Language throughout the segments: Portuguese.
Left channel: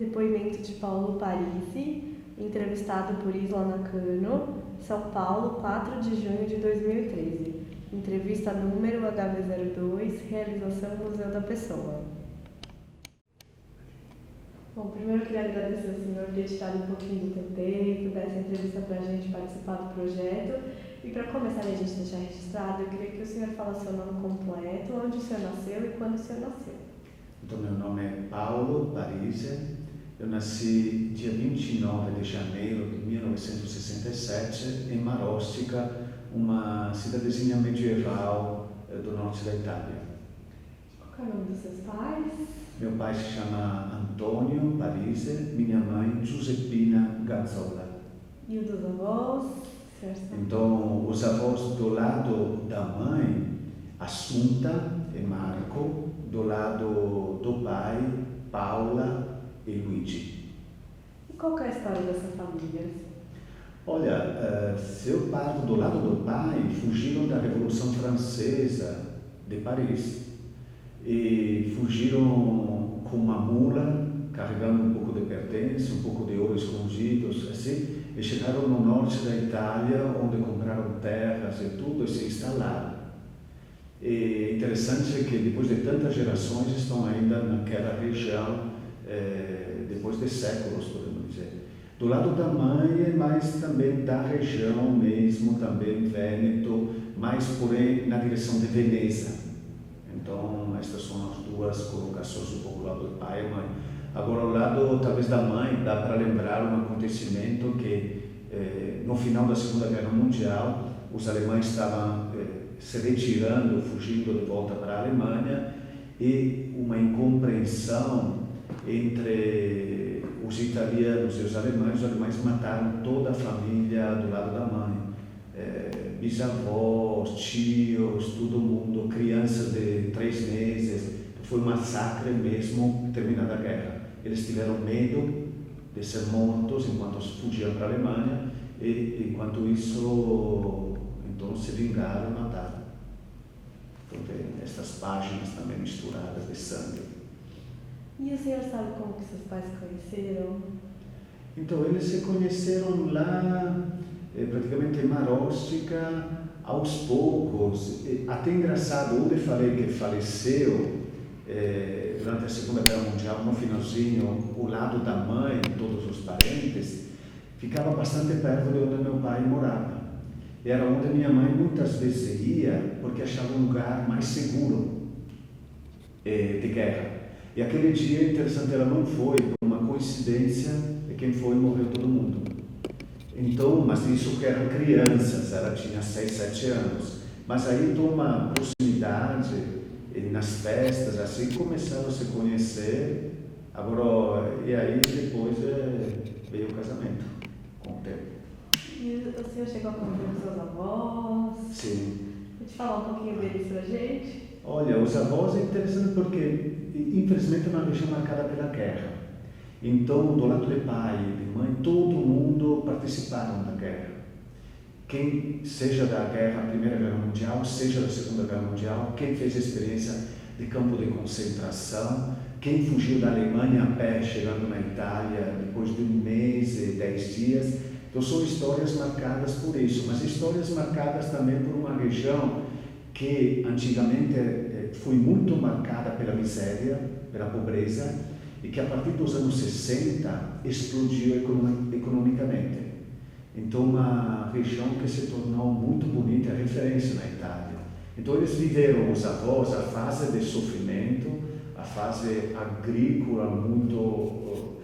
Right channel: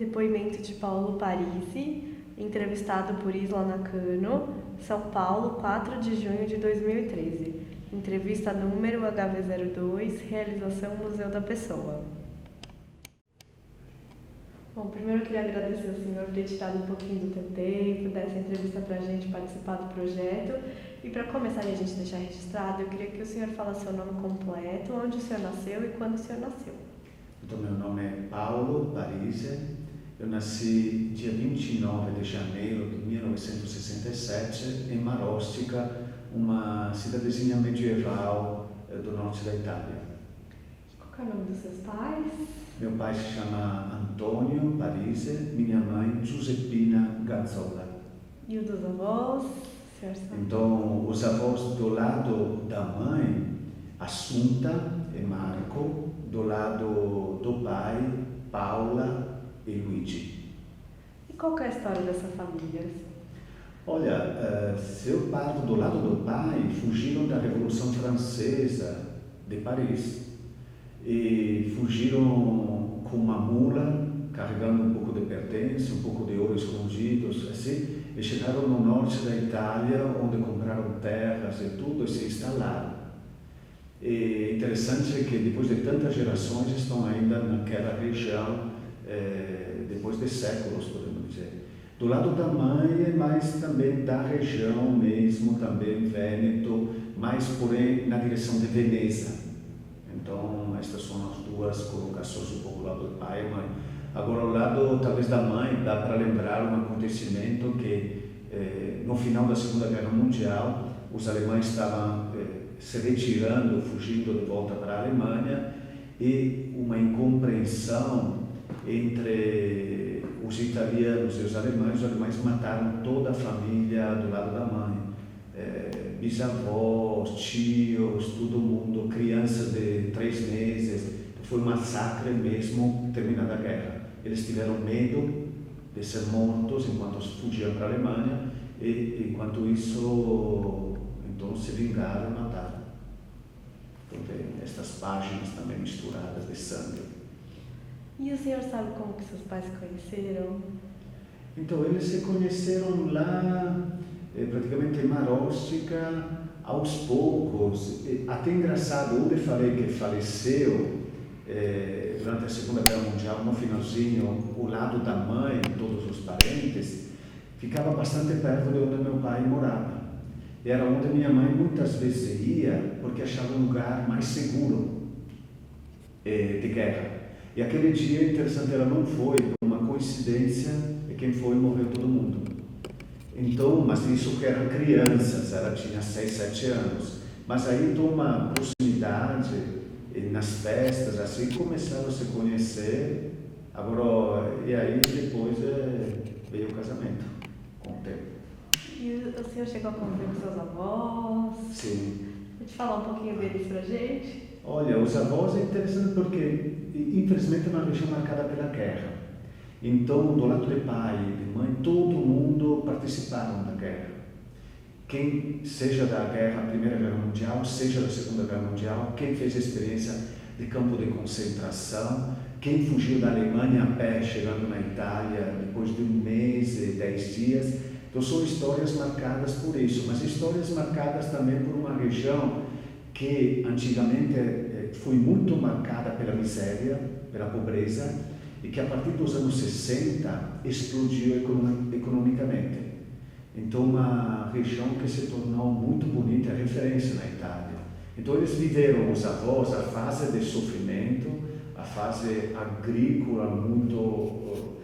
Depoimento de Paulo Parisi, entrevistado por Isla Nakano, São Paulo, 4 de junho de 2013. Entrevista número HV02, realização Museu da Pessoa. Bom, primeiro eu queria agradecer ao senhor por ter tirado um pouquinho do teu tempo, dessa entrevista para a gente participar do projeto. E para começar e a gente deixar registrado, eu queria que o senhor falasse seu nome completo, onde o senhor nasceu e quando o senhor nasceu. Então, meu nome é Paulo Parisi. Eu nasci dia 29 de janeiro de 1967 em Marostica, uma cidadezinha medieval do norte da Itália. Qual é o nome dos seus pais? Meu pai se chama Antônio Parisi, minha mãe Giuseppina Gazzola. E o dos avós? Então, os avós do lado da mãe, Assunta e Marco, do lado do pai, Paula e Luigi. E qual que é a história dessa família? Olha, se eu parto do lado do pai, fugiram da Revolução Francesa de Paris e fugiram com uma mula, carregando um pouco de pertences, um pouco de ouro escondidos, assim, e chegaram no norte da Itália, onde compraram terras e tudo, e se instalaram. E interessante é que depois de tantas gerações estão ainda naquela região, depois de séculos, podemos dizer. Do lado da mãe, mas também da região mesmo, também Vêneto, mais porém na direção de Veneza. Então, estas são as duas colocações, um pouco do lado do pai e mãe. Agora, ao lado talvez da mãe, dá para lembrar um acontecimento que no final da Segunda Guerra Mundial, os alemães estavam se retirando, fugindo de volta para a Alemanha, e uma incompreensão entre os italianos e os alemães mataram toda a família do lado da mãe, bisavós, tios, todo mundo, crianças de 3 meses. Foi um massacre mesmo, terminada a guerra. Eles tiveram medo de ser mortos enquanto fugiam para a Alemanha, e enquanto isso, então se vingaram e mataram. Então tem estas páginas também misturadas de sangue. E o senhor sabe como que seus pais se conheceram? Então eles se conheceram lá, praticamente em Marostica, aos poucos. Até engraçado, onde eu falei que faleceu durante a Segunda Guerra Mundial, no finalzinho, o lado da mãe, todos os parentes, ficava bastante perto de onde meu pai morava. Era onde minha mãe muitas vezes ia, porque achava um lugar mais seguro de guerra. E aquele dia, interessante, ela não foi, por uma coincidência, e quem foi morreu todo mundo. Então, mas isso que eram crianças, ela tinha 6, 7 anos. Mas aí, então, uma proximidade, nas festas, assim, começaram a se conhecer. Agora, e aí depois veio o casamento, com o tempo. E o senhor chegou a conviver com seus avós? Sim. Pode falar um pouquinho deles pra gente? Olha, os avós é interessante porque, infelizmente, é uma região marcada pela guerra. Então, do lado de pai e de mãe, todo mundo participaram da guerra. Quem, seja da guerra, Primeira Guerra Mundial, seja da Segunda Guerra Mundial, quem fez a experiência de campo de concentração, quem fugiu da Alemanha a pé, chegando na Itália, depois de 1 mês e 10 dias. Então, são histórias marcadas por isso, mas histórias marcadas também por uma região que antigamente foi muito marcada pela miséria, pela pobreza, e que a partir dos anos 60 explodiu economicamente. Então, uma região que se tornou muito bonita, referência na Itália. Então, eles viveram, os avós, a fase de sofrimento, a fase agrícola muito,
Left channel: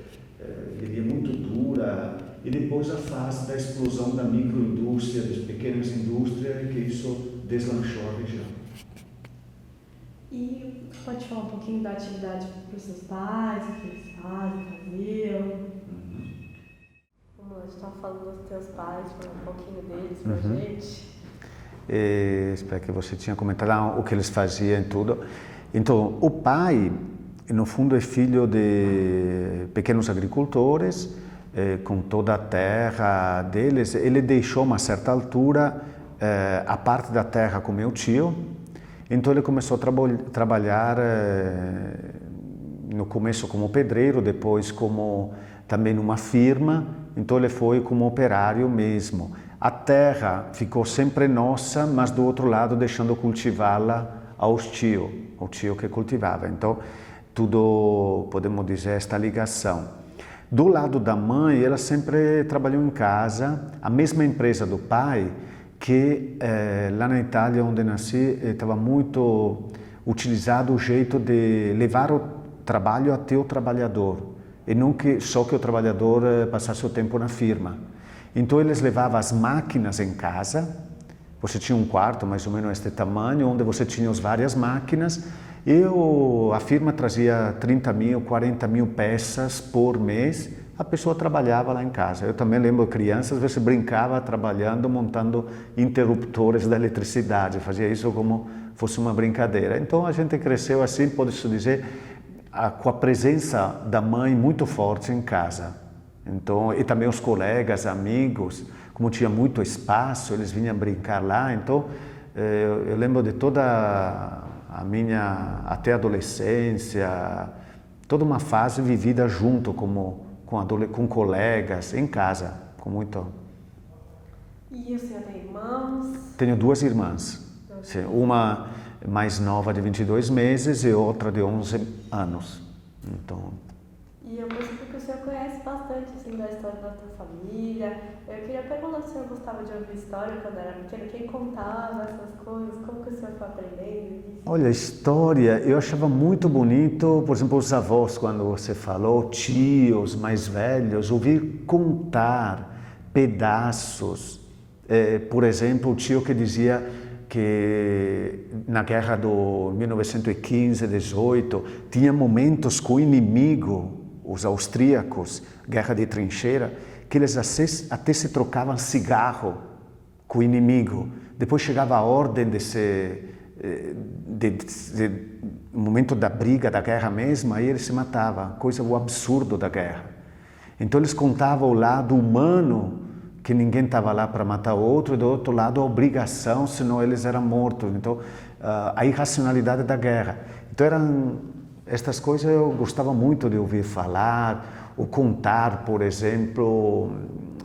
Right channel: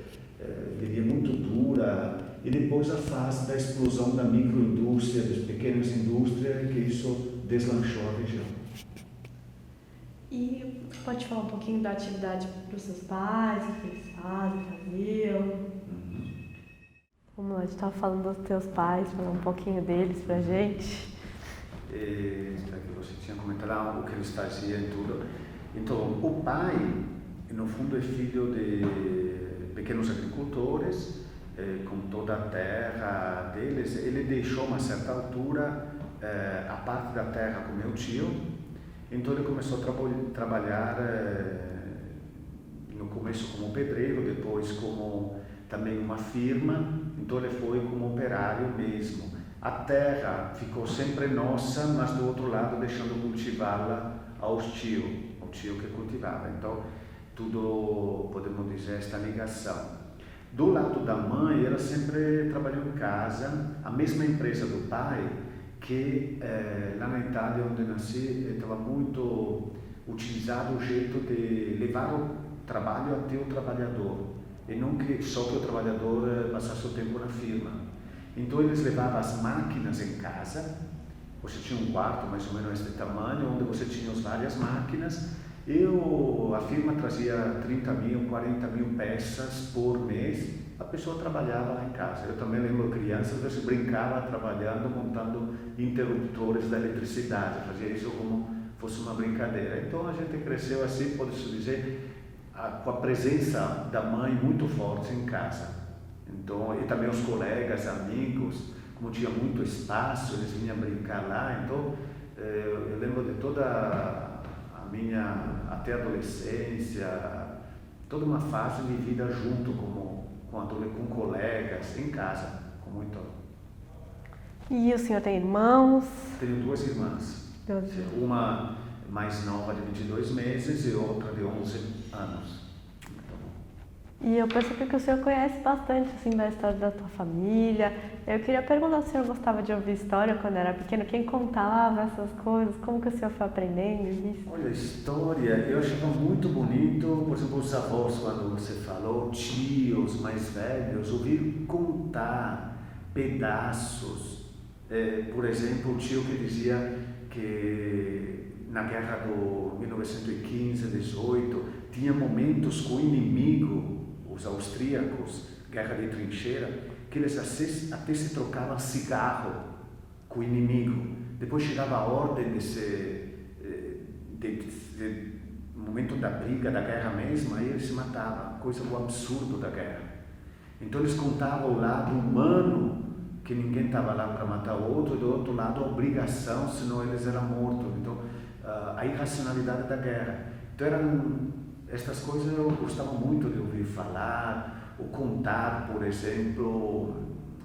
diria, muito dura, e depois a fase da explosão da microindústria, das pequenas indústrias, que isso deslanchou a região. E você pode falar um pouquinho da atividade para os seus pais, o que eles faziam? Vamos lá, a gente estava falando dos teus pais, falar um pouquinho deles pra gente. Espero que você tinha comentado o que eles faziam e tudo. Então, o pai, no fundo, é filho de pequenos agricultores, com toda a terra deles. Ele deixou, a uma certa altura, a parte da terra com meu tio. Então, ele começou a trabalhar no começo como pedreiro, depois como também numa firma, então ele foi como operário mesmo. A terra ficou sempre nossa, mas do outro lado deixando cultivá-la ao tio, o tio que cultivava. Então, tudo, podemos dizer, esta ligação. Do lado da mãe, ela sempre trabalhou em casa, a mesma empresa do pai, que lá na Itália, onde nasci, estava muito utilizado o jeito de levar o trabalho até o trabalhador, e não que só que o trabalhador passasse o tempo na firma. Então eles levavam as máquinas em casa, você tinha um quarto mais ou menos este tamanho, onde você tinha as várias máquinas, e a firma trazia 30.000, 40.000 peças por mês, a pessoa trabalhava lá em casa. Eu também lembro crianças, às vezes brincava trabalhando, montando interruptores da eletricidade, fazia isso como fosse uma brincadeira. Então a gente cresceu assim, pode-se dizer, com a presença da mãe muito forte em casa. Então, e também os colegas, amigos, como tinha muito espaço, eles vinham brincar lá. Então eu lembro de toda a minha até adolescência, toda uma fase vivida junto com colegas, em casa, com muito. E o senhor tem irmãos? Tenho duas irmãs. Sim, uma mais nova de 22 meses e outra de 11 anos. Então, e eu percebi que o senhor conhece bastante assim, da história da tua família. Eu queria perguntar se o senhor gostava de ouvir história quando era pequeno, quem contava essas coisas, como que o senhor foi aprendendo isso? Olha, história, eu achava muito bonito, por exemplo, os avós, quando você falou, tios mais velhos, ouvir contar pedaços. Por exemplo, o tio que dizia que na guerra do 1915-18 tinha momentos com o inimigo, os austríacos, guerra de trincheira, que eles até se trocavam cigarro com o inimigo. Depois chegava a ordem no momento da briga, da guerra mesmo, aí eles se matavam, coisa o absurdo da guerra. Então eles contavam o lado humano, que ninguém estava lá para matar o outro, e do outro lado a obrigação, senão eles eram mortos. Então, a irracionalidade da guerra. Então, estas coisas eu gostava muito de ouvir falar, ou contar, por exemplo,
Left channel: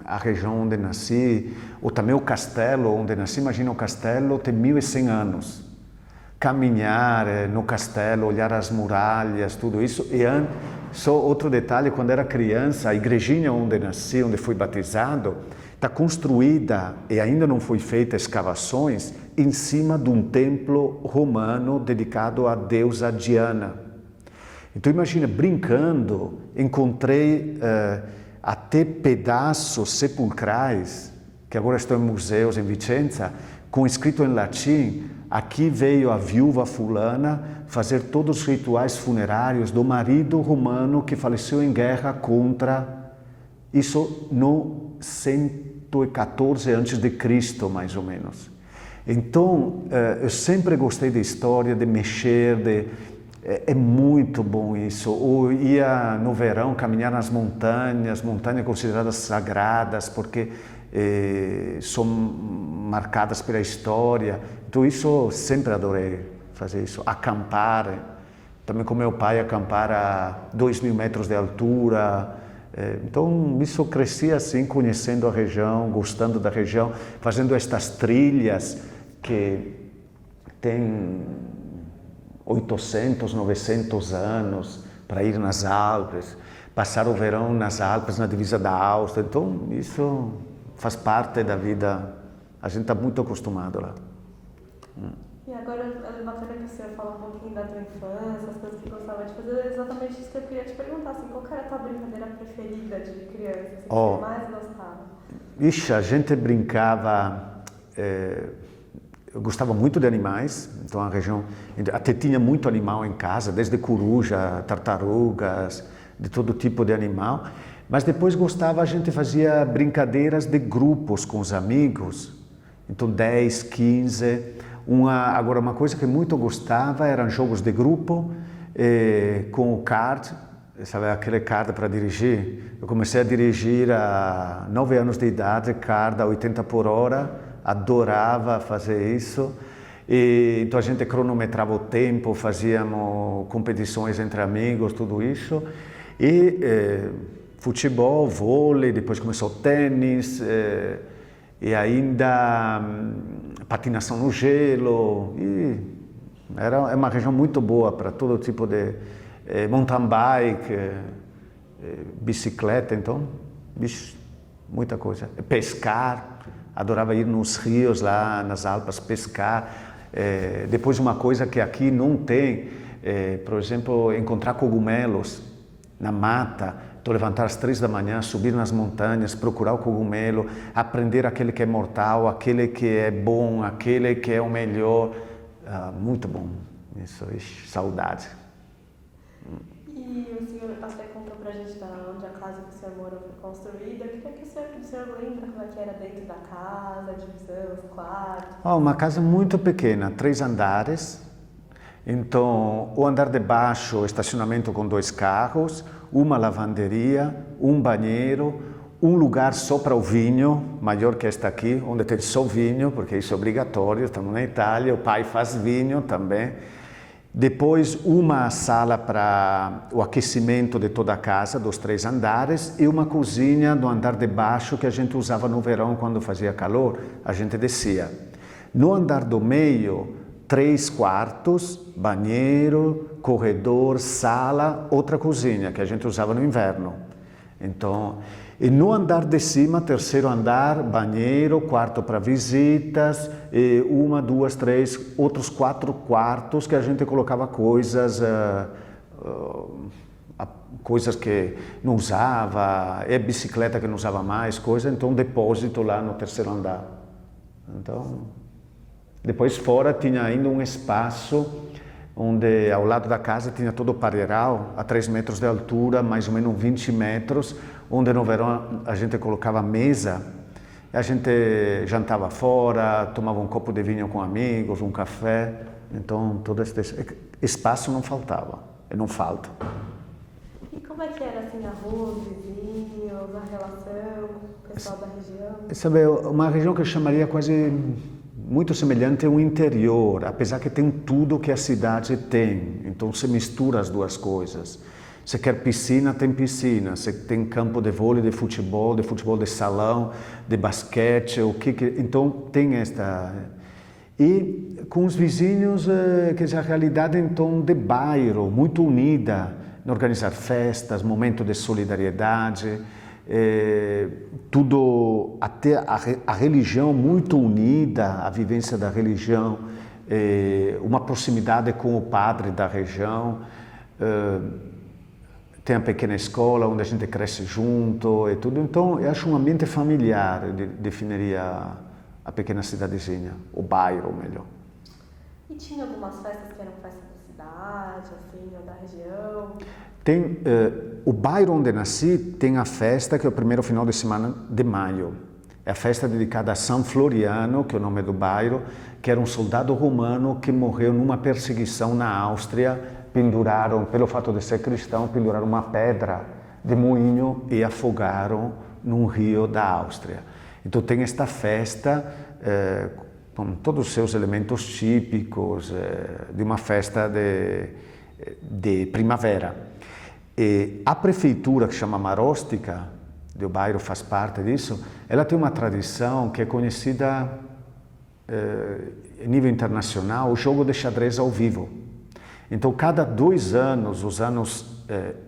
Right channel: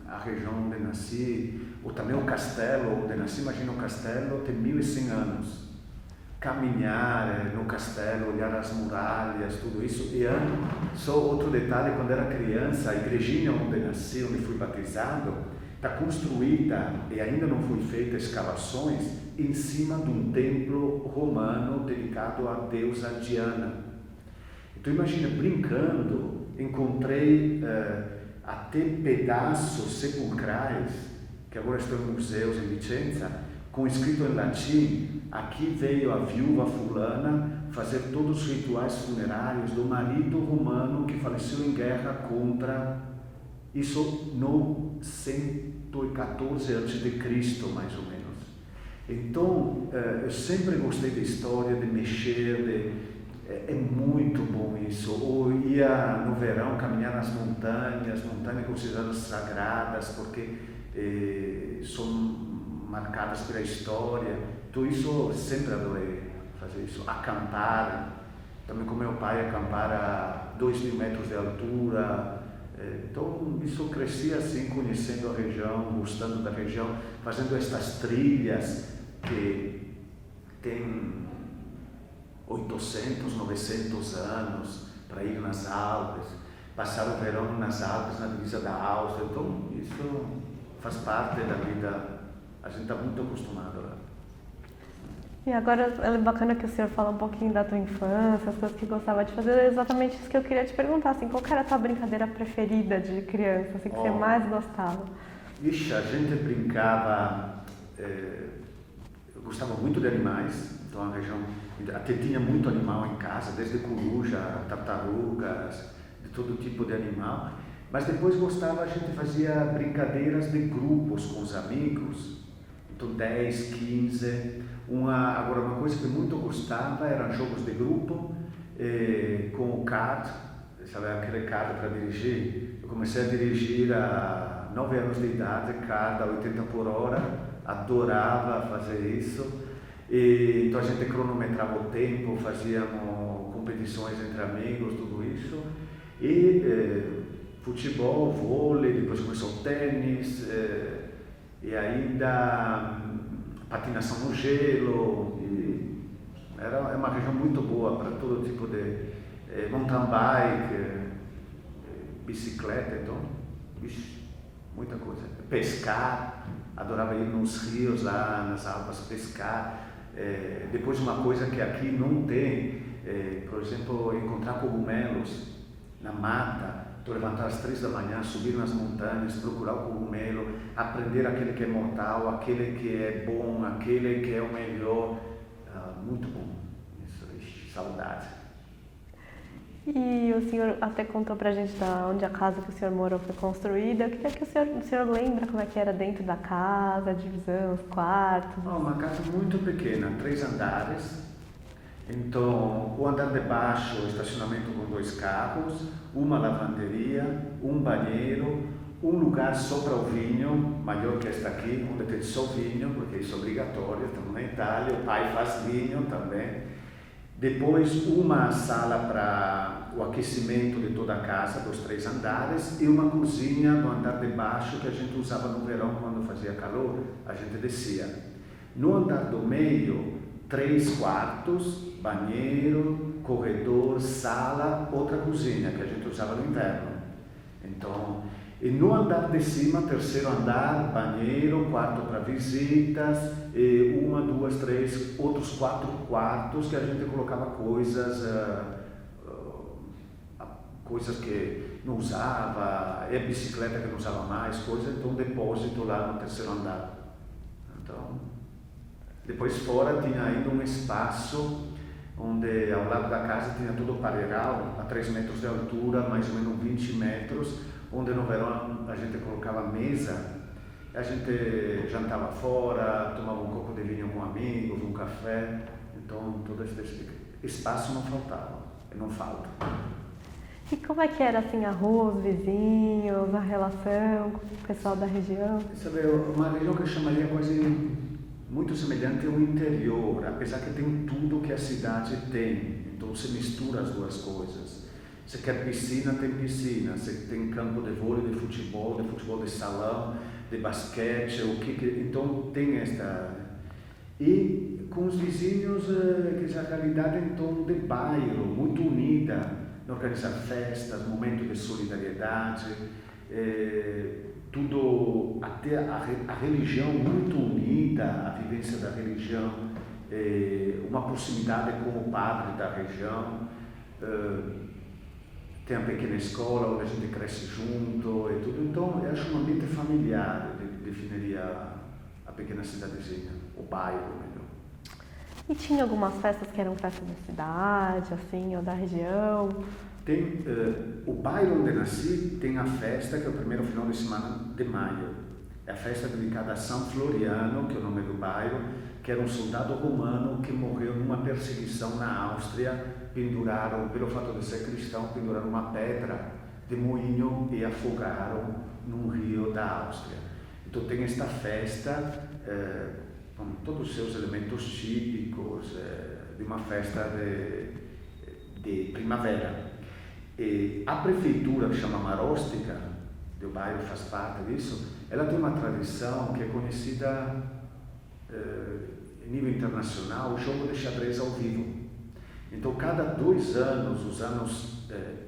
a região onde nasci, ou também o castelo onde nasci. Imagina, o castelo tem 1.100 anos. Caminhar no castelo, olhar as muralhas, tudo isso. E só outro detalhe, quando era criança, a igrejinha onde nasci, onde fui batizado, está construída e ainda não foi feita escavações em cima de um templo romano dedicado à deusa Diana. Então imagina, brincando, encontrei até pedaços sepulcrais, que agora estão em museus em Vicenza, com escrito em latim: aqui veio a viúva fulana fazer todos os rituais funerários do marido romano que faleceu em guerra contra... Isso no 114 a.C., mais ou menos. Então, eu sempre gostei de história, de mexer, é muito bom isso. Ou ia no verão caminhar nas montanhas consideradas sagradas, porque são marcadas pela história. Então, isso eu sempre adorei fazer isso. Acampar, também com meu pai, acampar a 2.000 metros de altura. Então, isso eu cresci assim, conhecendo a região, gostando da região, fazendo estas trilhas que têm 800, 900 anos, para ir nas Alpes, passar o verão nas Alpes, na divisa da Áustria. Então, isso faz parte da vida, a gente está muito acostumado lá. E agora é bacana que o senhor fala um pouquinho da tua infância, as coisas que gostava de fazer, é exatamente isso que eu queria te perguntar, assim, qual era a tua brincadeira preferida de criança, assim, que você mais gostava? Ixi, a gente brincava, eu gostava muito de animais, então a região, até tinha muito animal em casa, desde coruja, tartarugas, de todo tipo de animal, mas depois a gente fazia brincadeiras de grupos com os amigos, então 10, 15... Agora, uma coisa que muito gostava eram jogos de grupo com o kart, sabe, aquele kart para dirigir. Eu comecei a dirigir a 9 anos de idade, kart a 80 por hora, adorava fazer isso. E, então a gente cronometrava o tempo, fazíamos competições entre amigos, tudo isso. E futebol, vôlei, depois começou o tênis, e ainda patinação no gelo. E era uma região muito boa para todo tipo de mountain bike, bicicleta, então, muita coisa. Pescar, adorava ir nos rios lá nas Alpas pescar. Depois uma coisa que aqui não tem, por exemplo, encontrar cogumelos na mata. Então levantar às 3 da manhã, subir nas montanhas, procurar o cogumelo, aprender aquele que é mortal, aquele que é bom, aquele que é o melhor. Muito bom, isso, saudade. E o senhor até contou pra gente onde a casa que o senhor morou foi construída. Eu queria que o senhor lembra como é que era dentro da casa, a divisão, os quartos? Uma casa muito pequena, 3 andares. Então, o andar de baixo, estacionamento com 2 carros, uma lavanderia, um banheiro, um lugar só para o vinho, maior que este aqui, onde tem só vinho, porque isso é obrigatório, estamos na Itália, o pai faz vinho também. Depois uma sala para o aquecimento de toda a casa, dos 3 andares, e uma cozinha no andar de baixo que a gente usava no verão quando fazia calor, a gente descia. No andar do meio, 3 quartos, banheiro, corredor, sala, outra cozinha que a gente usava no inverno. Então, e no andar de cima, 3º andar, banheiro, quarto para visitas, e 1, 2, 3, outros 4 quartos que a gente colocava coisas, coisas que não usava, bicicleta que não usava mais, então um depósito lá no 3º andar. Então, depois fora tinha ainda um espaço onde ao lado da casa tinha todo o pareiral, a 3 metros de altura, mais ou menos 20 metros, onde no verão a gente colocava mesa, a gente jantava fora, tomava um copo de vinho com amigos, um café, então todo esse espaço não faltava, e não falta. E como é que era assim a rua, os vizinhos, a relação com o pessoal da região? Sabe, uma região que eu chamaria quase muito semelhante ao interior, apesar que tem tudo que a cidade tem, então se mistura as duas coisas. Se quer piscina, tem piscina. Se tem campo de vôlei, de futebol de salão, de basquete, então tem esta. E com os vizinhos, que a realidade então de bairro, muito unida, em organizar festas, momentos de solidariedade, tudo, até a religião muito unida, a vivência da religião, uma proximidade com o padre da região. Tem a pequena escola onde a gente cresce junto e tudo, então eu acho um ambiente familiar, definiria a pequena cidadezinha, o bairro melhor. E tinha algumas festas que eram festas da cidade, assim, ou da região? Tem, o bairro onde nasci tem a festa que é o primeiro final de semana de maio. É a festa dedicada a São Floriano, que é o nome do bairro, que era um soldado romano que morreu numa perseguição na Áustria. Penduraram, pelo fato de ser cristão, penduraram uma pedra de moinho e afogaram num rio da Áustria. Então tem esta festa com todos os seus elementos típicos de uma festa de primavera. E a prefeitura, que chama Marostica, do bairro faz parte disso, ela tem uma tradição que é conhecida a nível internacional, o jogo de xadrez ao vivo. Então, cada 2 anos, os anos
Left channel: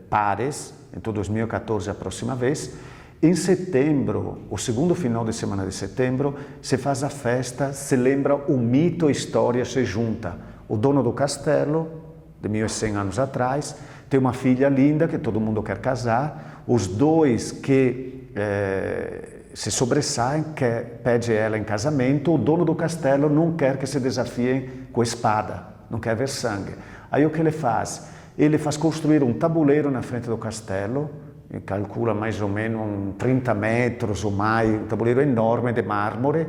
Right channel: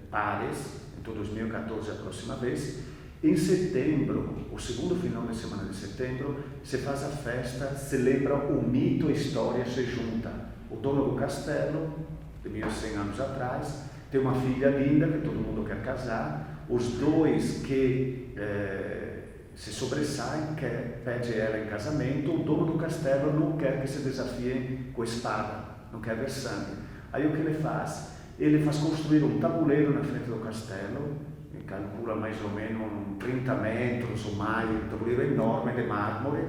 pares, então 2014 a próxima vez, em setembro, o segundo final de semana de setembro, se faz a festa, se lembra o mito, a história se junta. O dono do castelo, de 1100 anos atrás, tem uma filha linda que todo mundo quer casar, os 2 que se sobressaem, pede ela em casamento, o dono do castelo não quer que se desafiem com espada, não quer ver sangue. Aí o que ele faz? Ele faz construir um tabuleiro na frente do castelo, calcula mais ou menos 30 metros ou mais, um tabuleiro enorme de mármore,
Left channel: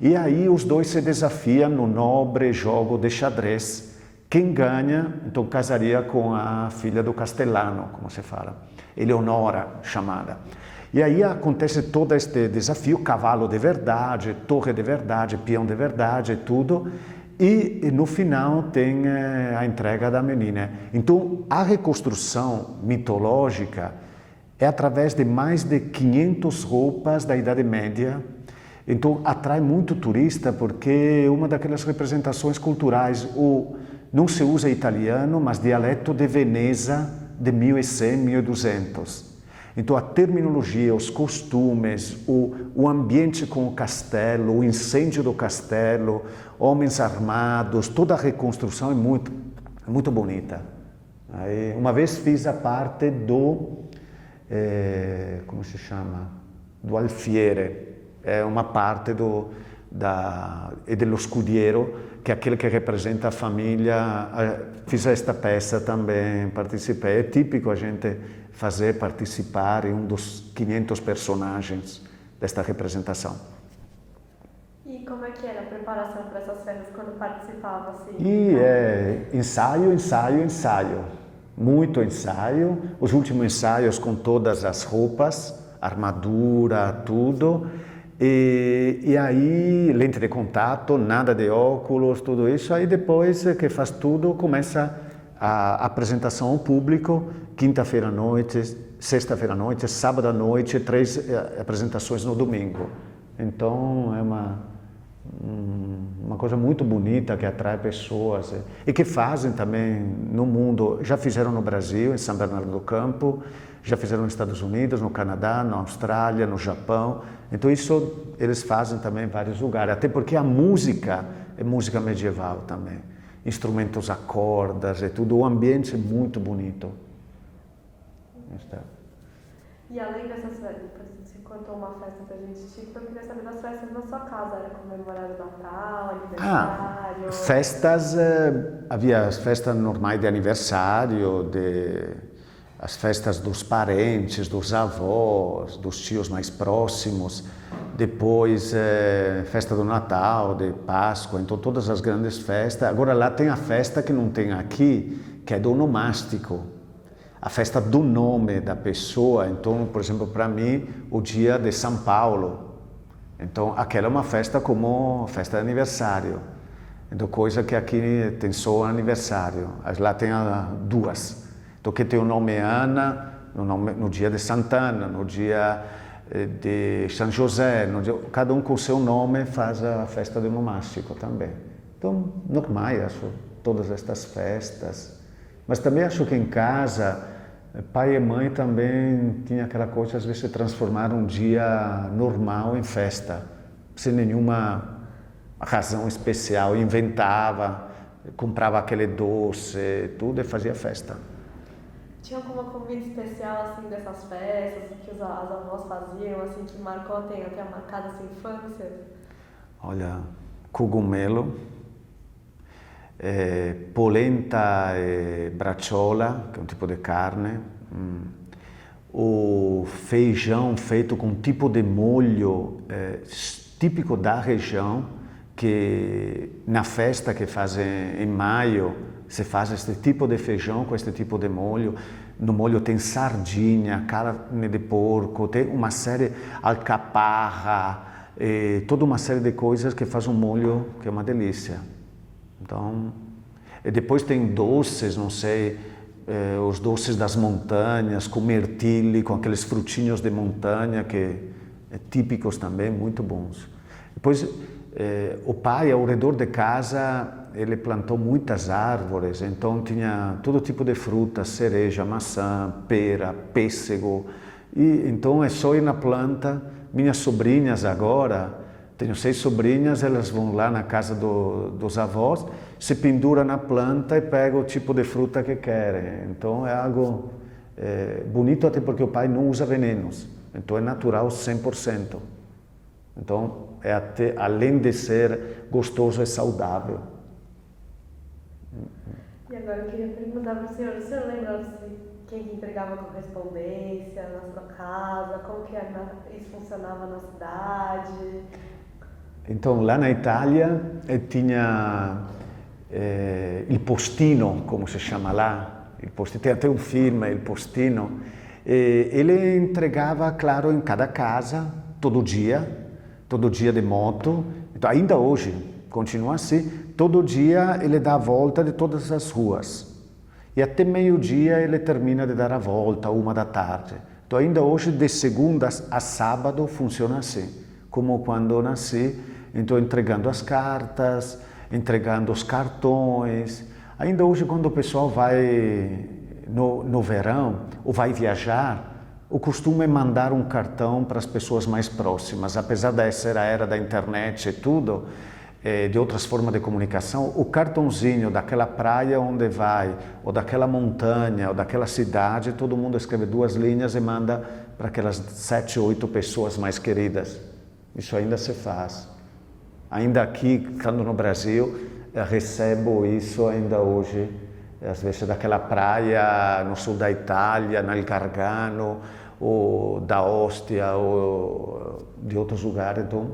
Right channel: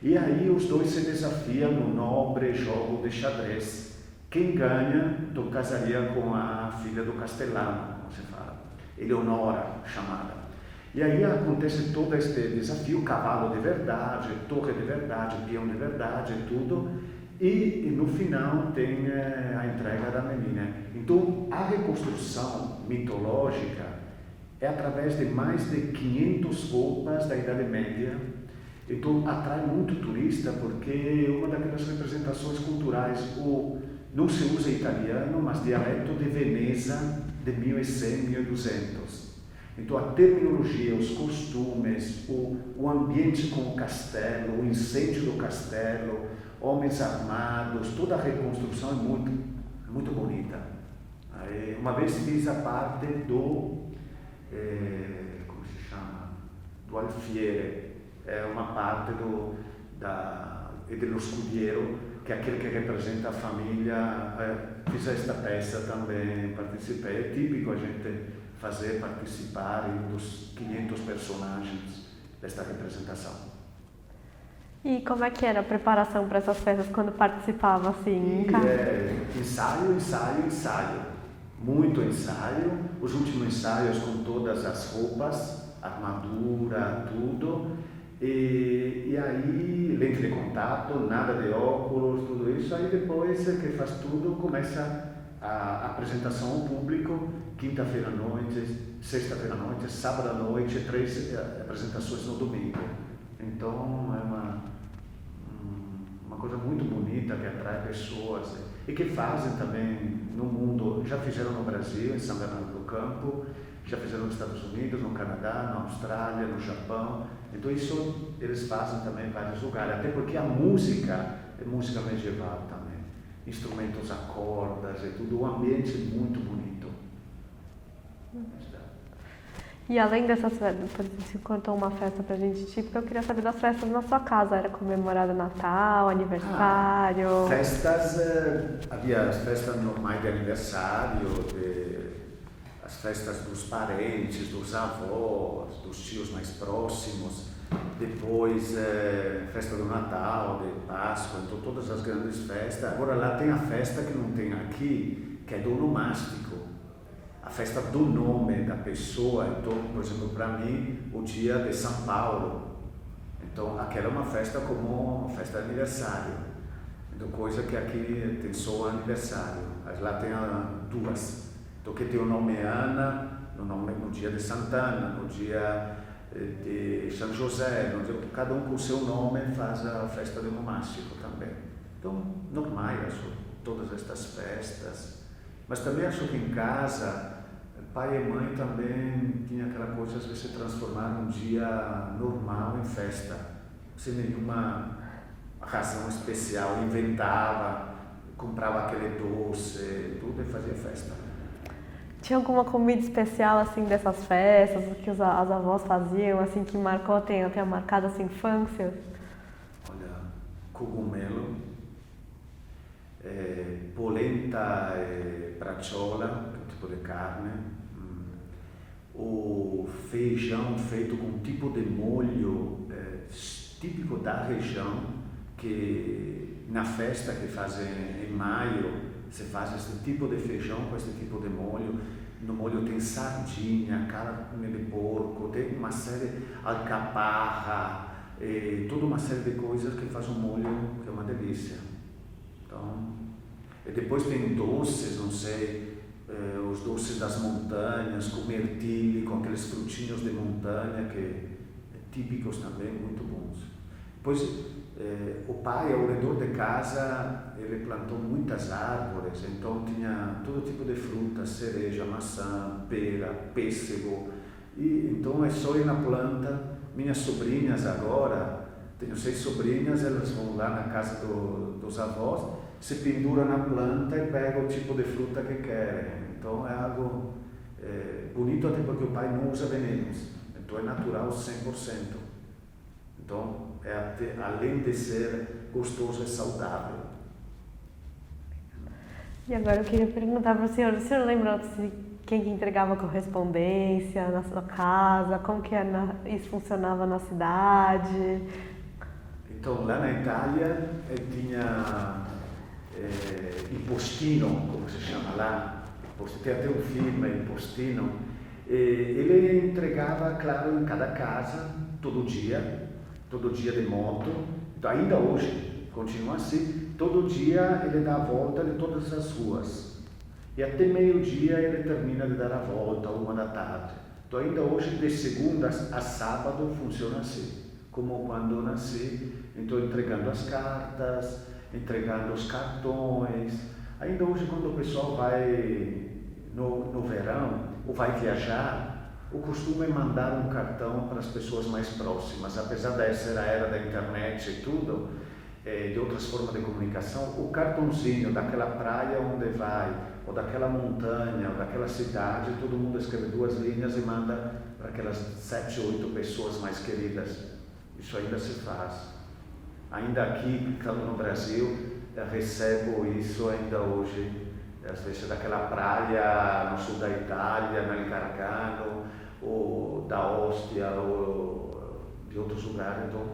e aí os 2 se desafiam no nobre jogo de xadrez. Quem ganha, então casaria com a filha do castelano, como se fala, Eleonora chamada. E aí acontece todo este desafio, cavalo de verdade, torre de verdade, peão de verdade, tudo. E no final tem a entrega da menina. Então, a reconstrução mitológica é através de mais de 500 roupas da Idade Média. Então, atrai muito turista porque é uma daquelas representações culturais. Não se usa italiano, mas dialeto de Veneza de 1100, 1200. Então, a terminologia, os costumes, o ambiente com o castelo, o incêndio do castelo, homens armados, toda a reconstrução é muito bonita. Aí, uma vez fiz a parte do, como se chama? Do alfiere, é uma parte do scudiero, que é aquele que representa a família. Fiz esta peça também, participei. É típico a gente participar em um dos 500 personagens desta representação. E como é que era a preparação para essas festas quando participava assim? Ensaio, ensaio, ensaio. Muito ensaio. Os últimos ensaios com todas as roupas, armadura, tudo. E aí, lente de contato, nada de óculos, tudo isso. Aí depois que faz tudo, começa a apresentação ao público, quinta-feira à noite, sexta-feira à noite, sábado à noite, 3 apresentações no domingo. Então é uma coisa muito bonita que atrai pessoas e que fazem também no mundo. Já fizeram no Brasil, em São Bernardo do Campo, já fizeram nos Estados Unidos, no Canadá, na Austrália, no Japão. Então isso eles fazem também em vários lugares, até porque a música é música medieval também. Instrumentos a cordas e tudo, o ambiente é muito bonito. E além dessas festas, você contou uma festa pra gente típica, eu queria saber das festas na sua casa. Era comemorado Natal, aniversário? Havia as festas normais de aniversário, as festas dos parentes, dos avós, dos tios mais próximos. Depois, festa do Natal, de Páscoa, então todas as grandes festas. Agora lá tem a festa que não tem aqui, que é do onomástico. A festa do nome da pessoa. Então, por exemplo, para mim, o dia de São Paulo. Então, aquela é uma festa como festa de aniversário. Então, coisa que aqui tem só aniversário. Lá tem duas. Então, que tem o nome Ana, no dia de Santana, no dia de São José, cada um com o seu nome faz a festa do onomástico também. Então, normal, acho, todas estas festas. Mas também acho que em casa, pai e mãe também tinha aquela coisa, às vezes, de transformar um dia normal em festa, sem nenhuma razão especial. Inventava, comprava aquele doce, tudo e fazia festa. Tinha alguma comida especial, assim, dessas festas, que as avós faziam, assim, que marcou, tenha marcado a sua infância? Olha, cogumelo, polenta e bracciola, que é um tipo de carne, o feijão feito com um tipo de molho típico da região, que na festa que fazem em maio, se faz este tipo de feijão com este tipo de molho. No molho tem sardinha, carne de porco, tem uma série, alcaparra, toda uma série de coisas que faz um molho que é uma delícia. Então, e depois tem doces, não sei, os doces das montanhas, com mirtille, com aqueles frutinhos de montanha que típicos também, muito bons. Depois, o pai, ao redor de casa, ele plantou muitas árvores, então tinha todo tipo de frutas, cereja, maçã, pera, pêssego. E então é só ir na planta. Minhas sobrinhas agora, tenho 6 sobrinhas, elas vão lá na casa dos avós, se penduram na planta e pegam o tipo de fruta que querem. Então é algo bonito, até porque o pai não usa venenos, então é natural 100%. Então, além de ser gostoso, é saudável. E agora eu queria perguntar para o senhor lembra de quem que entregava a correspondência na sua casa? Como que isso funcionava na cidade? Então, lá na Itália, tinha il postino, como se chama lá. Tem até um filme, Il Postino. Ele entregava, claro, em cada casa, todo dia de moto. Então, ainda hoje, continua assim. Todo dia ele dá a volta de todas as ruas. E até meio-dia ele termina de dar a volta, 1 da tarde. Então ainda hoje, de segunda a sábado, funciona assim. Como quando eu nasci, então entregando as cartas, entregando os cartões. Ainda hoje, quando o pessoal vai no verão ou vai viajar, o costume é mandar um cartão para as pessoas mais próximas. Apesar dessa era da internet e tudo, de outras formas de comunicação, o cartãozinho daquela praia onde vai, ou daquela montanha, ou daquela cidade, todo mundo escreve 2 linhas e manda para aquelas 7, 8 pessoas mais queridas. Isso ainda se faz. Ainda aqui, estando no Brasil, recebo isso ainda hoje, às vezes daquela praia no sul da Itália, no Gargano, ou da Ostia, ou de outros lugares. Então,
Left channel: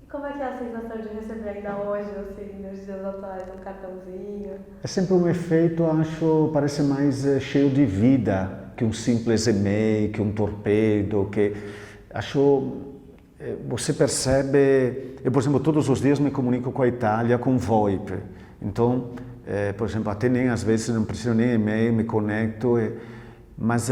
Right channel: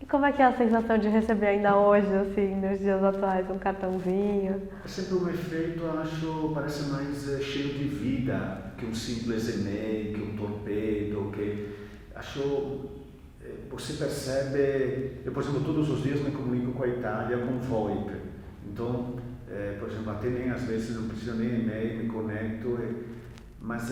E como é que é a sensação de receber ainda hoje, assim, nos dias atuais, um cartãozinho? é sempre um efeito, acho, parece mais cheio de vida que um simples e-mail, que um torpedo, que acho, você percebe, eu, por exemplo, todos os dias me comunico com a Itália com VoIP, então, por exemplo, até nem às vezes não preciso nem e-mail, me conecto, mas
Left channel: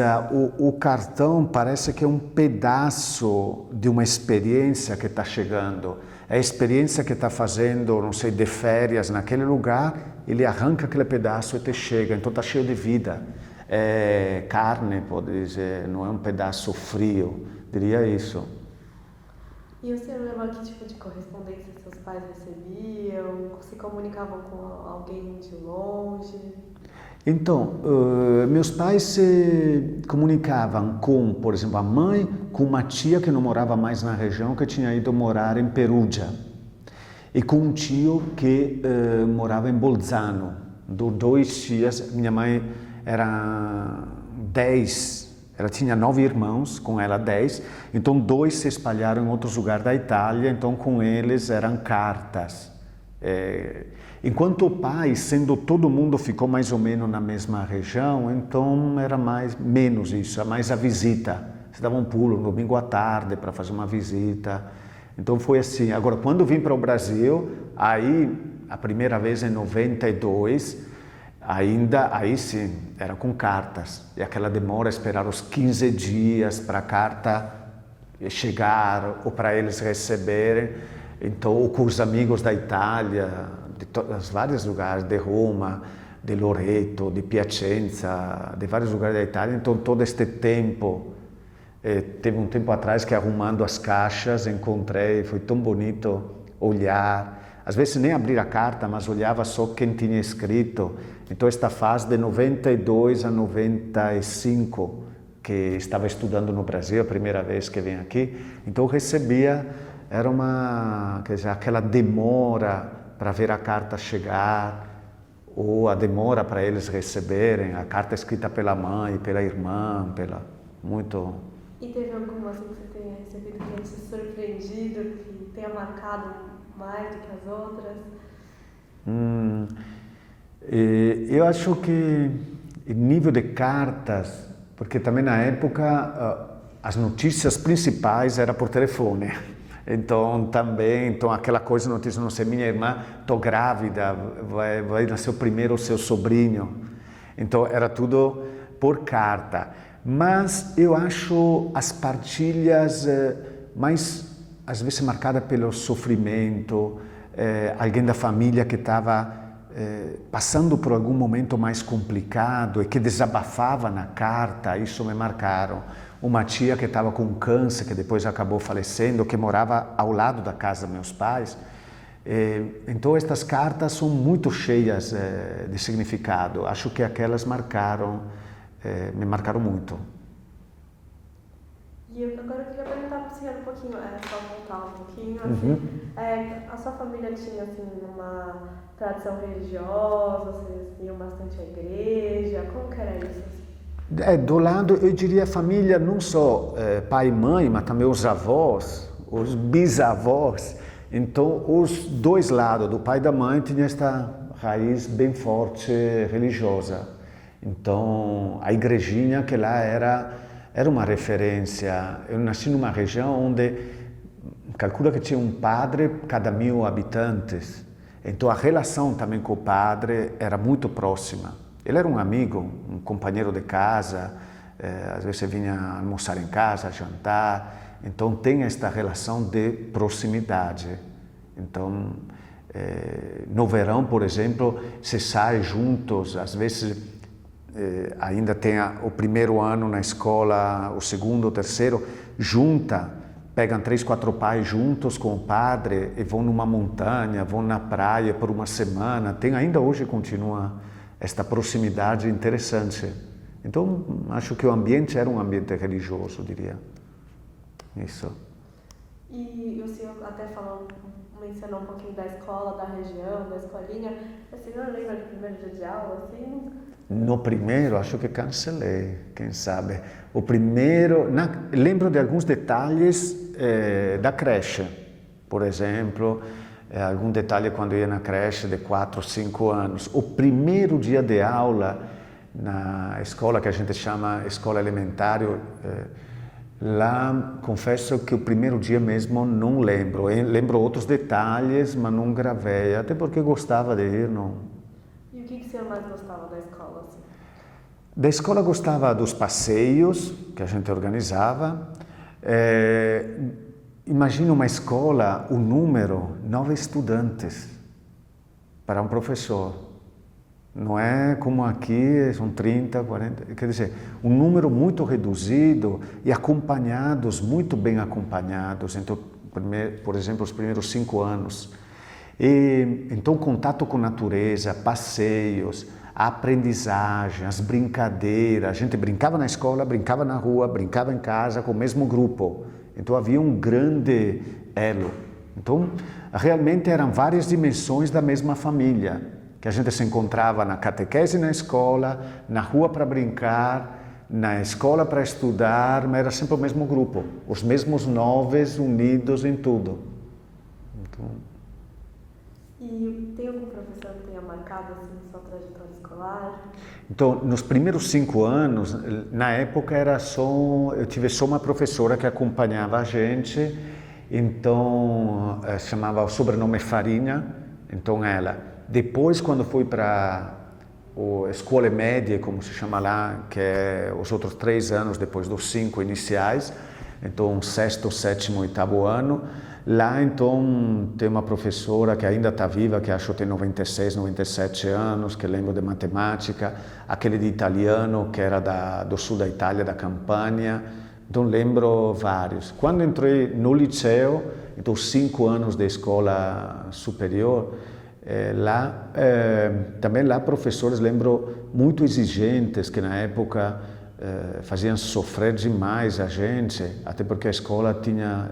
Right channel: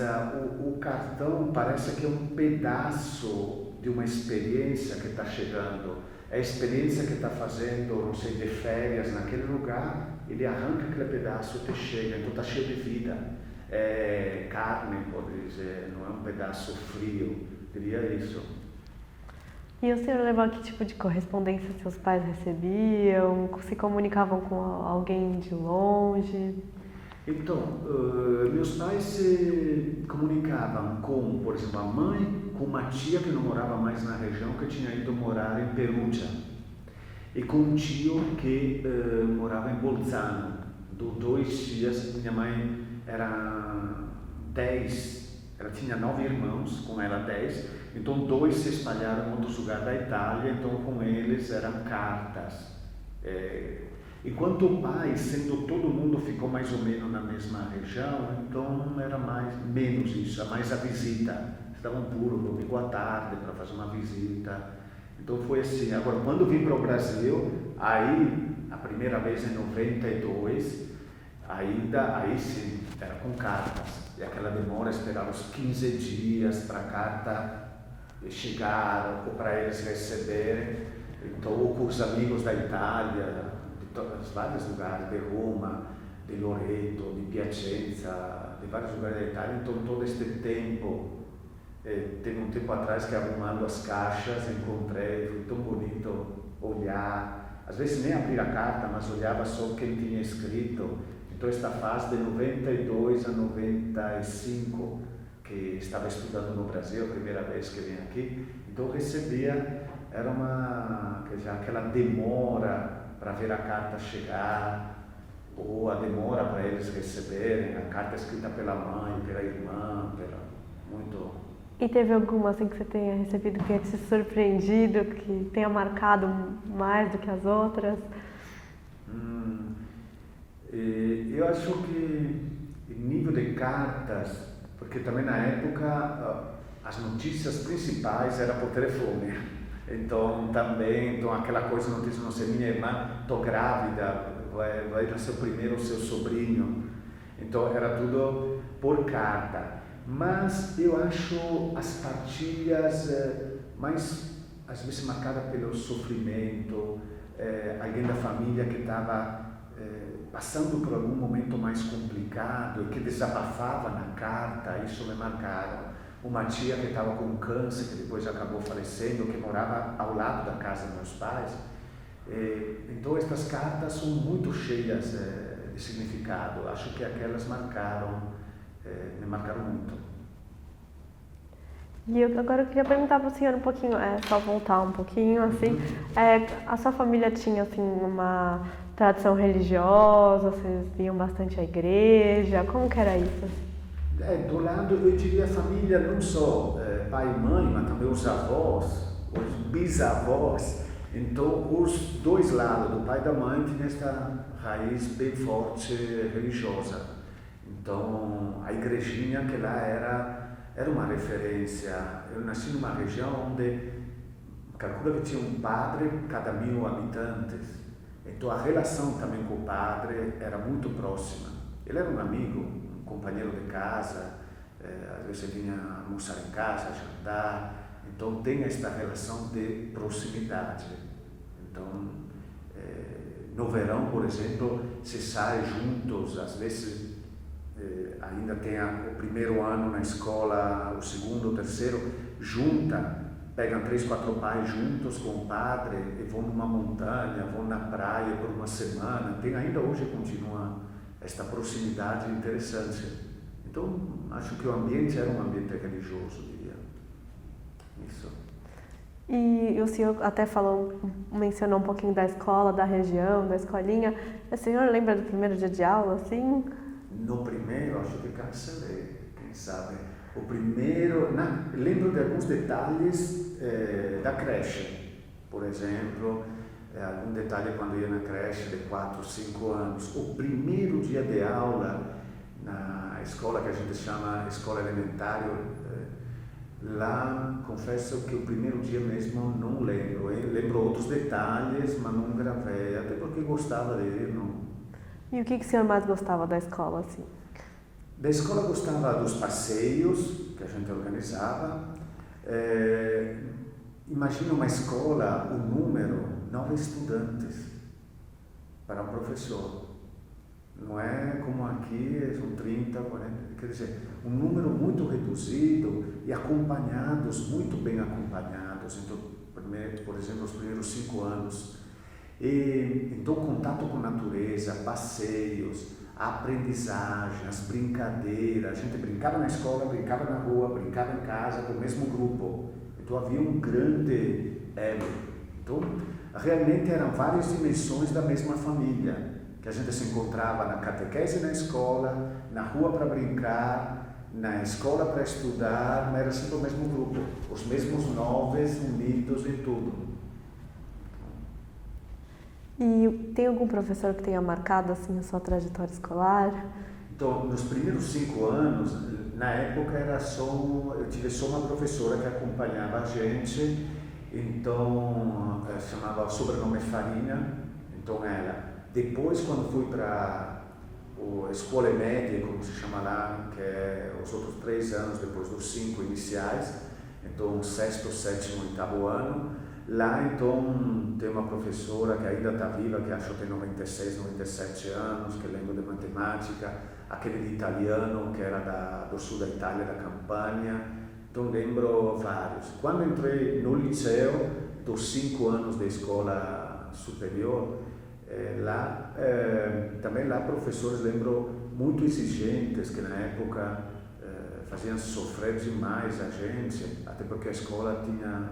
o cartão parece que é um pedaço de uma experiência que está chegando. É a experiência que está fazendo, não sei, de férias naquele lugar, ele arranca aquele pedaço e te chega, então está cheio de vida. É carne, pode dizer, não é um pedaço frio, diria isso. E o senhor lembra que tipo de correspondência seus pais recebiam? Se comunicavam com alguém de longe? Então, meus pais se comunicavam com, por exemplo, a mãe, com uma tia que não morava mais na região, que tinha ido morar em Perugia, e com um tio que morava em Bolzano. 2 tias, minha mãe era 10, ela tinha 9 irmãos, com ela 10, então 2 se espalharam em outros lugares da Itália, então com eles eram cartas. Enquanto o pai, sendo todo mundo ficou mais ou menos na mesma região, então era menos isso, mais a visita. Você dava um pulo no domingo à tarde para fazer uma visita. Então foi assim. Agora, quando eu vim para o Brasil, aí, a primeira vez em 92, aí sim, era com cartas. E aquela demora, esperar os 15 dias para a carta chegar ou para eles receberem. Então, ou com os amigos da Itália, de vários lugares, de Roma, de Loreto, de Piacenza, de vários lugares da Itália. Então, todo este tempo, teve um tempo atrás que arrumando as caixas, encontrei, foi tão bonito olhar, às vezes nem abrir a carta, mas olhava só quem tinha escrito. Então, esta fase de 92 a 95, que estava estudando no Brasil, a primeira vez que vim aqui, então eu recebia, era quer dizer, aquela demora para ver a carta chegar, ou a demora para eles receberem, a carta escrita pela mãe, pela irmã, muito... E teve alguma assim que você tenha recebido que tenha te surpreendido, que tenha marcado mais do que as outras? Eu acho que nível de cartas, porque também na época as notícias principais eram por telefone. Então aquela coisa, notícia, não sei, minha irmã, estou grávida, vai nascer o seu sobrinho. Então era tudo por carta. Mas eu acho as partilhas mais, às vezes, marcadas pelo sofrimento, alguém da família que estava passando por algum momento mais complicado e que desabafava na carta, isso me marcaram. Uma tia que estava com câncer, que depois acabou falecendo, que morava ao lado da casa dos meus pais. Então, estas cartas são muito cheias de significado. Acho que aquelas me marcaram muito. E agora eu queria perguntar para o senhor um pouquinho, só voltar um pouquinho, assim, a sua família tinha, assim, uma tradição religiosa, vocês iam bastante à igreja, como que era isso, assim? Do lado, eu diria família, não só pai e mãe, mas também os avós, os bisavós. Então, os 2 lados, do pai e da mãe, tinha esta raiz bem forte religiosa. Então, a igrejinha que lá era uma referência. Eu nasci numa região onde, calcula que tinha um padre cada 1000 habitantes. Então a relação também com o padre era muito próxima. Ele era um amigo, um companheiro de casa, às vezes vinha almoçar em casa, jantar. Então tem esta relação de proximidade. Então, no verão, por exemplo, se sai juntos, às vezes ainda tem o primeiro ano na escola, o segundo, o terceiro, pegam 3, 4 pais juntos com o padre e vão numa montanha, vão na praia por uma semana. Ainda hoje continua esta proximidade interessante. Então, acho que o ambiente era um ambiente religioso, diria. Isso. E o senhor até mencionou um pouquinho da escola, da região, da escolinha. O senhor lembra do primeiro dia de aula, assim? No primeiro, acho que cancelei, quem sabe. O primeiro, lembro de alguns detalhes da creche, por exemplo, algum detalhe quando ia na creche de 4, 5 anos. O primeiro dia de aula na escola que a gente chama escola elementar, lá confesso que o primeiro dia mesmo não lembro. Eu lembro outros detalhes, mas não gravei, até porque gostava de ir. Não. E o que o senhor mais gostava da escola, assim? Da escola gostava dos passeios que a gente organizava. Imagina uma escola, o número, 9 estudantes para um professor. Não é como aqui, são 30, 40, quer dizer, um número muito reduzido e acompanhados, muito bem acompanhados. Então, por exemplo, os primeiros 5 anos. Então, contato com a natureza, passeios, a aprendizagem, as brincadeiras. A gente brincava na escola, brincava na rua, brincava em casa com o mesmo grupo. Então havia um grande elo. Então realmente eram várias dimensões da mesma família, que a gente se encontrava na catequese na escola, na rua para brincar, na escola para estudar, mas era sempre o mesmo grupo, os mesmos 9 unidos em tudo. E tem algum professor que tenha marcado assim a sua trajetória escolar? Então, nos primeiros 5 anos, na época eu tive só uma professora que acompanhava a gente, então chamava o sobrenome Farinha, então ela. Depois, quando fui para a escola média, como se chama lá, que é os outros 3 anos depois dos 5 iniciais, então 6º, 7º, 8º ano, lá, então, tem uma professora que ainda está viva, que acho que tem 96, 97 anos, que lembro de matemática, aquele de italiano, que era do sul da Itália, da Campania. Então, lembro vários. Quando entrei no liceu, então, 5 anos de escola superior, também lá professores, lembro, muito exigentes, que na época faziam sofrer demais a gente, até porque a escola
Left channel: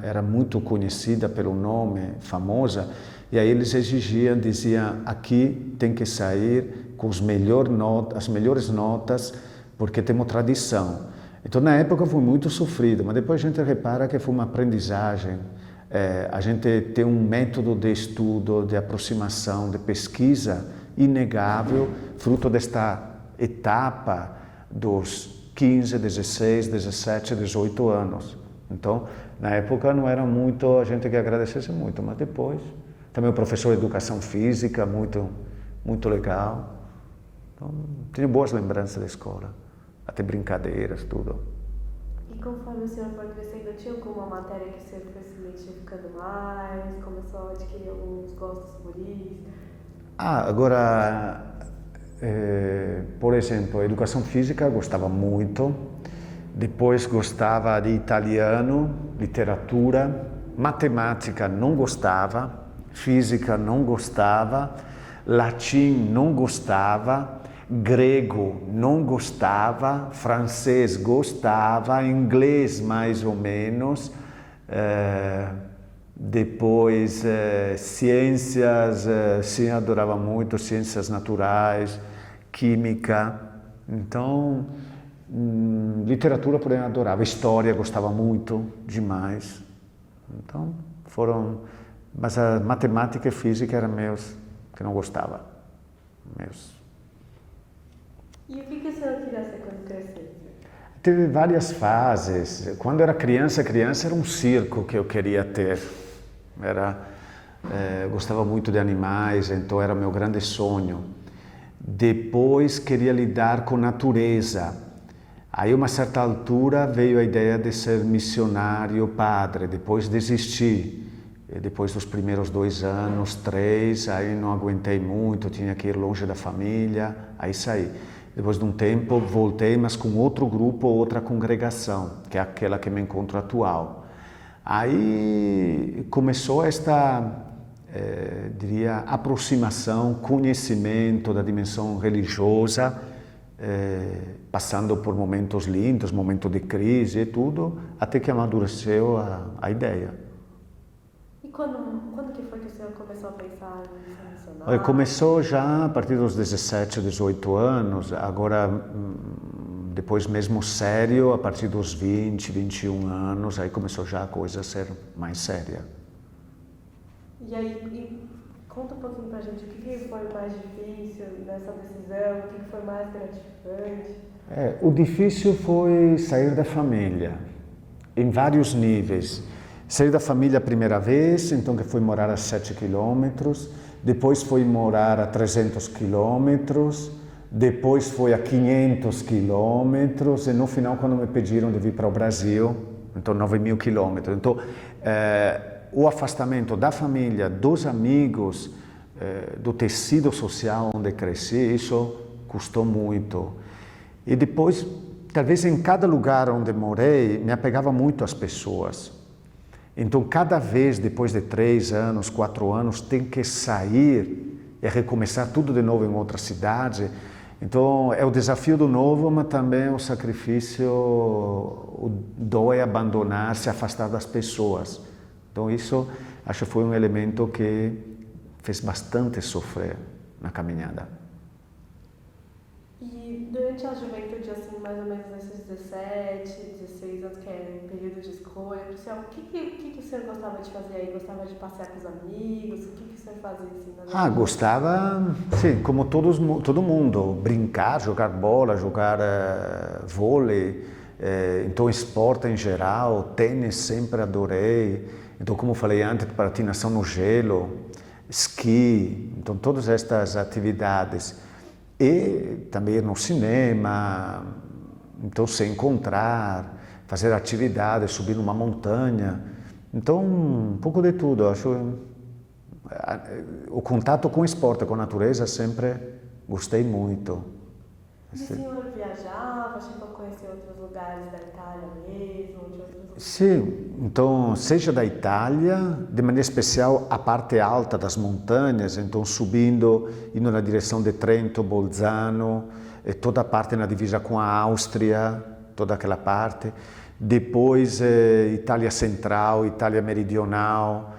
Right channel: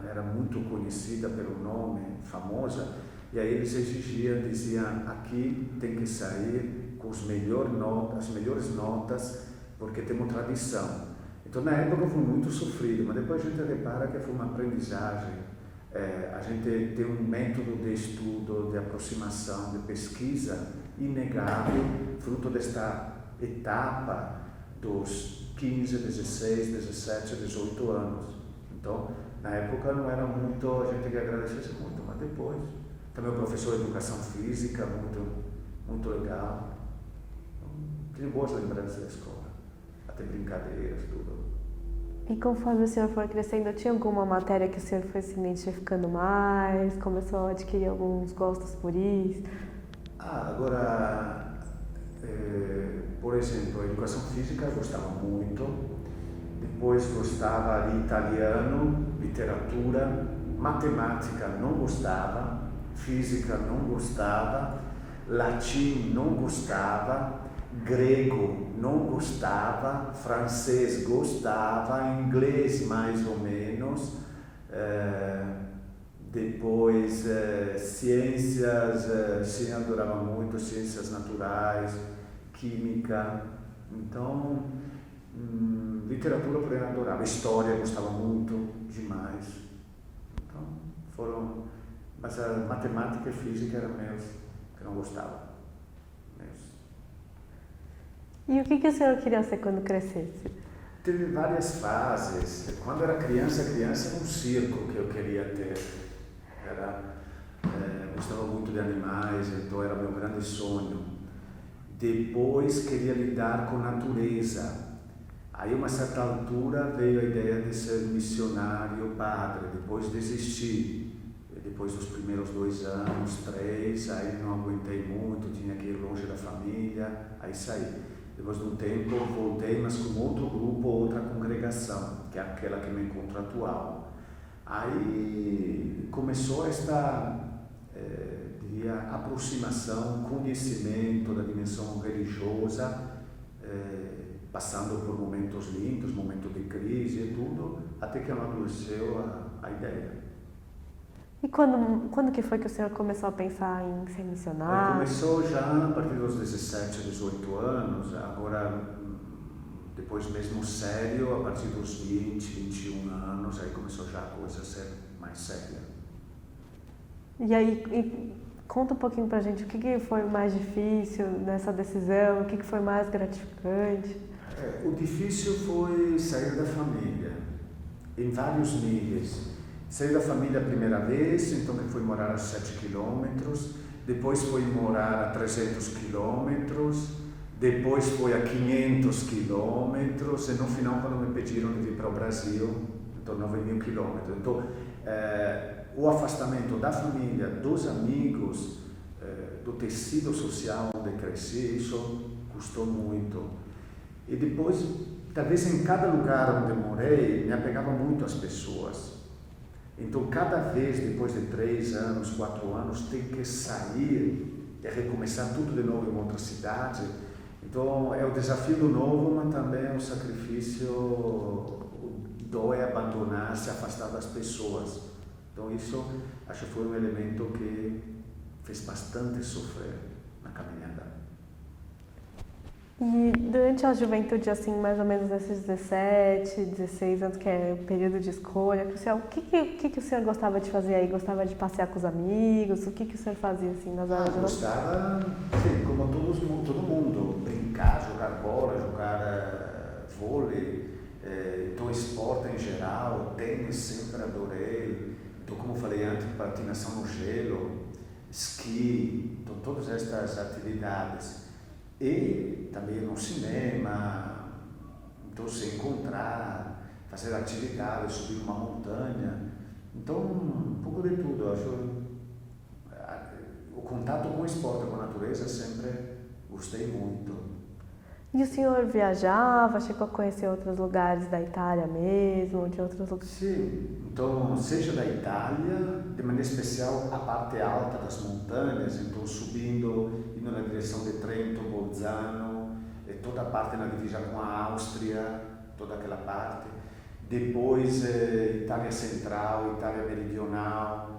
era muito conhecida pelo nome, famosa, e aí eles exigiam, diziam, aqui tem que sair com as melhores notas, porque temos tradição. Então na época foi muito sofrido, mas depois a gente repara que foi uma aprendizagem. A gente tem um método de estudo, de aproximação, de pesquisa inegável, fruto desta etapa dos 15, 16, 17, 18 anos. Então, na época não era muito, a gente que agradecesse muito, mas depois. Também o professor de educação física, muito, muito legal. Então, tenho boas lembranças da escola, até brincadeiras, tudo. E conforme o senhor for crescendo, tinha alguma matéria que o senhor foi se identificando mais, começou a adquirir alguns gostos por isso? Agora, por exemplo, educação física gostava muito, depois gostava de italiano, literatura, matemática não gostava, física não gostava, latim não gostava, grego não gostava, francês gostava, inglês mais ou menos, depois ciências, sim, adorava muito, ciências naturais, química, então literatura porém adorava, história gostava muito, demais, então mas a matemática e física eram meus, que não gostava, meus. E o que o senhor queria ser quando crescesse? Teve várias fases. Quando era criança era um circo que eu queria ter. gostava muito de animais, então era meu grande sonho. Depois queria lidar com natureza. Aí, a uma certa altura, veio a ideia de ser missionário padre. Depois desisti. Depois dos primeiros 2 anos, 3, aí não aguentei muito, tinha que ir longe da família, aí saí. Depois de um tempo, voltei, mas com outro grupo, outra congregação, que é aquela que me encontro atual. Aí começou esta, diria, aproximação, conhecimento da dimensão religiosa, passando por momentos lindos, momentos de crise e tudo, até que amadureceu a ideia. E quando que foi que o senhor começou a pensar em ser missionário? Começou já a partir dos 17, 18 anos, agora depois mesmo sério, a partir dos 20, 21 anos, aí começou já a coisa a ser mais séria. E aí, conta um pouquinho pra gente, o que foi mais difícil nessa decisão, o que foi mais gratificante? O difícil foi sair da família, em vários níveis. Saí da família a primeira vez, então que fui morar a 7 quilômetros, depois fui morar a 300 quilômetros, depois foi a 500 quilômetros e no final quando me pediram de vir para o Brasil, então 9.000 quilômetros. Então, o afastamento da família, dos amigos, do tecido social onde cresci, isso custou muito. E depois, talvez em cada lugar onde morei, me apegava muito às pessoas. Então, cada vez, depois de 3 anos, 4 anos, tem que sair e recomeçar tudo de novo em outra cidade. Então, é o desafio do novo, mas também o sacrifício, o dói abandonar, se afastar das pessoas. Então, isso, acho que foi um elemento que fez bastante sofrer na caminhada. E durante a juventude, assim, mais ou menos nesses 17, 16 anos, que é o período de escolha crucial, o que o senhor gostava de fazer aí? Gostava de passear com os amigos? O que o senhor fazia, assim, nas horas? Gostava, sim, como todo mundo, brincar, jogar bola, jogar vôlei, então esporte em geral, tênis sempre adorei. Então, como falei antes, patinação no gelo, esqui, então todas estas atividades. E também ir no cinema, então se encontrar, fazer atividades, subir numa montanha. Então, um pouco de tudo. Eu acho o contato com o esporte, com a natureza, sempre gostei muito. E o senhor viajava, chegou a conhecer outros lugares da Itália mesmo, de outros lugares? Sim, então, seja da Itália, de maneira especial a parte alta das montanhas, então subindo, indo na direção de Trento, Bolzano, e toda a parte na divisa com a Áustria, toda aquela parte. Depois, Itália Central, Itália Meridional,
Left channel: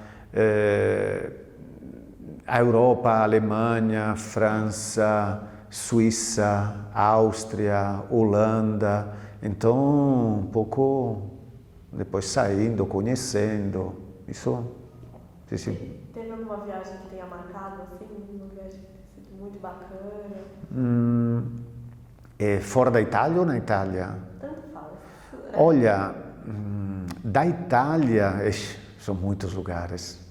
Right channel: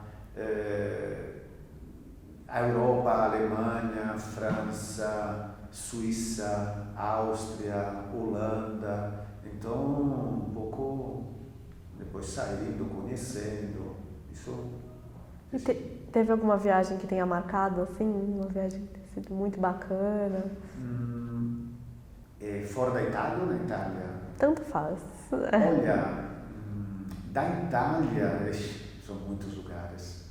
a Europa, a Alemanha, França, Suíça, Áustria, Holanda, então um pouco depois saindo, conhecendo, isso. Sim. Teve alguma viagem que tenha marcado assim, uma viagem que tenha sido muito bacana? Fora da Itália ou na Itália? Tanto faz. Olha, da Itália, são muitos lugares.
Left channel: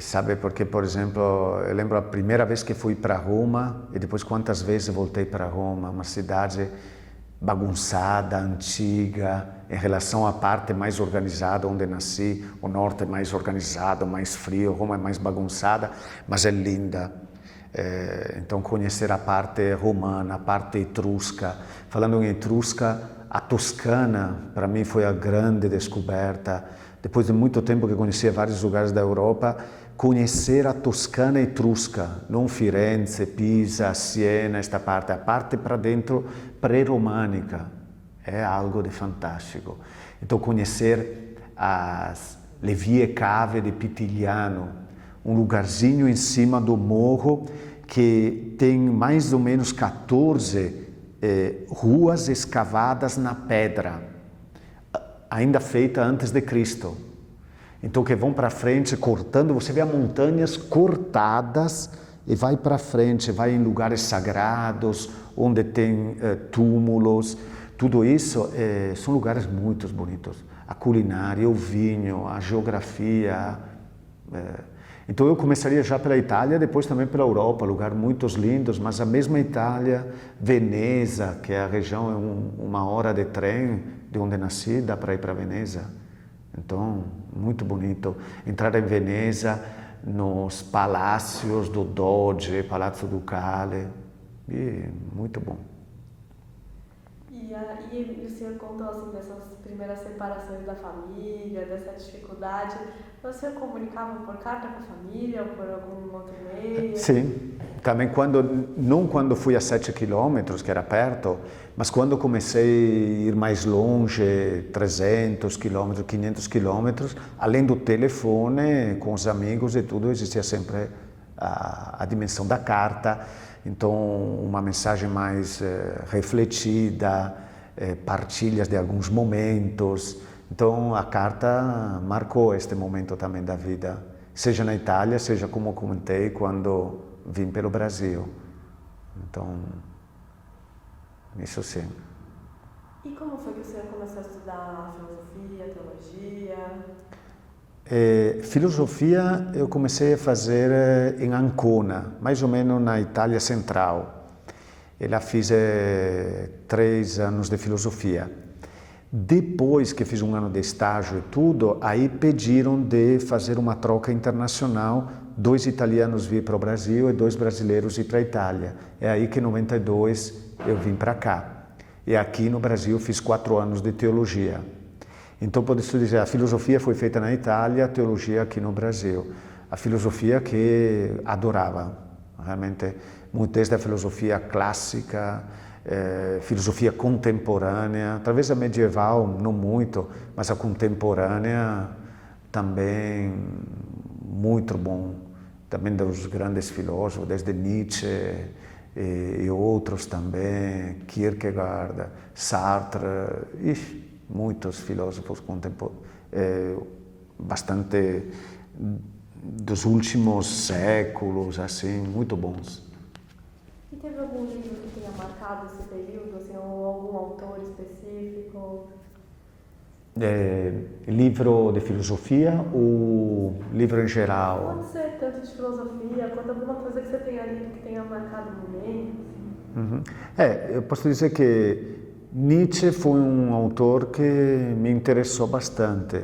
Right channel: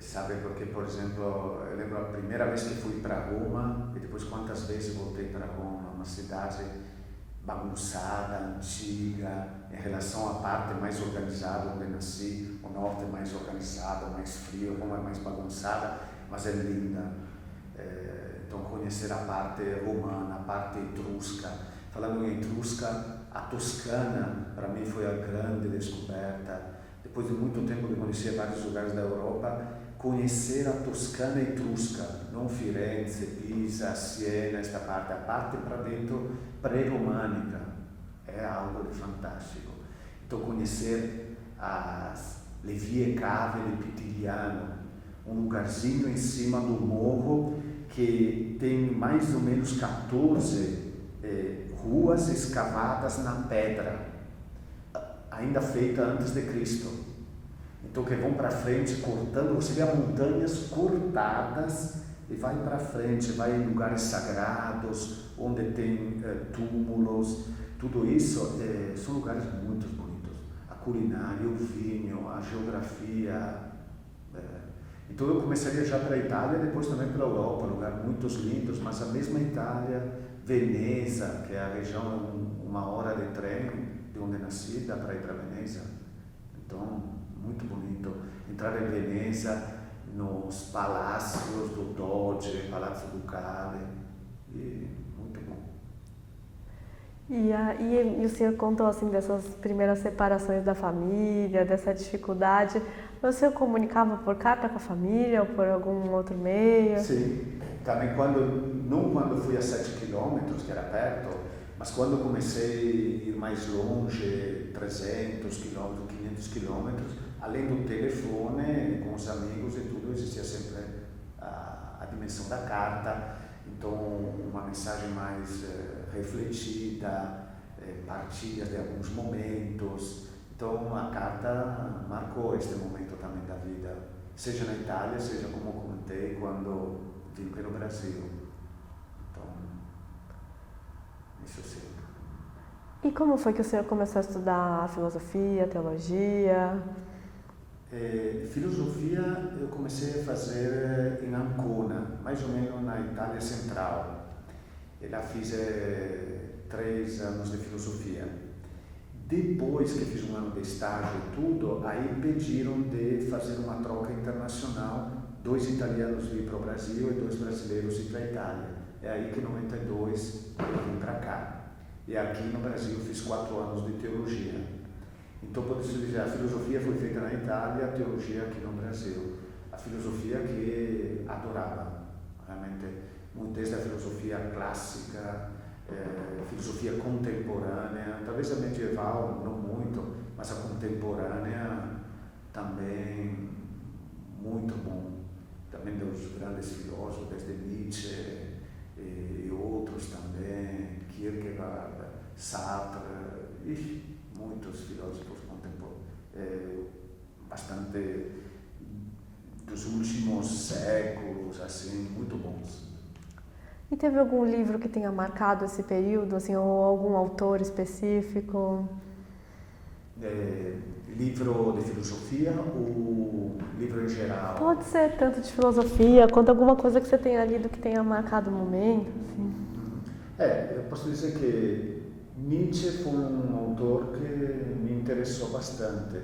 Sabe, porque, por exemplo, eu lembro a primeira vez que fui para Roma e depois quantas vezes voltei para Roma, uma cidade bagunçada, antiga, em relação à parte mais organizada onde nasci. O norte é mais organizado, mais frio, Roma é mais bagunçada, mas é linda. Então, conhecer a parte romana, a parte etrusca. Falando em etrusca, a Toscana, para mim, foi a grande descoberta. Depois de muito tempo que conhecia vários lugares da Europa, conhecer a Toscana etrusca, não Firenze, Pisa, Siena, esta parte, a parte para dentro pré-românica, é algo de fantástico. Então, conhecer le vie cave de Pitigliano, um lugarzinho em cima do morro que tem mais ou menos 14 ruas escavadas na pedra, ainda feita antes de Cristo. Então que vão para frente cortando, você vê as montanhas cortadas e vai para frente, vai em lugares sagrados, onde tem túmulos. Tudo isso são lugares muito bonitos. A culinária, o vinho, a geografia. Então eu começaria já pela Itália, depois também pela Europa, lugares muito lindos, mas a mesma Itália, Veneza, que é a região, é uma hora de trem de onde nasci, dá para ir para Veneza. Então, muito bonito. Entrar em Veneza, nos palácios do Doge, Palazzo Ducale, e muito bom. E o senhor contou assim dessas primeiras separações da família, dessa dificuldade. O senhor comunicava por carta com a família ou por algum outro meio? Sim, também não quando fui a 7 quilômetros, que era perto, mas quando comecei a ir mais longe, 300 quilômetros, 500 quilômetros, além do telefone, com os amigos e tudo, existia sempre a dimensão da carta. Então, uma mensagem mais refletida, partilhas de alguns momentos. Então, a carta marcou este momento também da vida, seja na Itália, seja como comentei quando vim pelo Brasil. Então, isso sim. E como foi que o senhor começou a estudar filosofia, teologia? Filosofia eu comecei a fazer em Ancona, mais ou menos na Itália Central. Eu lá fiz 3 anos de filosofia. Depois que fiz um ano de estágio e tudo, aí pediram de fazer uma troca internacional, 2 italianos vir para o Brasil e 2 brasileiros ir para a Itália. É aí que em 92 eu vim para cá. E aqui no Brasil fiz 4 anos de teologia. Então, posso dizer, a filosofia foi feita na Itália, a teologia aqui no Brasil. A filosofia que adorava, realmente, muito desde a filosofia clássica, filosofia contemporânea, talvez a medieval não muito, mas a contemporânea também muito bom. Também dos grandes filósofos, desde Nietzsche e outros também, Kierkegaard, Sartre, muitos filósofos contemporâneos, bastante dos últimos séculos, assim, muito bons. E teve algum livro que tenha marcado esse período, assim, ou algum autor específico? Livro de filosofia ou livro em geral? Pode ser tanto de filosofia quanto alguma coisa que você tenha lido que tenha marcado o momento. Assim. Eu posso dizer que Nietzsche foi um autor que me interessou bastante,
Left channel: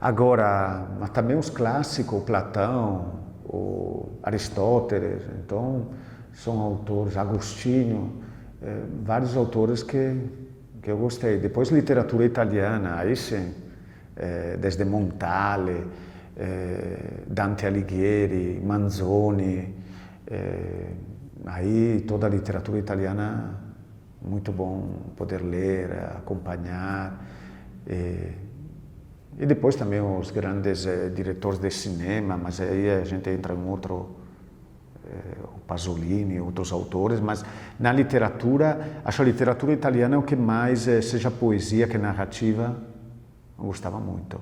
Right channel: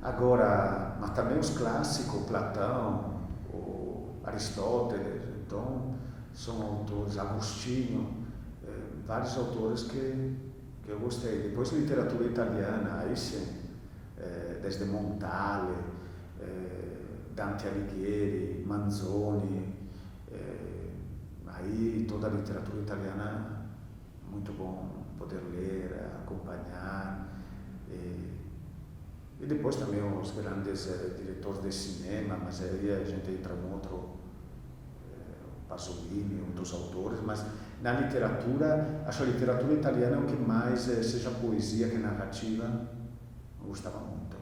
agora, mas também os clássicos, Platão, Aristóteles, então são autores, Agostinho, vários autores que eu gostei. Depois literatura italiana, aí sim, desde Montale, Dante Alighieri, Manzoni, aí toda a literatura italiana muito bom poder ler, acompanhar. E depois também os grandes diretores de cinema, mas aí a gente entra em outro, o Pasolini, outros autores, mas na literatura, acho a literatura italiana o que mais, seja poesia que narrativa, eu gostava muito.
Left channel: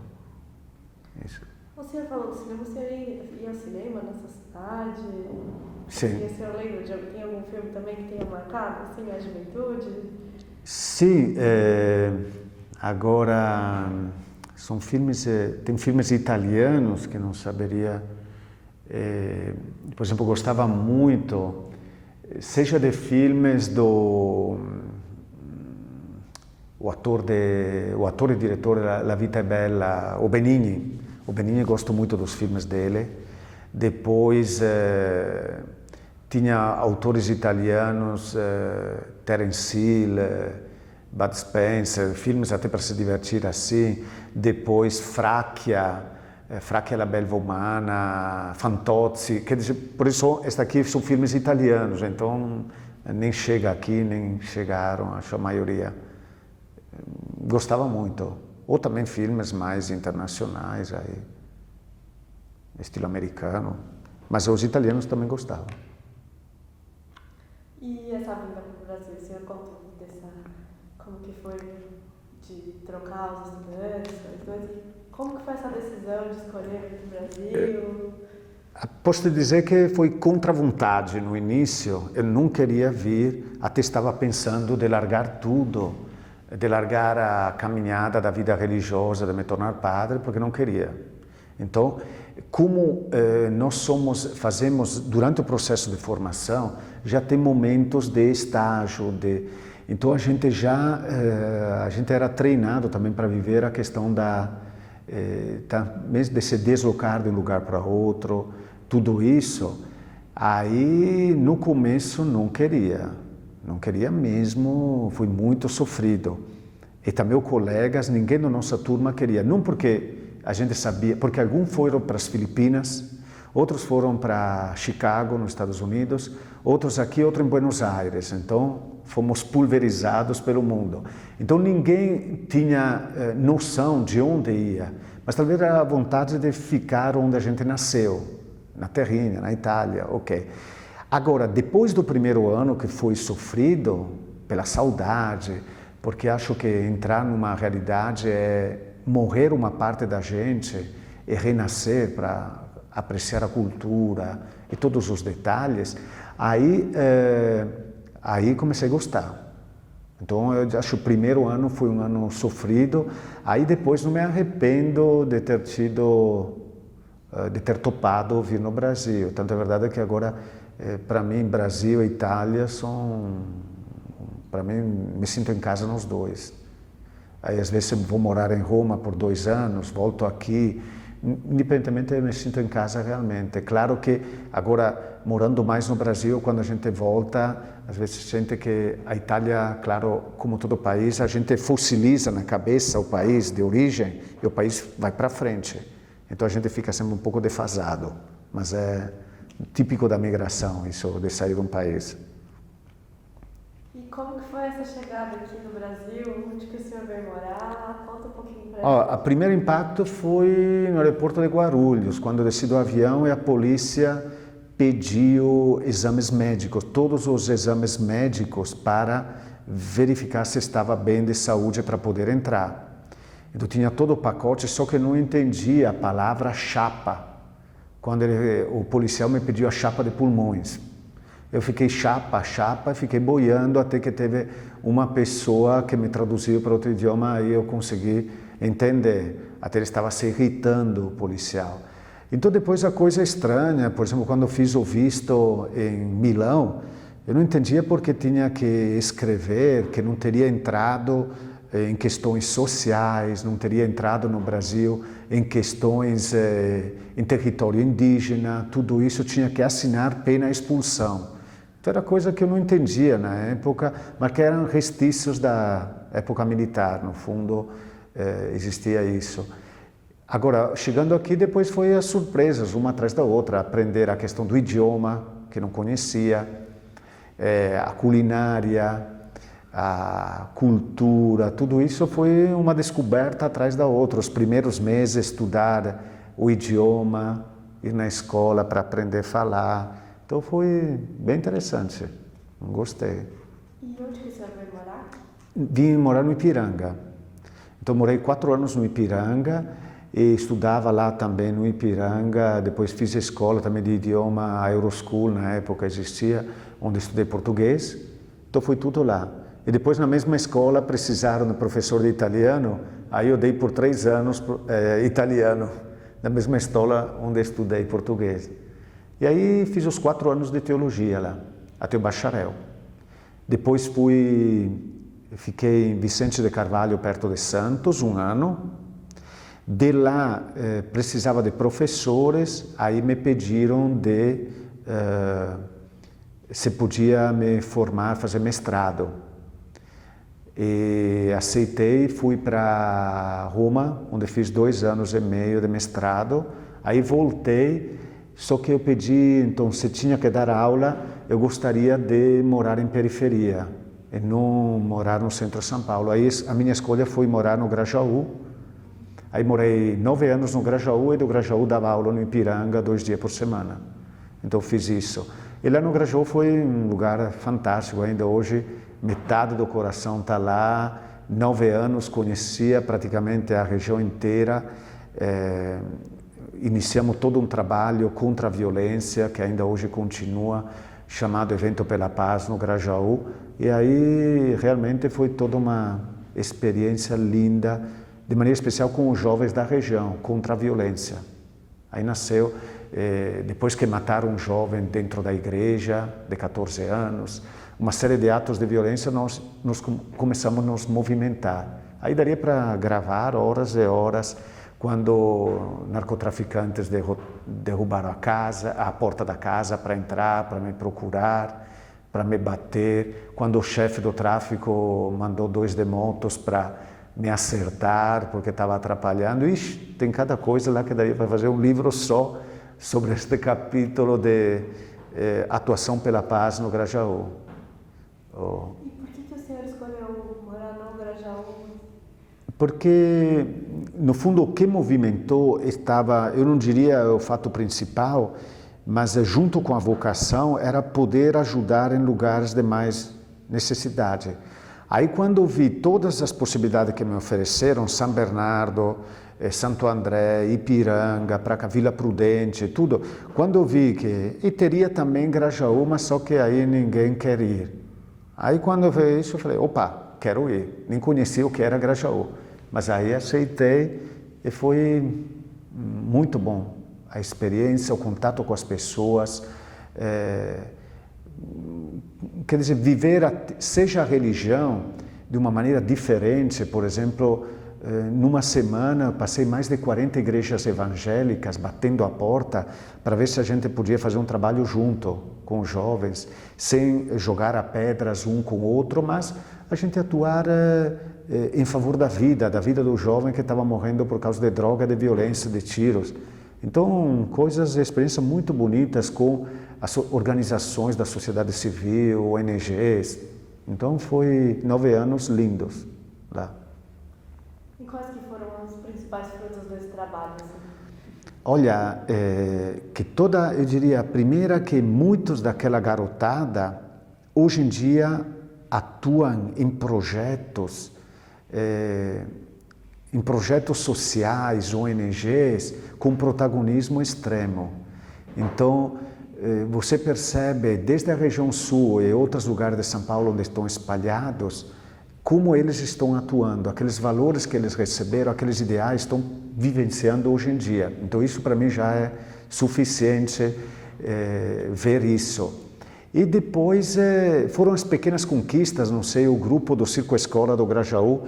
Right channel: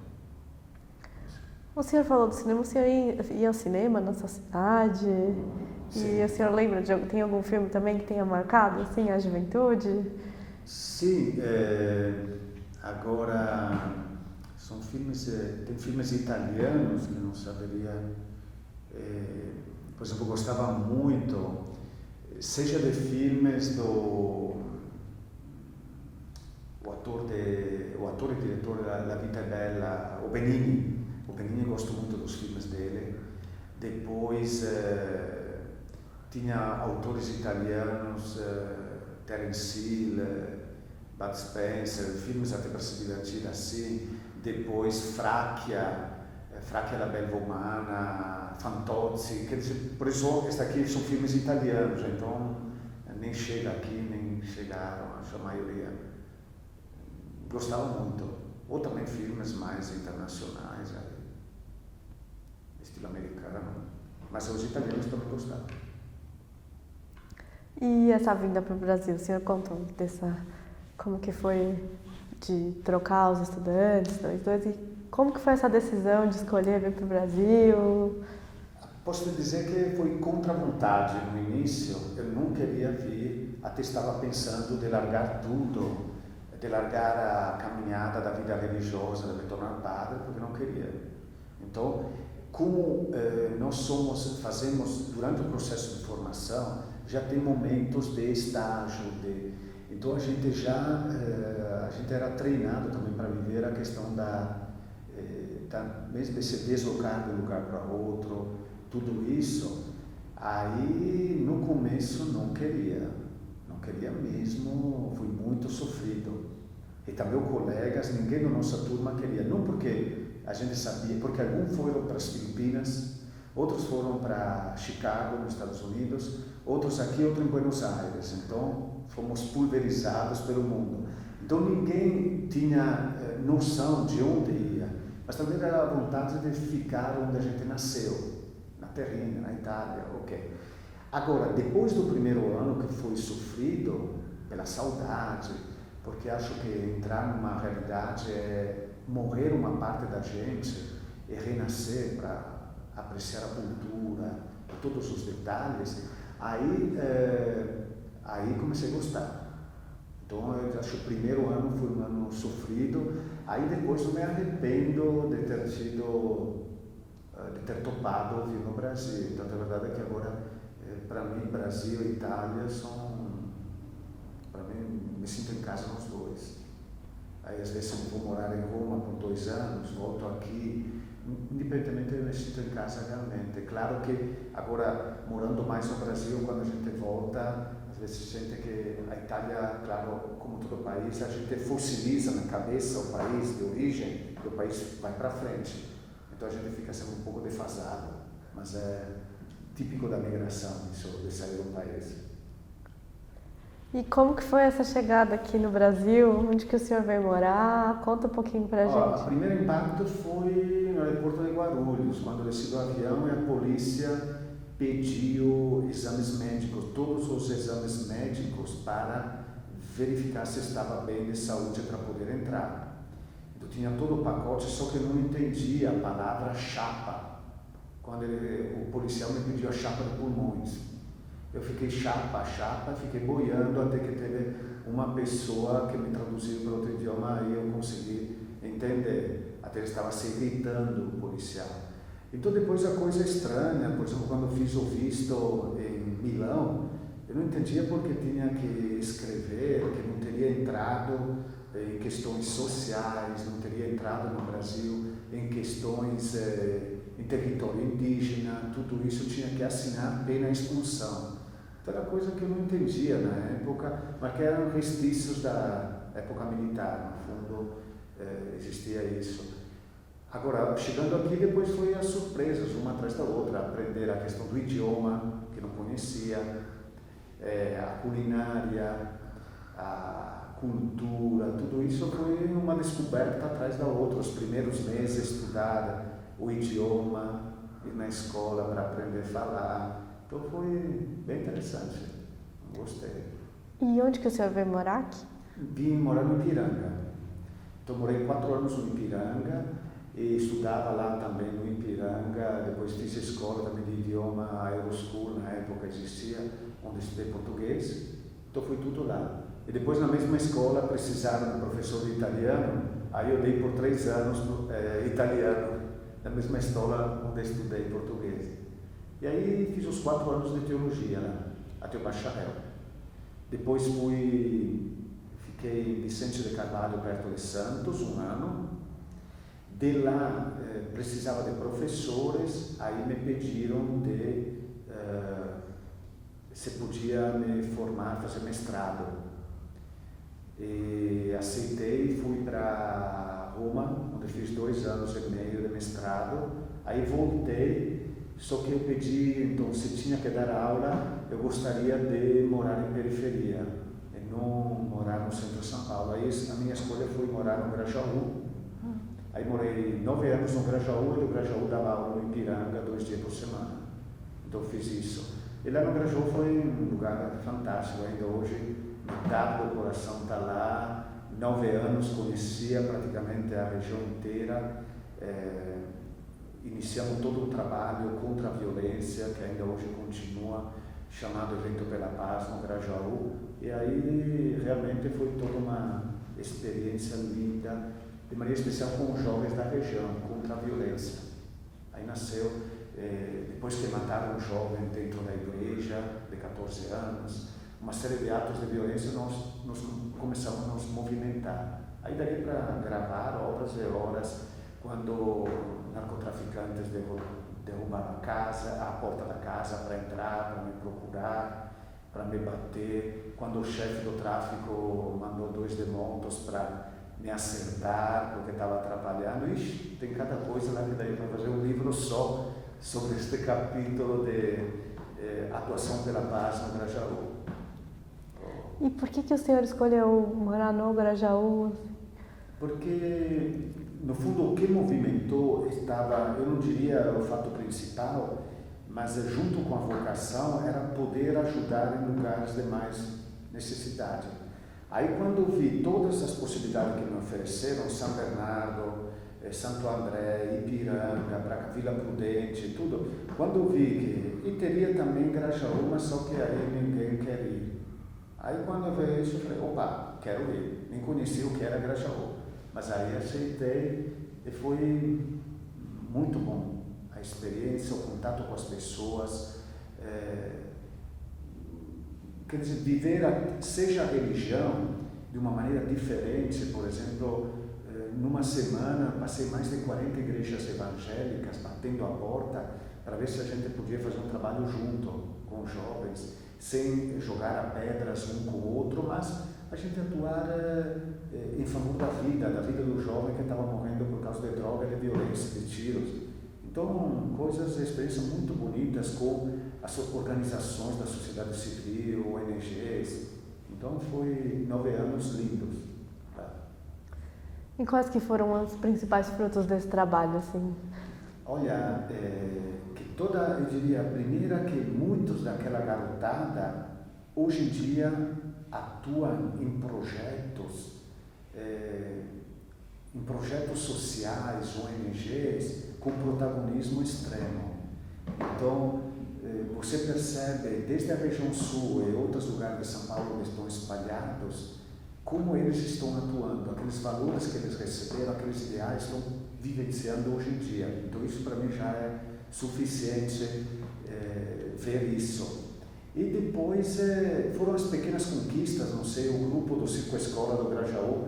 Isso. O senhor falou do cinema, o senhor ia ao cinema na sua cidade? Sim. E o senhor lembra tem algum filme também que tenha marcado, assim, a juventude? Sim, agora são filmes, tem filmes italianos que não saberia, por exemplo, eu gostava muito, seja de filmes do o ator e diretor La Vita è Bella, o Benigni gosto muito dos filmes dele. Depois tinha autores italianos, Terence Hill, Bud Spencer, filmes até para se divertir assim. Depois Fracchia la belva umana, Fantozzi, quer dizer, por isso esta aqui são filmes italianos, então nem chega aqui, nem chegaram, acho a maioria. Gostava muito. Ou também filmes mais internacionais, aí, estilo americano, mas os italianos também gostavam. E essa vinda para o Brasil, o senhor contou como que foi de trocar os estudantes, dois, e como que foi essa decisão de escolher vir para o Brasil? Posso dizer que foi contra a vontade no início, eu não queria vir, até estava pensando de largar tudo, de largar a caminhada da vida religiosa, de me tornar padre, porque não queria. Então, como fazemos durante o processo de formação, já tem momentos de estágio, então a gente era treinado também para viver a questão de se deslocar de um lugar para outro, tudo isso. Aí no começo não queria mesmo, foi muito sofrido. E também os colegas, ninguém da nossa turma queria, não porque a gente sabia, porque alguns foram para as Filipinas, outros foram para Chicago, nos Estados Unidos, outros aqui, outros em Buenos Aires. Então, fomos pulverizados pelo mundo. Então, ninguém tinha noção de onde ia, mas talvez era a vontade de ficar onde a gente nasceu, na terrinha, na Itália, ok. Agora, depois do primeiro ano, que foi sofrido pela saudade, porque acho que entrar numa realidade é morrer uma parte da gente e renascer para apreciar a cultura e todos os detalhes, aí comecei a gostar. Então eu acho que o primeiro ano foi um ano sofrido, aí depois não me arrependo de ter topado vir no Brasil. Tanto é verdade que agora, para mim, Brasil e Itália para mim, me sinto em casa nos dois. Aí às vezes eu vou morar em Roma por 2 anos, volto aqui, independentemente eu me sinto em casa realmente. É claro que agora, morando mais no Brasil, quando a gente volta, às vezes sente que a Itália, claro, como todo país, a gente fossiliza na cabeça o país de origem e o país vai para frente. Então a gente fica sempre um pouco defasado, mas é típico da migração isso, de sair de um país. E como que foi essa chegada aqui no Brasil? Onde que o senhor veio morar? Conta um pouquinho pra gente. O primeiro impacto foi no aeroporto de Guarulhos, quando eu desci do avião e a polícia pediu exames médicos, todos os exames médicos para verificar se estava bem de saúde para poder entrar. Então tinha todo o pacote, só que eu não entendia a palavra chapa. Quando o policial me pediu a chapa de pulmões. Eu fiquei chapa, e fiquei boiando até que teve uma pessoa que me traduziu para outro idioma e eu consegui entender. Até ele estava se irritando, o policial. Então depois a coisa estranha, por exemplo, quando eu fiz o visto em Milão, eu não entendia porque tinha que escrever que não teria entrado em questões sociais, não teria entrado no Brasil em questões em território indígena, tudo isso tinha que assinar pena expulsão. Então era coisa que eu não entendia na época, mas que eram restícios da época militar, no fundo existia isso. Agora, chegando aqui, depois foi as surpresas, uma atrás da outra, aprender a questão do idioma, que não conhecia, a culinária, a cultura, tudo isso foi uma descoberta atrás da outra. Os primeiros meses, estudar o idioma, ir na escola para aprender a falar. Então foi bem interessante, gostei. E onde que o senhor veio morar? Vim morar no Ipiranga. Então morei 4 anos no Ipiranga e estudava lá também no Ipiranga. Depois fiz escola também de idioma, a Euroschool na época existia, onde estudei português. Então foi tudo lá. E depois na mesma escola precisaram de professor de italiano, aí eu dei por 3 anos italiano, na mesma escola onde estudei português. E aí fiz os 4 anos de teologia lá, até o bacharel. Depois fiquei em Vicente de Carvalho, perto de Santos, 1 ano. De lá precisava de professores, aí me pediram se podia me formar, fazer mestrado. E aceitei, fui para Roma, onde fiz 2 anos e meio de mestrado. Aí voltei, só que eu pedi, então, se tinha que dar aula, eu gostaria de morar em periferia e não morar no centro de São Paulo. Aí a minha escolha foi morar no Grajaú. Aí morei 9 anos no Grajaú e do Grajaú dava aula no Ipiranga 2 dias por semana. Então fiz isso. E lá no Grajaú foi um lugar fantástico, ainda hoje metade do coração está lá. 9 anos, conhecia praticamente a região inteira. Iniciamos todo um trabalho contra a violência, que ainda hoje continua, chamado Evento pela Paz no Grajaú. E aí realmente foi toda uma experiência linda, de maneira especial com os jovens da região, contra a violência. Aí nasceu, depois que mataram um jovem dentro da igreja, de 14 anos, uma série de atos de violência, nós começamos a nos movimentar. Aí daria para gravar horas e horas, quando narcotraficantes derrubaram a porta da casa para entrar, para me procurar, para me bater, quando o chefe do tráfico mandou 2 motos para me acertar porque estava atrapalhando. Ixi, tem cada coisa lá que daria para fazer um livro só sobre este capítulo de atuação pela paz no Grajaú. E por que o senhor escolheu morar no Grajaú? Porque, no fundo, o que movimentou estava, eu não diria o fato principal, mas junto com a vocação era poder ajudar em lugares de mais necessidade. Aí quando eu vi todas as possibilidades que me ofereceram, São Bernardo, Santo André, Ipiranga, para cá, Vila Prudente, tudo, quando eu vi que, e teria também Grajaú, mas só que aí ninguém quer ir. Aí quando eu vi isso, eu falei, opa, quero ir. Nem conhecia o que era Grajaú, mas aí aceitei e foi muito bom. A experiência, o contato com as pessoas, quer dizer, viver, seja a religião, de uma maneira diferente. Por exemplo, numa semana passei mais de 40 igrejas evangélicas batendo a porta para ver se a gente podia fazer um trabalho junto com os jovens, sem jogar a pedras um com o outro, mas a gente atuar em favor da vida do jovem que estava morrendo por causa de droga, de violência, de tiros. Então, experiências muito bonitas com as organizações da sociedade civil, ONGs. Então, foi 9 anos lindos lá. E quais que foram os principais frutos desse trabalho, assim? Olha, eu diria, a primeira, que muitos daquela garotada, hoje em dia, atuam em projetos sociais, ONGs, com protagonismo extremo. Então, você percebe, desde a região sul e outros lugares de São Paulo onde estão espalhados, como eles estão atuando, aqueles valores que eles receberam, aqueles ideais estão vivenciando hoje em dia. Então, isso para mim já é suficiente ver isso. E depois foram as pequenas conquistas, não sei, o grupo do Circo Escola do Grajaú,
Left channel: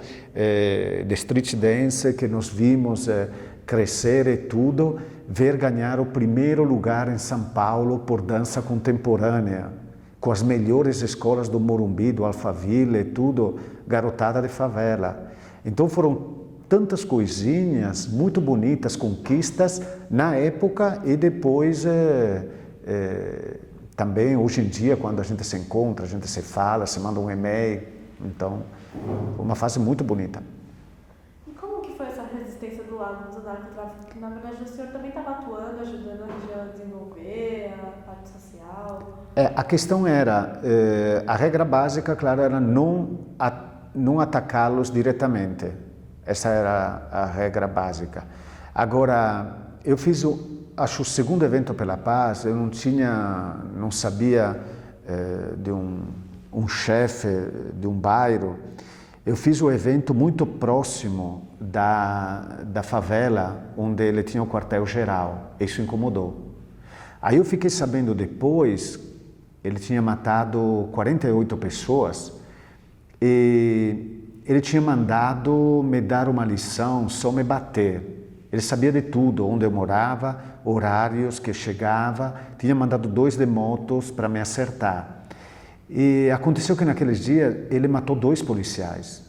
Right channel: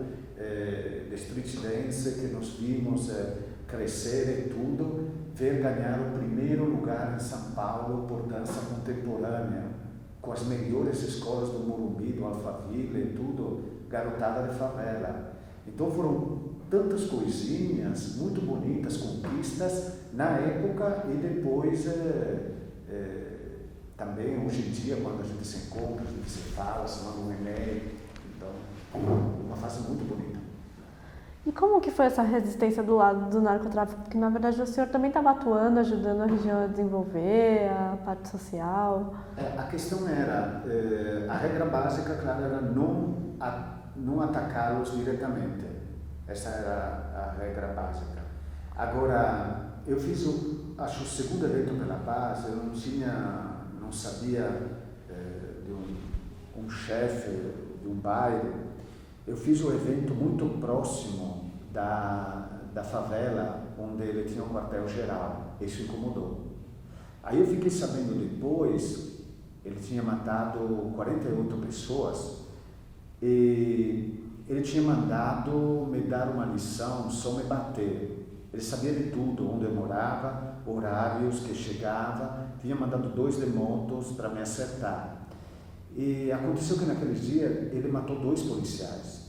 de street dance, que nós vimos crescer e tudo, ver ganhar o primeiro lugar em São Paulo por dança contemporânea, com as melhores escolas do Morumbi, do Alphaville e tudo, garotada de favela. Então foram tantas coisinhas muito bonitas, conquistas na época e depois também hoje em dia, quando a gente se encontra, a gente se fala, se manda um e-mail. Então, uma fase muito bonita. E como que foi essa resistência do lado do narcotráfico? Porque, na verdade, o senhor também estava atuando, ajudando a região a desenvolver, a parte social. A questão era, a regra básica, claro, era não atacá-los diretamente. Essa era a regra básica. Agora, eu fiz acho o segundo evento pela paz. Eu não sabia de um chefe de um bairro. Eu fiz o evento muito próximo da favela onde ele tinha o quartel-geral. Isso incomodou. Aí eu fiquei sabendo depois, ele tinha matado 48 pessoas e ele tinha mandado me dar uma lição, só me bater. Ele sabia de tudo, onde eu morava, horários que chegava, tinha mandado 2 motos para me acertar. E aconteceu que naqueles dias ele matou 2 policiais.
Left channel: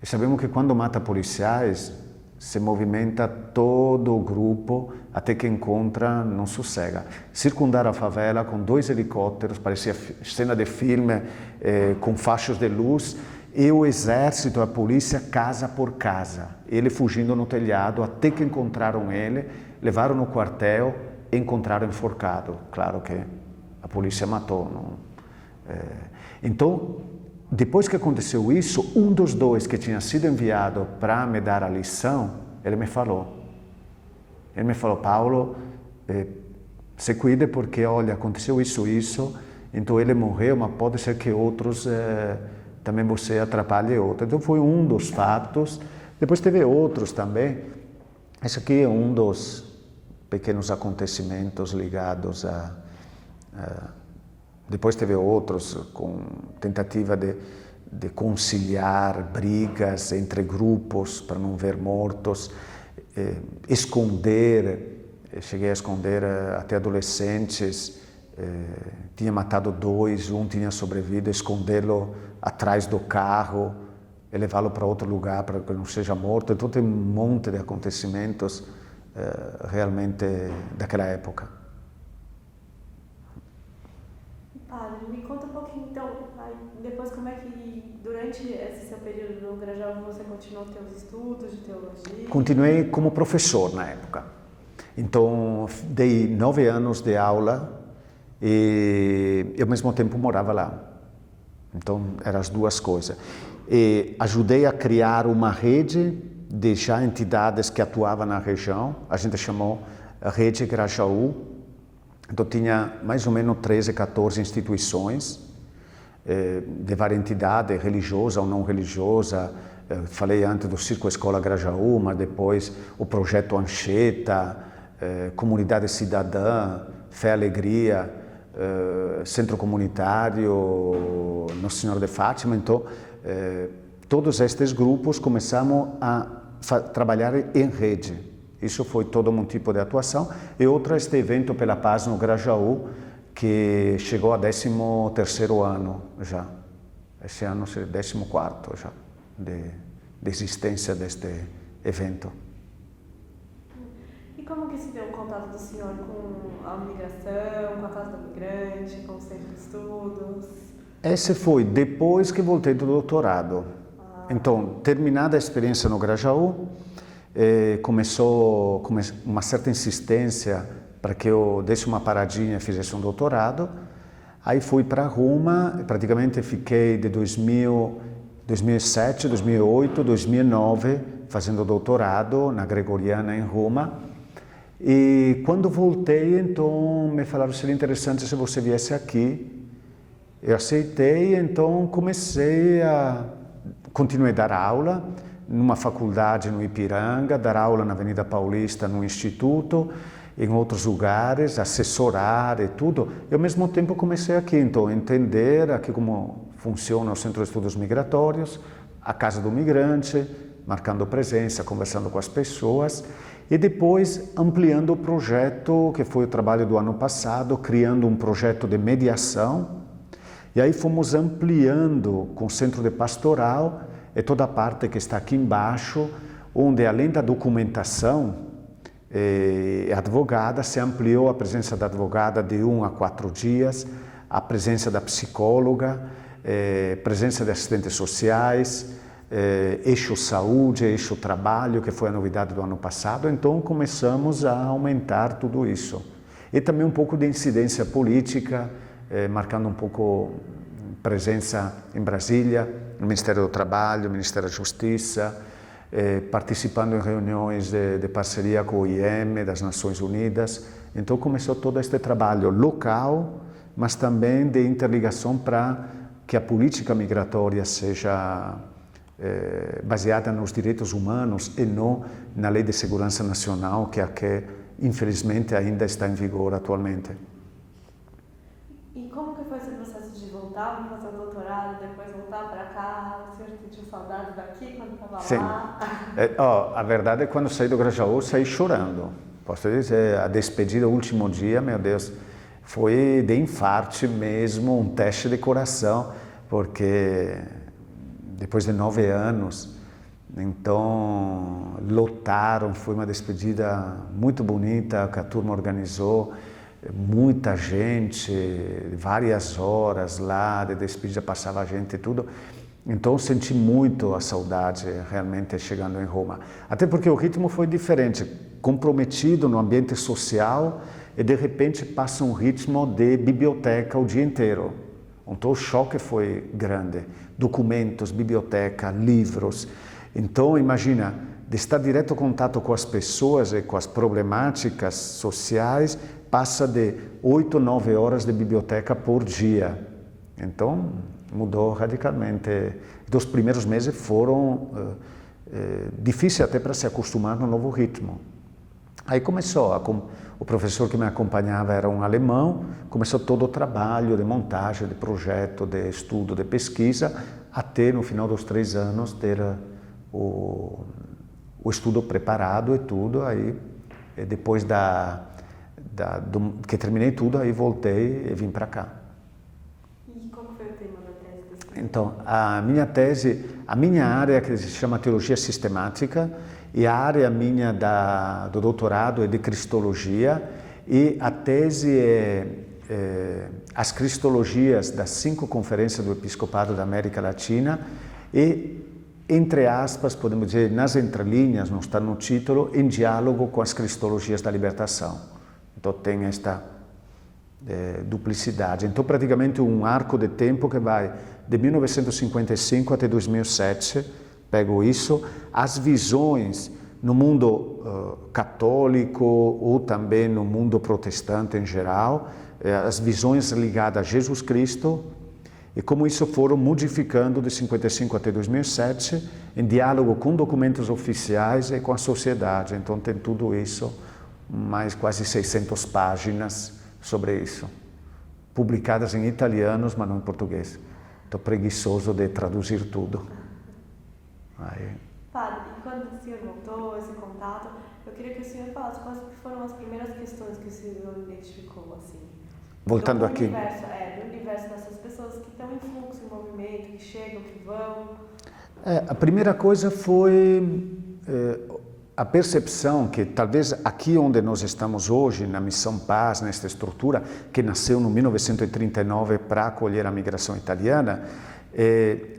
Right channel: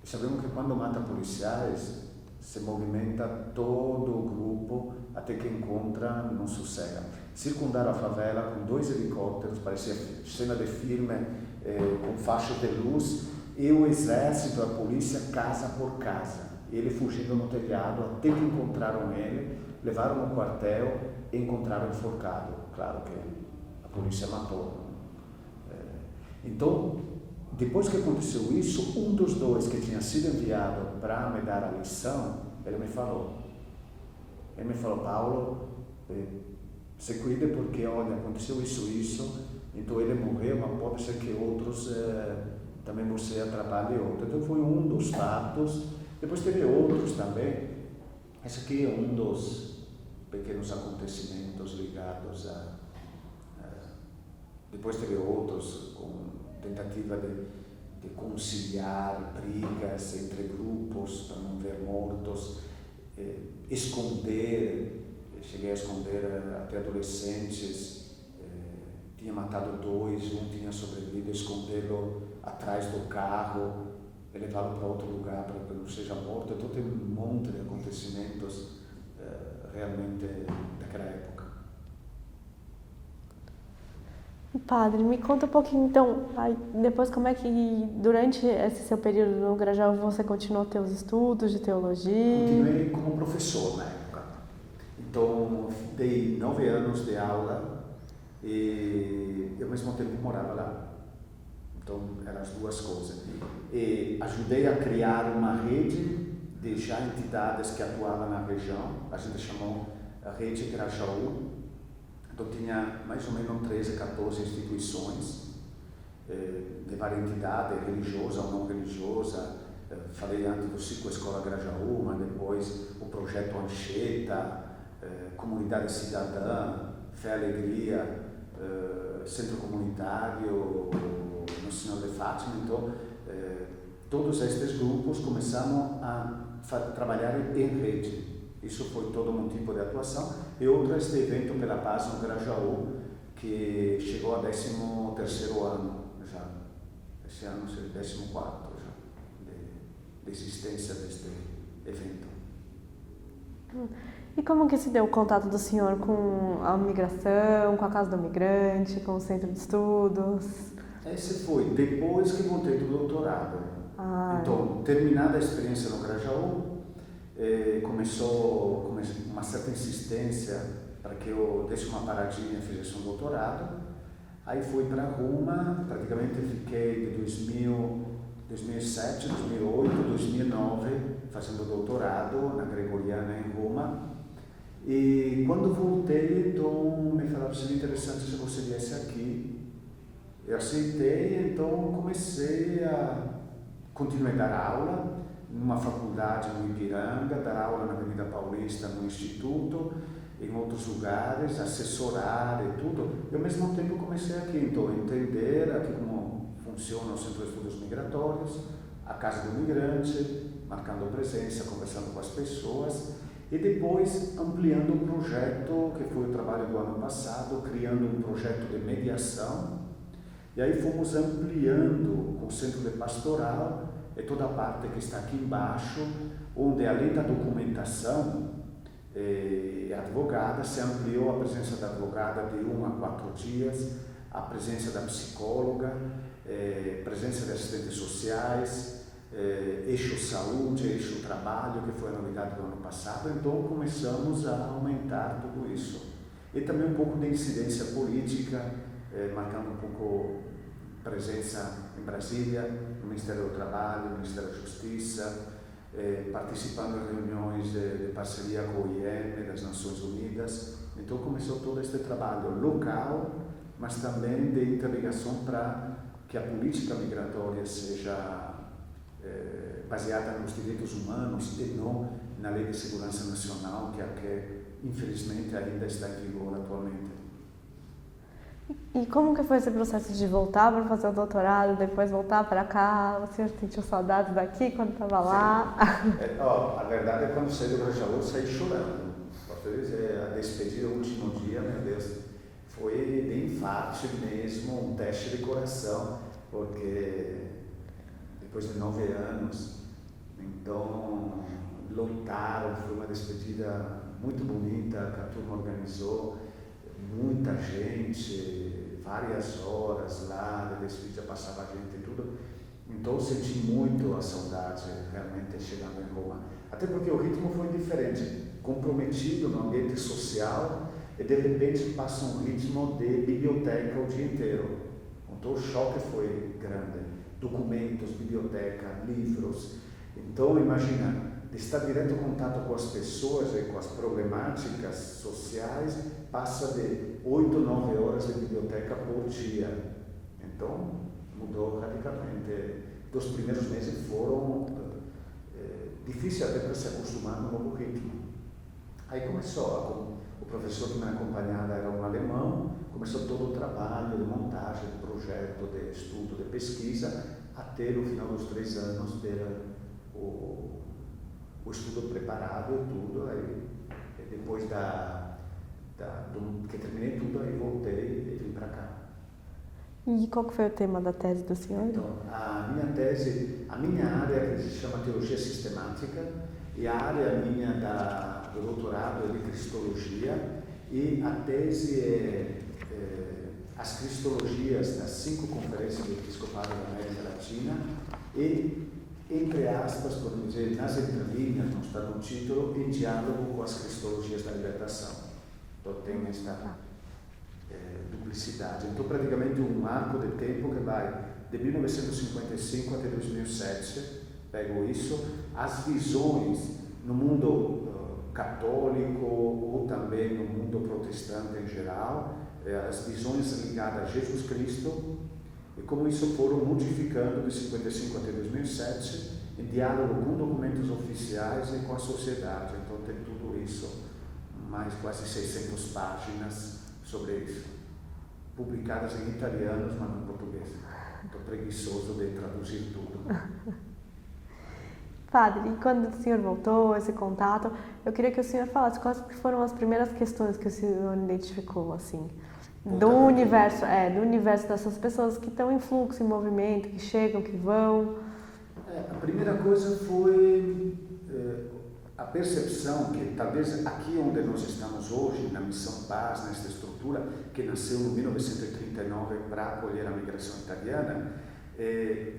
E sabemos que quando mata policiais, se movimenta todo o grupo até que encontra, não sossega. Circundaram a favela com 2 helicópteros, parecia cena de filme, com faixas de luz, e o exército, a polícia, casa por casa. Ele fugindo no telhado, até que encontraram ele, levaram no quartel e encontraram enforcado. Claro que a polícia matou. Não? Então, depois que aconteceu isso, um dos 2 que tinha sido enviado para me dar a lição, ele me falou. Ele me falou, Paulo, se cuide porque, olha, aconteceu isso, então ele morreu, mas pode ser que outros, também você atrapalhe outros. Então foi um dos fatos. Depois teve outros também. Esse aqui é um dos pequenos acontecimentos ligados depois teve outros com tentativa de conciliar brigas entre grupos para não ver mortos, cheguei a esconder até adolescentes, tinha matado 2, um tinha sobrevivido, escondê-lo atrás do carro e levá-lo para outro lugar para que não seja morto. Então tem um monte de acontecimentos realmente daquela época. Padre, me conta um pouquinho então, depois como é que durante esse seu período no Grajaú você continuou teus estudos de teologia? Continuei como professor na época. Então dei 9 anos de aula e ao mesmo tempo morava lá. Então eram as duas coisas. E ajudei a criar uma rede de já entidades que atuavam na região. A gente chamou Rede Grajaú. Então tinha mais ou menos 13, 14 instituições de várias entidades, religiosa ou não religiosa. Falei antes do Circo Escola Grajaú, mas depois o Projeto Anchieta, Comunidade Cidadã, Fé e Alegria, Centro Comunitário, Nossa Senhora de Fátima. Então, todos estes grupos começamos a trabalhar em rede. Isso foi todo um tipo de atuação. E outro este evento pela paz no Grajaú, que chegou a 13º ano já. Esse ano é 14º já de existência deste evento. E como que se deu o contato do senhor com a migração, com a Casa do Migrante, com o Centro de Estudos? Esse foi depois que voltei do doutorado. Então, terminada a experiência no Grajaú, começou uma certa insistência para que eu desse uma paradinha e fizesse um doutorado. Aí fui para Roma, praticamente fiquei de 2007, 2008, 2009 fazendo doutorado na Gregoriana em Roma. E quando voltei, então me falaram que seria interessante se você viesse aqui. Eu aceitei, então continuei a dar aula numa faculdade no Ipiranga, dar aula na Avenida Paulista, no instituto, em outros lugares, assessorar e tudo. E ao mesmo tempo comecei aqui, então, a entender aqui como funciona o Centro de Estudos Migratórios, a Casa do Migrante, marcando presença, conversando com as pessoas, e depois ampliando o projeto, que foi o trabalho do ano passado, criando um projeto de mediação. E aí fomos ampliando com o Centro de Pastoral, e toda a parte que está aqui embaixo, onde além da documentação advogada, se ampliou a presença da advogada de 1 a 4 dias, a presença da psicóloga, presença de assistentes sociais, eixo saúde, eixo trabalho, que foi a novidade do ano passado. Então começamos a aumentar tudo isso. E também um pouco de incidência política, marcando um pouco presença em Brasília, no Ministério do Trabalho, no Ministério da Justiça, participando em reuniões de parceria com o IEM, das Nações Unidas. Então começou todo este trabalho local, mas também de interligação para que a política migratória seja baseada nos direitos humanos e não na Lei de Segurança Nacional, que é a que infelizmente ainda está em vigor atualmente. E como que foi esse processo de voltar para fazer o doutorado, depois voltar para cá? O senhor sentiu saudades daqui quando estava lá? A verdade é que quando saí do Grajaú, saí chorando. Posso dizer, a despedida, o último dia, meu Deus, foi de infarte mesmo, um teste de coração, porque depois de 9 anos, então lotaram, foi uma despedida muito bonita que a turma organizou. Muita gente, várias horas lá de despedida, passava gente e tudo. Então eu senti muito a saudade realmente chegando em Roma. Até porque o ritmo foi diferente, comprometido no ambiente social e de repente passa um ritmo de biblioteca o dia inteiro. Então o choque foi grande. Documentos, biblioteca, livros. Então imagina, de estar direto em contato com as pessoas e com as problemáticas sociais, passa de 8, 9 horas de biblioteca por dia. Então, mudou radicalmente. Os primeiros meses foram difíceis até para se acostumar no novo ritmo. Aí começou, o professor que me acompanhava era um alemão, começou todo o trabalho de montagem, de projeto, de estudo, de pesquisa, até no final dos 3 anos ter o estudo preparado e tudo. Aí depois que terminei tudo, aí voltei e vim para cá. E qual que foi o tema da tese do senhor? Então, a minha área, que se chama Teologia Sistemática, e a área minha do doutorado é de Cristologia, e a tese é as Cristologias das 5 conferências do Episcopado da América Latina e, entre aspas, podemos dizer, nas entrelinhas, não está no título, em diálogo com as Cristologias da Libertação. Então tem esta duplicidade. Então praticamente um arco de tempo que vai de 1955 até 2007, pego isso, as visões no mundo católico ou também no mundo protestante em geral, as visões ligadas a Jesus Cristo e como isso foram modificando de 55 até 2007 em diálogo com documentos oficiais e com a sociedade. Então tem tudo isso, mais quase 600 páginas sobre isso, publicadas em italiano, mas não em português. Estou preguiçoso de traduzir tudo. Aí. Padre, e quando o senhor voltou, esse contato, eu queria que o senhor falasse quais foram as primeiras questões que o senhor identificou, assim, voltando aqui. Do universo dessas pessoas que estão em fluxo, em movimento, que chegam, que vão. A primeira coisa foi a percepção que talvez aqui onde nós estamos hoje, na Missão Paz, nesta estrutura que nasceu no 1939 para acolher a migração italiana,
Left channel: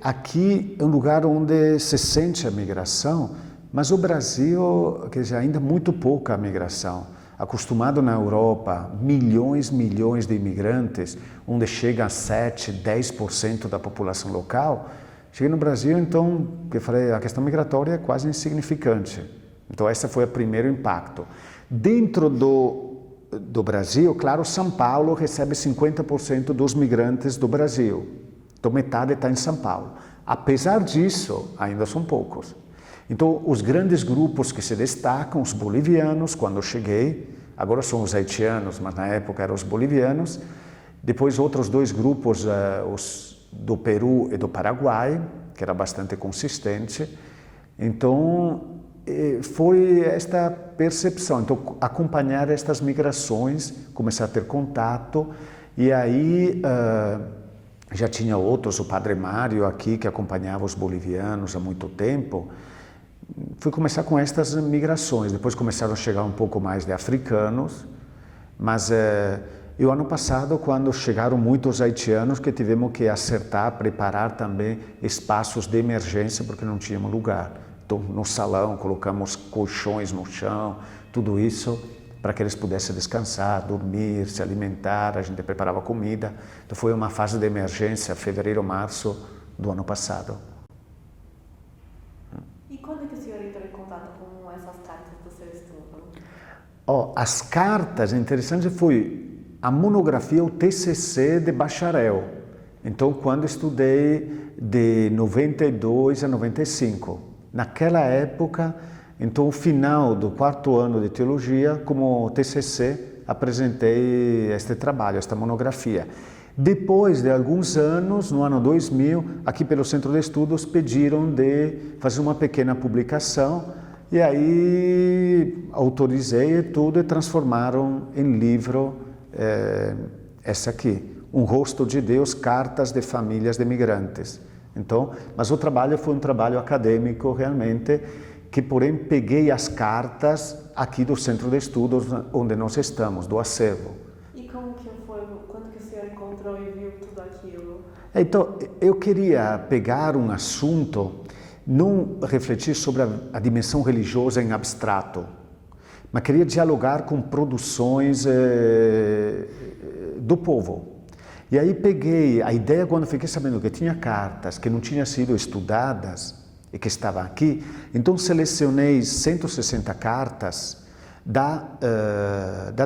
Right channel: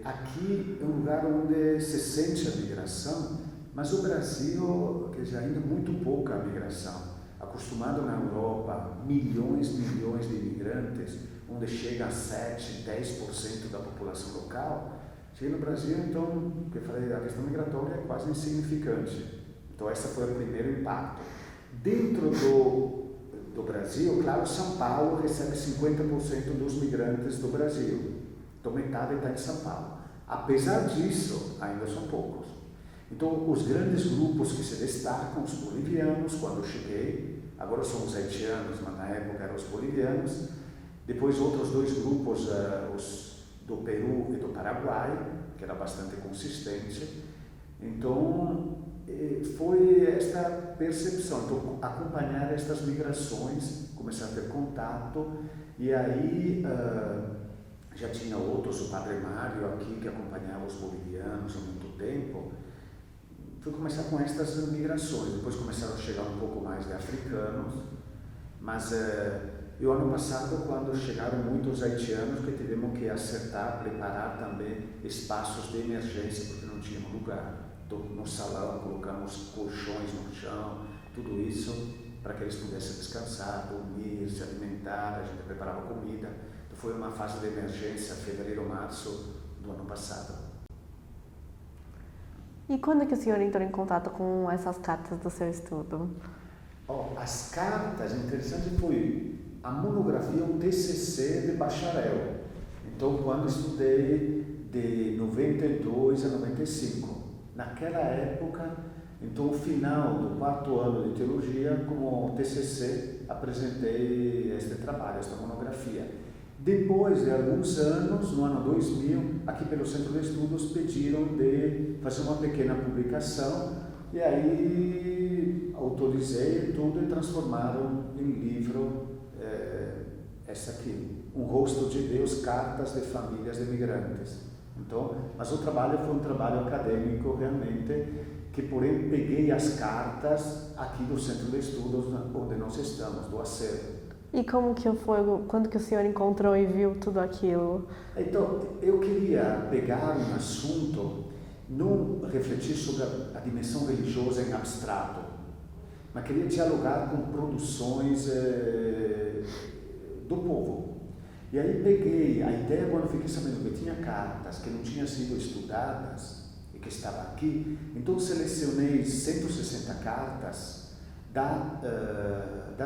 aqui é um lugar onde se sente a migração, mas o Brasil, quer dizer, ainda muito pouca migração. Acostumado na Europa, milhões de imigrantes, onde chega a 7, 10% da população local, cheguei no Brasil, então, eu falei, a questão migratória é quase insignificante. Então, esse foi o primeiro impacto. Dentro do Brasil, claro, São Paulo recebe 50% dos migrantes do Brasil. Então, metade está em São Paulo. Apesar disso, ainda são poucos. Então, os grandes grupos que se destacam, os bolivianos, quando eu cheguei, agora são os haitianos, mas na época eram os bolivianos. Depois, outros 2 grupos, os do Peru e do Paraguai, que era bastante consistente. Então, foi esta percepção, então acompanhar estas migrações, começar a ter contato, e aí já tinha outros, o Padre Mário aqui, que acompanhava os bolivianos há muito tempo. Fui começar com estas migrações, depois começaram a chegar um pouco mais de africanos, mas e o ano passado, quando chegaram muitos haitianos, que tivemos que acertar, preparar também espaços de emergência, porque não tínhamos lugar. Então, no salão, colocamos colchões no chão, tudo isso para que eles pudessem descansar, dormir, se alimentar, a gente preparava comida. Então, foi uma fase de emergência, fevereiro, março do ano passado. E quando que o senhor entrou em contato com essas cartas do seu estudo? As cartas, interessante, foi a monografia, o TCC de bacharel. Então, quando estudei de 92 a 95, naquela época, então, o final do 4º ano de teologia, como TCC, apresentei este trabalho, esta monografia. Depois de alguns anos, no ano 2000, aqui pelo Centro de Estudos, pediram de fazer uma pequena publicação e aí autorizei tudo e transformaram em livro essa aqui, Um Rosto de Deus, Cartas de Famílias de Migrantes. Então, mas o trabalho foi um trabalho acadêmico realmente, que porém peguei as cartas aqui do Centro de Estudos onde nós estamos, do acervo. E como que foi, quando que o senhor encontrou e viu tudo aquilo? Então, eu queria pegar um assunto, não refletir sobre a dimensão religiosa em abstrato, mas queria dialogar com produções do povo. E aí peguei a ideia, quando fiquei sabendo que tinha cartas que não tinham sido estudadas e que estavam aqui, então selecionei 160 cartas da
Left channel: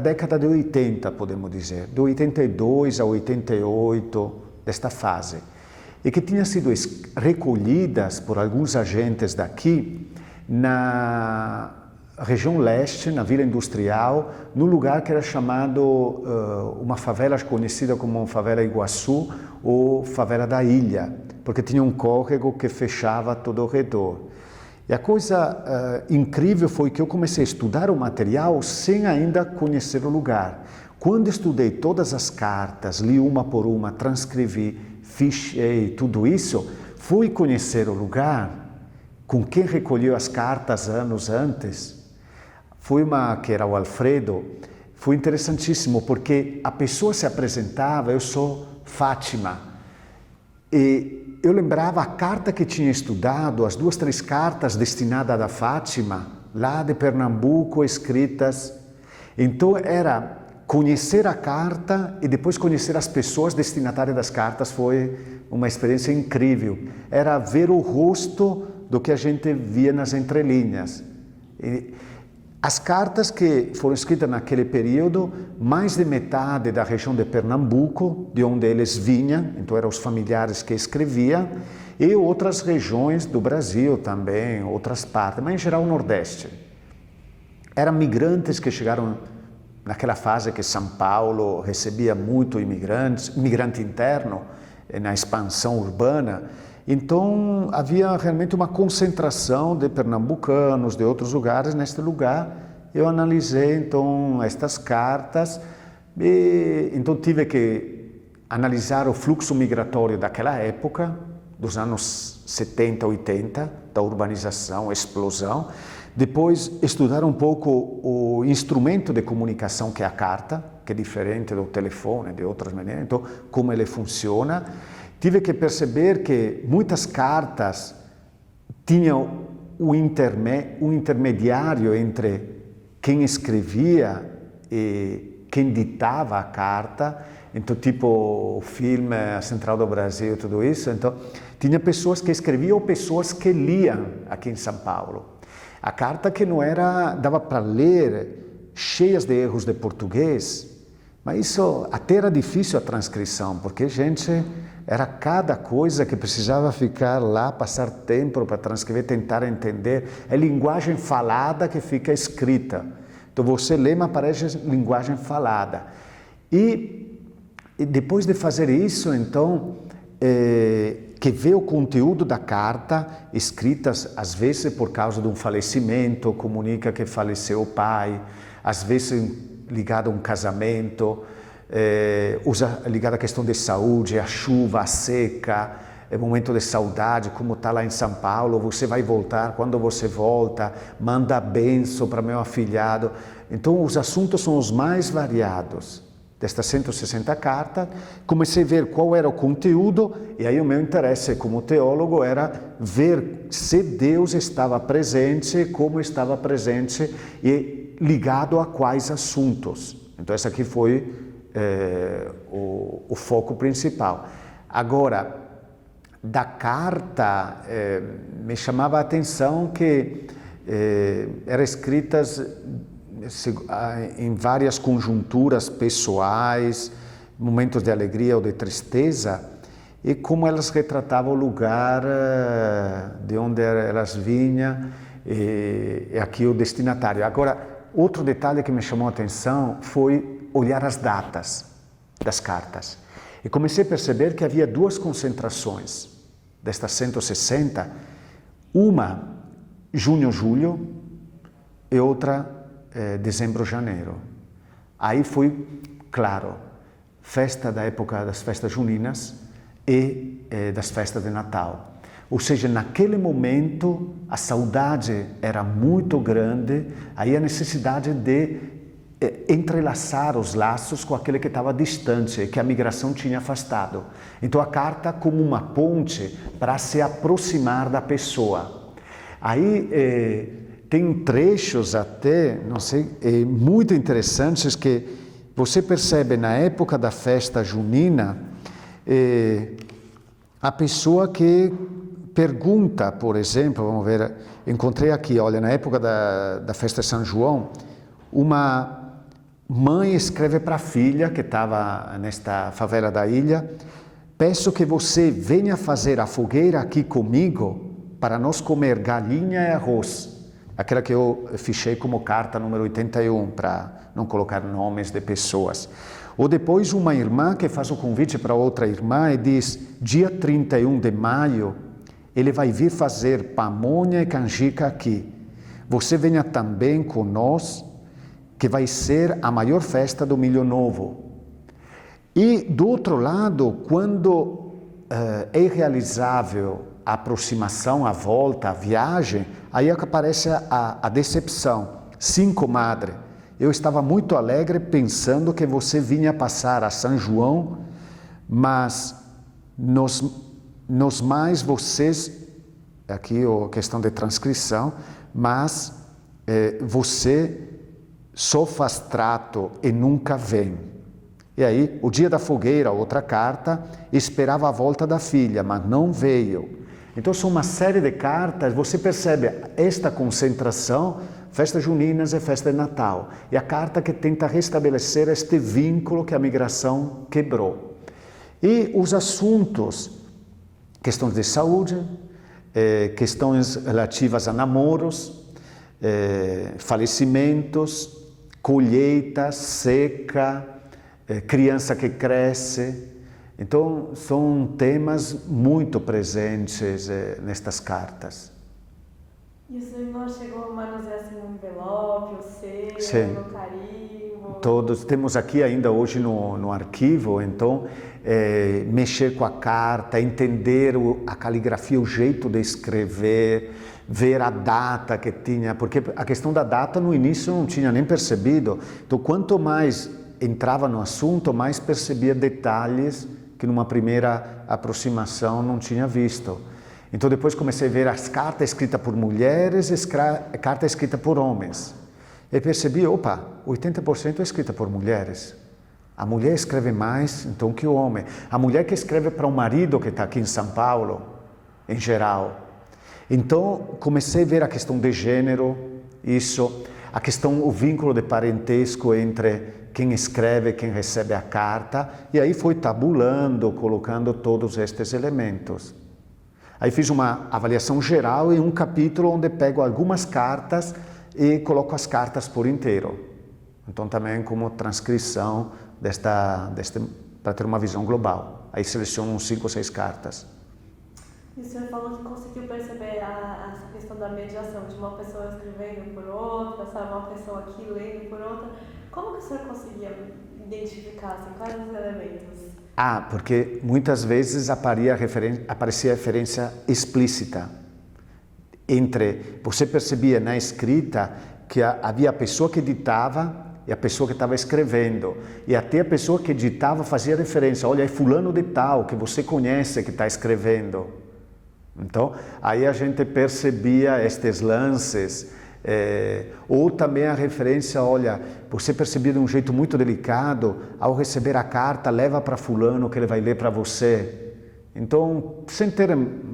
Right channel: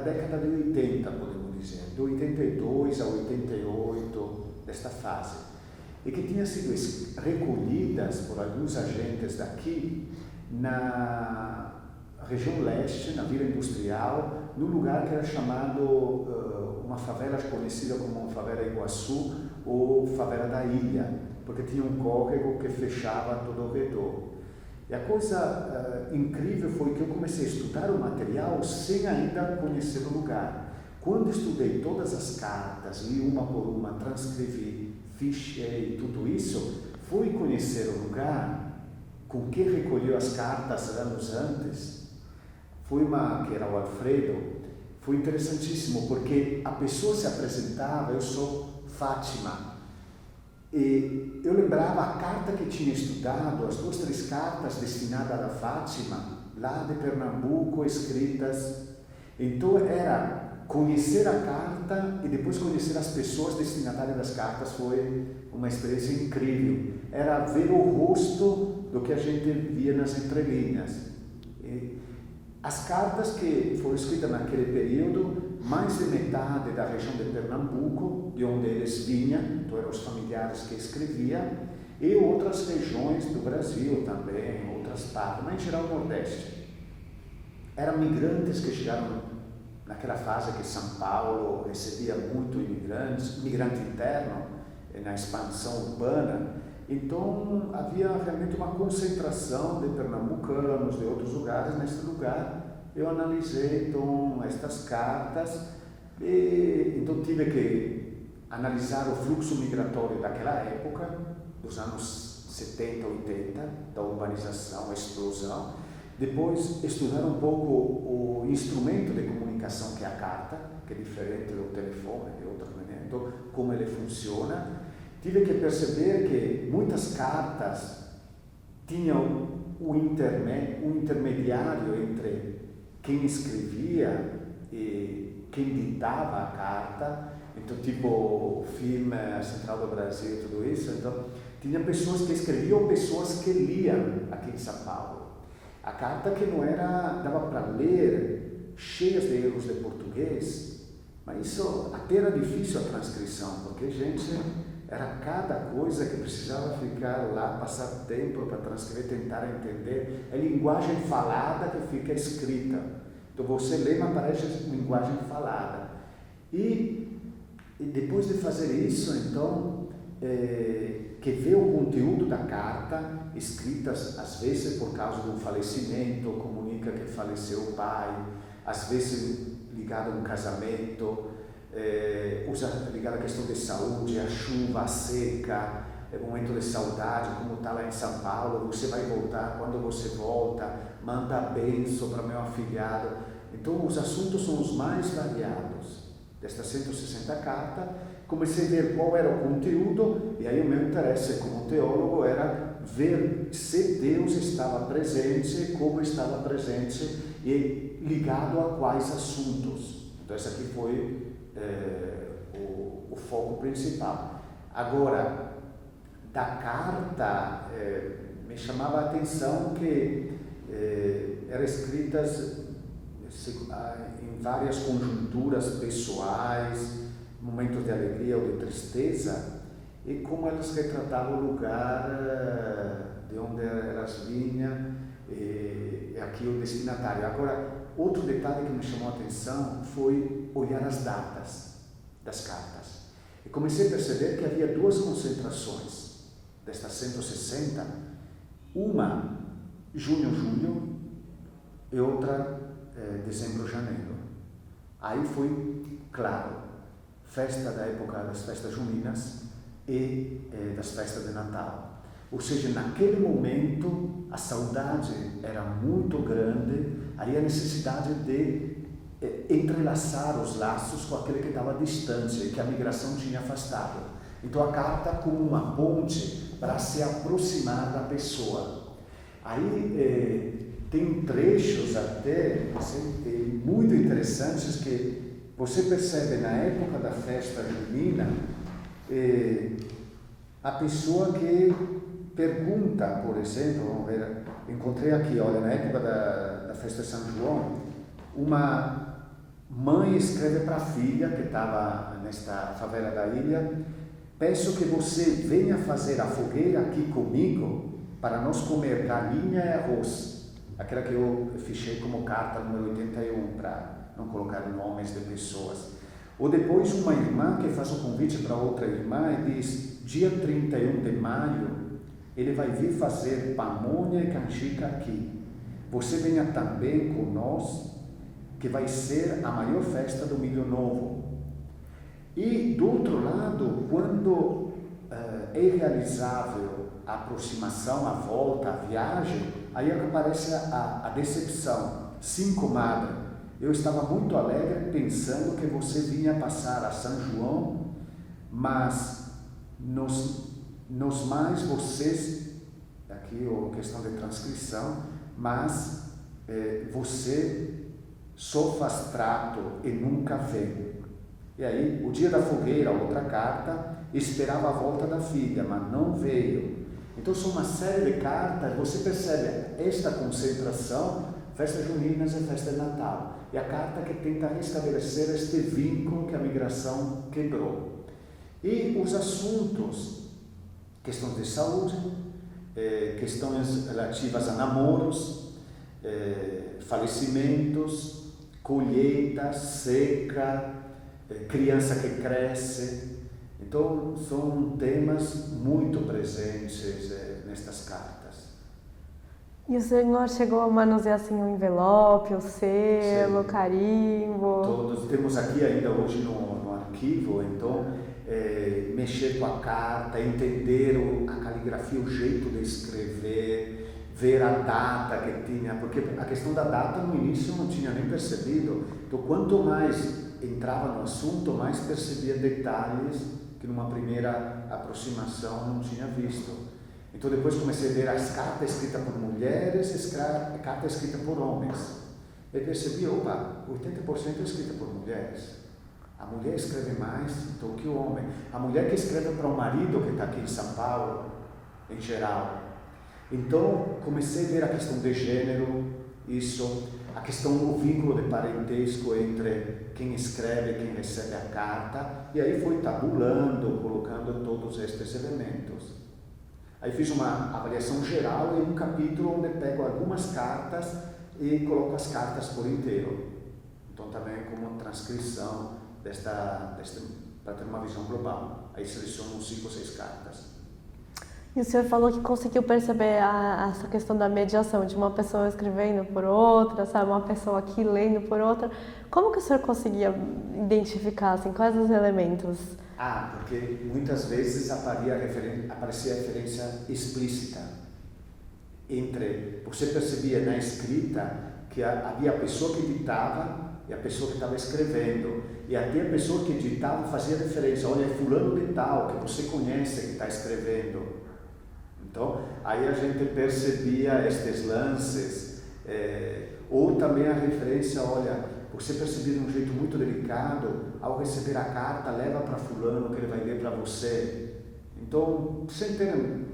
década de 80, podemos dizer, de 82 a 88, desta fase, e que tinham sido recolhidas por alguns agentes daqui região leste, na Vila Industrial, num lugar que era chamado, uma favela conhecida como Favela Iguaçu ou Favela da Ilha, porque tinha um córrego que fechava todo ao redor. E a coisa incrível foi que eu comecei a estudar o material sem ainda conhecer o lugar. Quando estudei todas as cartas, li uma por uma, transcrevi, fichei tudo isso, fui conhecer o lugar com quem recolheu as cartas anos antes. Foi que era o Alfredo, foi interessantíssimo, porque a pessoa se apresentava, eu sou Fátima. E eu lembrava a carta que tinha estudado, as 2, 3 cartas destinadas a Fátima, lá de Pernambuco, escritas. Então era conhecer a carta e depois conhecer as pessoas destinatárias das cartas, foi uma experiência incrível. Era ver o rosto do que a gente via nas entrelinhas. As cartas que foram escritas naquele período, mais de metade da região de Pernambuco, de onde eles vinham, então eram os familiares que escreviam, e outras regiões do Brasil também, outras partes, mas em geral o Nordeste. Eram migrantes que chegaram naquela fase que São Paulo recebia muito imigrante interno, na expansão urbana. Então, havia realmente uma concentração de pernambucanos, de outros lugares, neste lugar. Eu analisei, então, estas cartas e, então, tive que analisar o fluxo migratório daquela época, dos anos 70, 80, da urbanização, explosão. Depois, estudar um pouco o instrumento de comunicação que é a carta, que é diferente do telefone, de outras maneiras, então, como ele funciona. Tive que perceber que muitas cartas tinham um intermediário entre quem escrevia e quem ditava a carta. Então, tipo o filme A Central do Brasil, tudo isso. Então, tinha pessoas que escreviam ou pessoas que liam aqui em São Paulo. A carta que não era, dava para ler, cheias de erros de português, mas isso até era difícil a transcrição, porque era cada coisa que precisava ficar lá, passar tempo para transcrever, tentar entender. É linguagem falada que fica escrita. Então você lê, mas parece linguagem falada. E depois de fazer isso, então, que vê o conteúdo da carta, escrita às vezes por causa de um falecimento, comunica que faleceu o pai, às vezes ligado a um casamento, ligado à questão de saúde, a chuva, a seca, momento de saudade, como está lá em São Paulo, você vai voltar, quando você volta, manda bênção para meu afilhado. Então os assuntos são os mais variados destas 160 cartas. Comecei a ver qual era o conteúdo, e aí o meu interesse como teólogo era ver se Deus estava presente, como estava presente e ligado a quais assuntos. Então esse aqui foi o foco principal. Agora, da carta, me chamava a atenção que eram escritas em várias conjunturas pessoais, momentos de alegria ou de tristeza, e como elas retratavam o lugar de onde elas vinham, e aqui o destinatário. Agora, outro detalhe que me chamou a atenção foi olhar as datas das cartas. E comecei a perceber que havia 2 concentrações destas 160, uma junho-julho e outra dezembro-janeiro. Aí foi, claro, festa da época das festas juninas e das festas de Natal. Ou seja, naquele momento a saudade era muito grande, aí a necessidade de entrelaçar os laços com aquele que estava distante, que a migração tinha afastado. Então a carta como uma ponte para se aproximar da pessoa. Aí tem trechos até, não sei, muito interessantes que você percebe na época da festa junina, a pessoa que pergunta, por exemplo, vamos ver, encontrei aqui, olha, na época da festa de São João, uma mãe escreve para a filha que estava nesta favela da ilha: peço que você venha fazer a fogueira aqui comigo para nós comer galinha e arroz. aquela que eu fichei como carta número 81, para não colocar nomes de pessoas. Ou depois uma irmã que faz o convite para outra irmã e diz, dia 31 de maio, ele vai vir fazer pamonha e canjica aqui. Você venha também conosco, que vai ser a maior festa do Milho Novo. E do outro lado, quando é realizável a aproximação, a volta, a viagem, aí é que aparece a decepção. Sim, comadre, eu estava muito alegre pensando que você vinha passar a São João, mas nos mais vocês, aqui a questão de transcrição, mas você só faz trato e nunca vem. E aí, o dia da fogueira, outra carta, esperava a volta da filha, mas não veio. Então, são uma série de cartas, você percebe esta concentração, festa juninas e festa de Natal. E a carta que tenta restabelecer este vínculo que a migração quebrou. E os assuntos, questões de saúde, questões relativas a namoros, falecimentos, colheita, seca, criança que cresce. Então, são temas muito presentes nestas cartas. E o senhor chegou a manusear assim um envelope, o selo, o carimbo? Todos temos aqui ainda hoje no arquivo, então mexer com a carta, entender a caligrafia, o jeito de escrever, ver a data que tinha, porque a questão da data no início eu não tinha nem percebido. Então, quanto mais entrava no assunto, mais percebia detalhes que numa primeira aproximação não tinha visto. Então depois comecei a ver as cartas escritas por mulheres e cartas escritas por homens. E percebi, opa, 80% é escrita por mulheres. A mulher escreve mais então que o homem. A mulher que escreve para o marido que está aqui em São Paulo, em geral. Então comecei a ver a questão de gênero, isso, a questão, o vínculo de parentesco entre quem escreve e quem recebe a carta, e aí fui tabulando, colocando todos estes elementos. Aí fiz uma avaliação geral e um capítulo onde pego algumas cartas e coloco as cartas por inteiro. Então também como transcrição para ter uma visão global. Aí seleciono 5 ou 6 cartas. E o senhor falou que conseguiu perceber essa questão da mediação, de uma pessoa escrevendo por outra, sabe, uma pessoa aqui lendo por outra. Como que o senhor conseguia identificar, assim, quais os elementos? Porque muitas vezes aparecia referência explícita. Você percebia na escrita que havia a pessoa que editava e a pessoa que estava escrevendo. E até a pessoa que editava fazia referência, olha, é fulano de tal, que você conhece, que está escrevendo. Então, aí a gente percebia estes lances, ou também a referência, olha, você percebia de um jeito muito delicado, ao receber a carta, leva para fulano que ele vai ler para você. Então, sem ter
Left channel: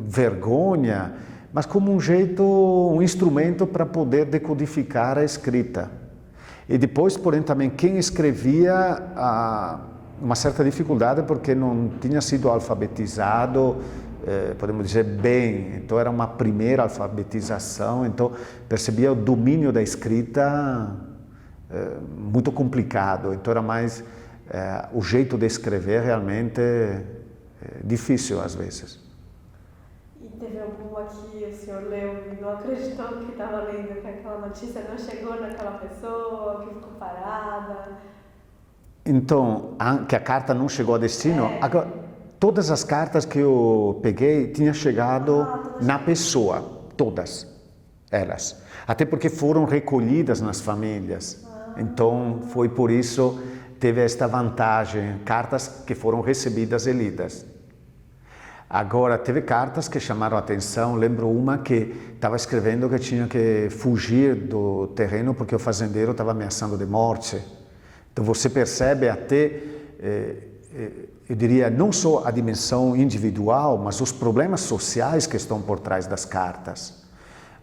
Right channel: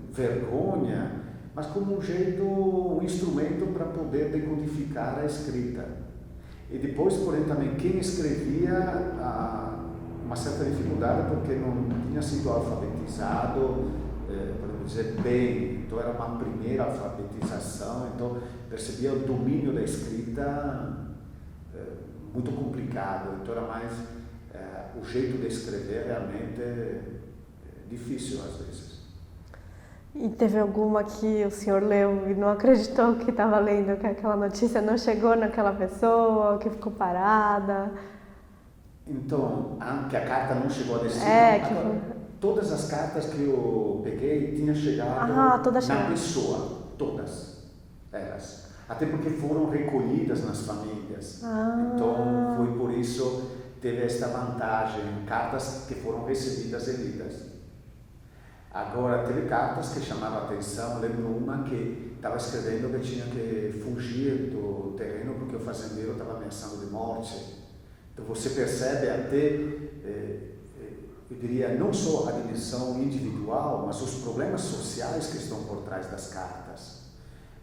vergonha, mas como um jeito, um instrumento para poder decodificar a escrita. E depois, porém, também quem escrevia, uma certa dificuldade porque não tinha sido alfabetizado, podemos dizer bem, então era uma primeira alfabetização, então percebia o domínio da escrita muito complicado, então era mais o jeito de escrever realmente difícil às vezes. E teve alguma que o senhor leu e não acreditou que estava lendo, que aquela notícia não chegou naquela pessoa, que ficou parada? Então, que a carta não chegou a destino? Todas as cartas que eu peguei tinham chegado na pessoa, todas elas. Até porque foram recolhidas nas famílias. Então, foi por isso teve esta vantagem, cartas que foram recebidas e lidas. Agora, teve cartas que chamaram a atenção, lembro uma que estava escrevendo que tinha que fugir do terreno porque o fazendeiro estava ameaçando de morte. Então, você percebe até... eu diria, não só a dimensão individual, mas os problemas sociais que estão por trás das cartas.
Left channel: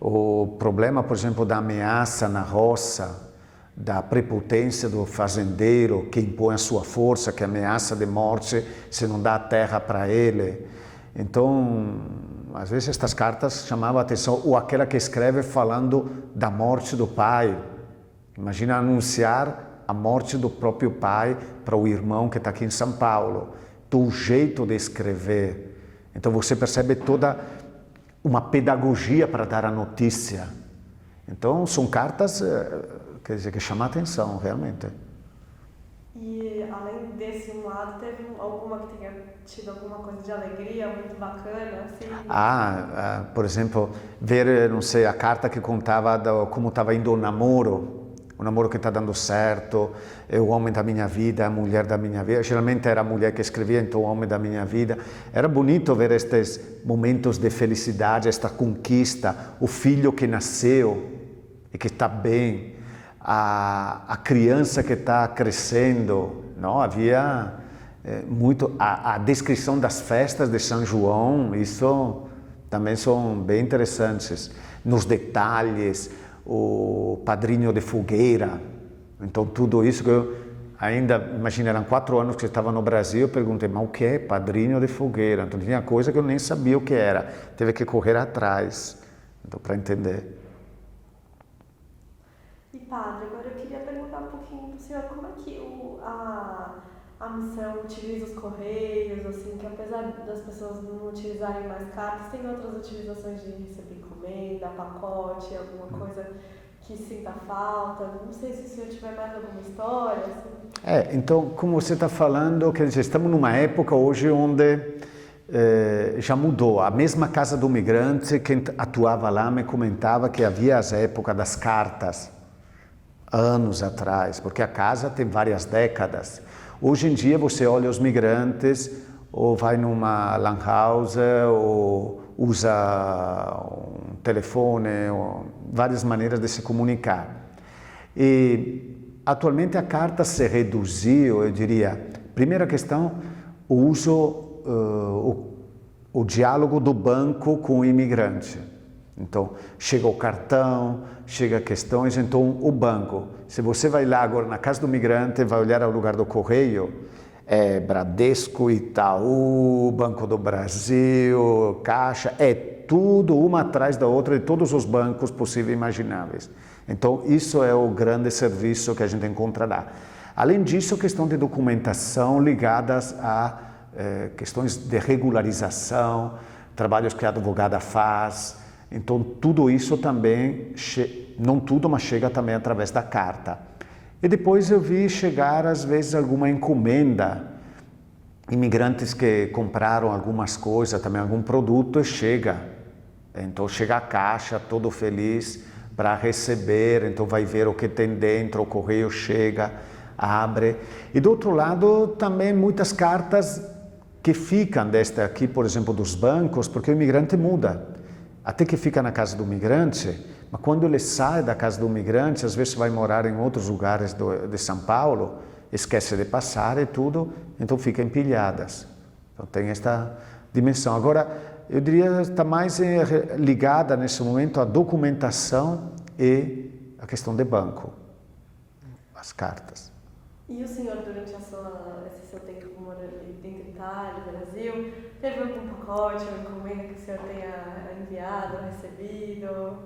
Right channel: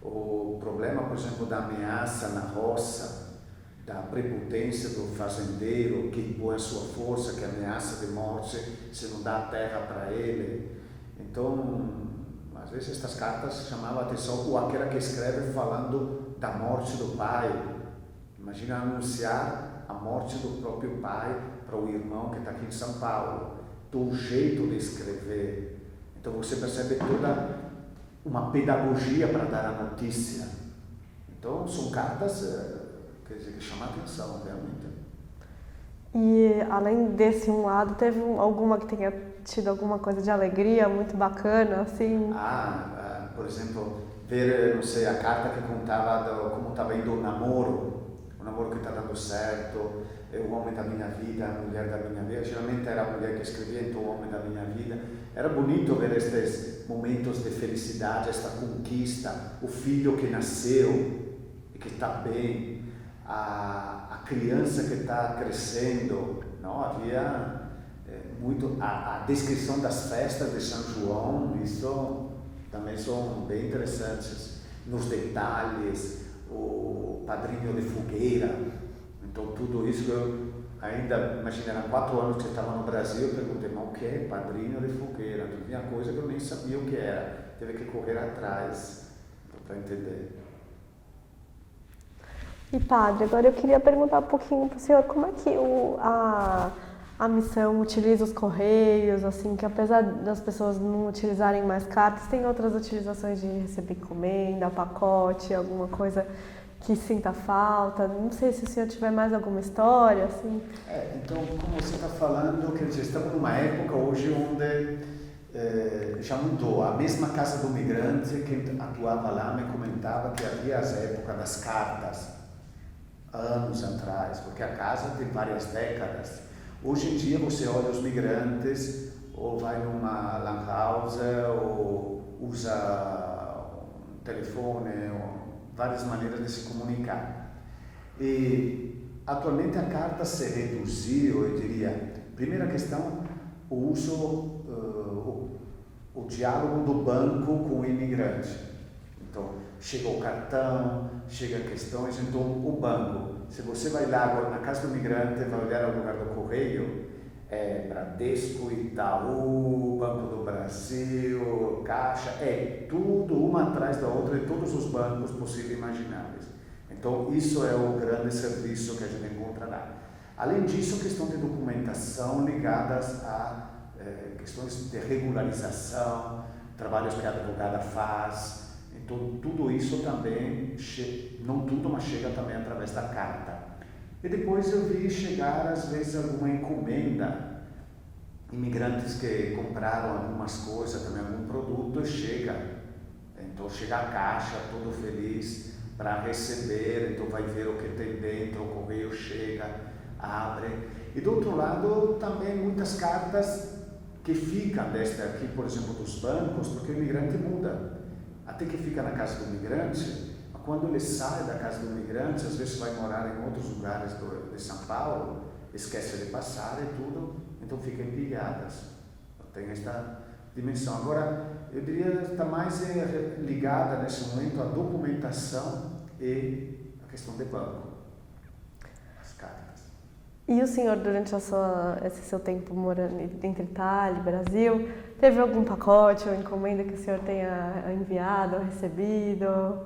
O problema, por exemplo, da ameaça na roça, da prepotência do fazendeiro que impõe a sua força, que ameaça de morte se não dá a terra para ele. Então, às vezes estas cartas chamavam a atenção, ou aquela que escreve falando da morte do pai. Imagina anunciar a morte do próprio pai para o irmão que está aqui em São Paulo. Do jeito de escrever. Então você percebe toda uma pedagogia para dar a notícia. Então são cartas, quer dizer, que chamam a atenção, realmente. E além desse um lado, teve alguma que tenha tido alguma coisa de alegria muito bacana, assim? Por exemplo, ver, não sei, a carta que contava como estava indo o namoro que está dando certo, é o homem da minha vida, a mulher da minha vida. Geralmente era a mulher que escrevia, então o homem da minha vida. Era bonito ver estes momentos de felicidade, esta conquista, o filho que nasceu e que está bem, a criança que está crescendo, não? Havia muito a descrição das festas de São João, isso também são bem interessantes, nos detalhes, o padrinho de fogueira, então tudo isso que eu ainda, imagina, eram 4 anos que eu estava no Brasil, eu perguntei, mas o que é padrinho de fogueira? Então tinha coisa que eu nem sabia o que era, teve que correr atrás, então, para entender. E padre, agora eu queria perguntar um pouquinho para o senhor, como é que a missão utiliza os correios, assim, que apesar das pessoas não utilizarem mais cartas, tem outras utilizações de receber encomenda, pacote, alguma coisa que sinta falta? Não sei se o senhor tiver mais alguma história, assim. Então, como você está falando, quer dizer, estamos numa época hoje onde já mudou. A mesma Casa do Migrante, quem atuava lá me comentava que havia as épocas das cartas, anos atrás, porque a casa tem várias décadas. Hoje em dia você olha os migrantes, ou vai numa lan house, ou usa um telefone, ou várias maneiras de se comunicar. E atualmente a carta se reduziu, eu diria, primeira questão, o uso, o diálogo do banco com o imigrante. Então, chega o cartão, chega questões, então o banco. Se você vai lá agora na casa do migrante, vai olhar ao lugar do correio, Bradesco, Itaú, Banco do Brasil, Caixa, tudo uma atrás da outra de todos os bancos possíveis e imagináveis. Então, isso é o grande serviço que a gente encontra lá. Além disso, questão de documentação ligadas a questões de regularização, trabalhos que a advogada faz. Então, tudo isso também, não tudo, mas chega também através da carta. E depois eu vi chegar, às vezes, alguma encomenda, imigrantes que compraram algumas coisas, também algum produto, e chega. Então, chega a caixa, todo feliz para receber, então vai ver o que tem dentro, o correio chega, abre. E do outro lado, também muitas cartas que ficam desta aqui, por exemplo, dos bancos, porque o imigrante muda. Até que fica na casa do migrante, mas quando ele sai da casa do migrante, às vezes vai morar em outros lugares de São Paulo, esquece de passar e tudo, então fica empilhadas. Então tem esta dimensão. Agora, eu diria que está mais ligada nesse momento à documentação e à questão de banco, as cartas. E o senhor, durante esse seu tempo morando entre Itália e Brasil, teve algum pacote ou encomenda que o senhor tenha enviado ou recebido?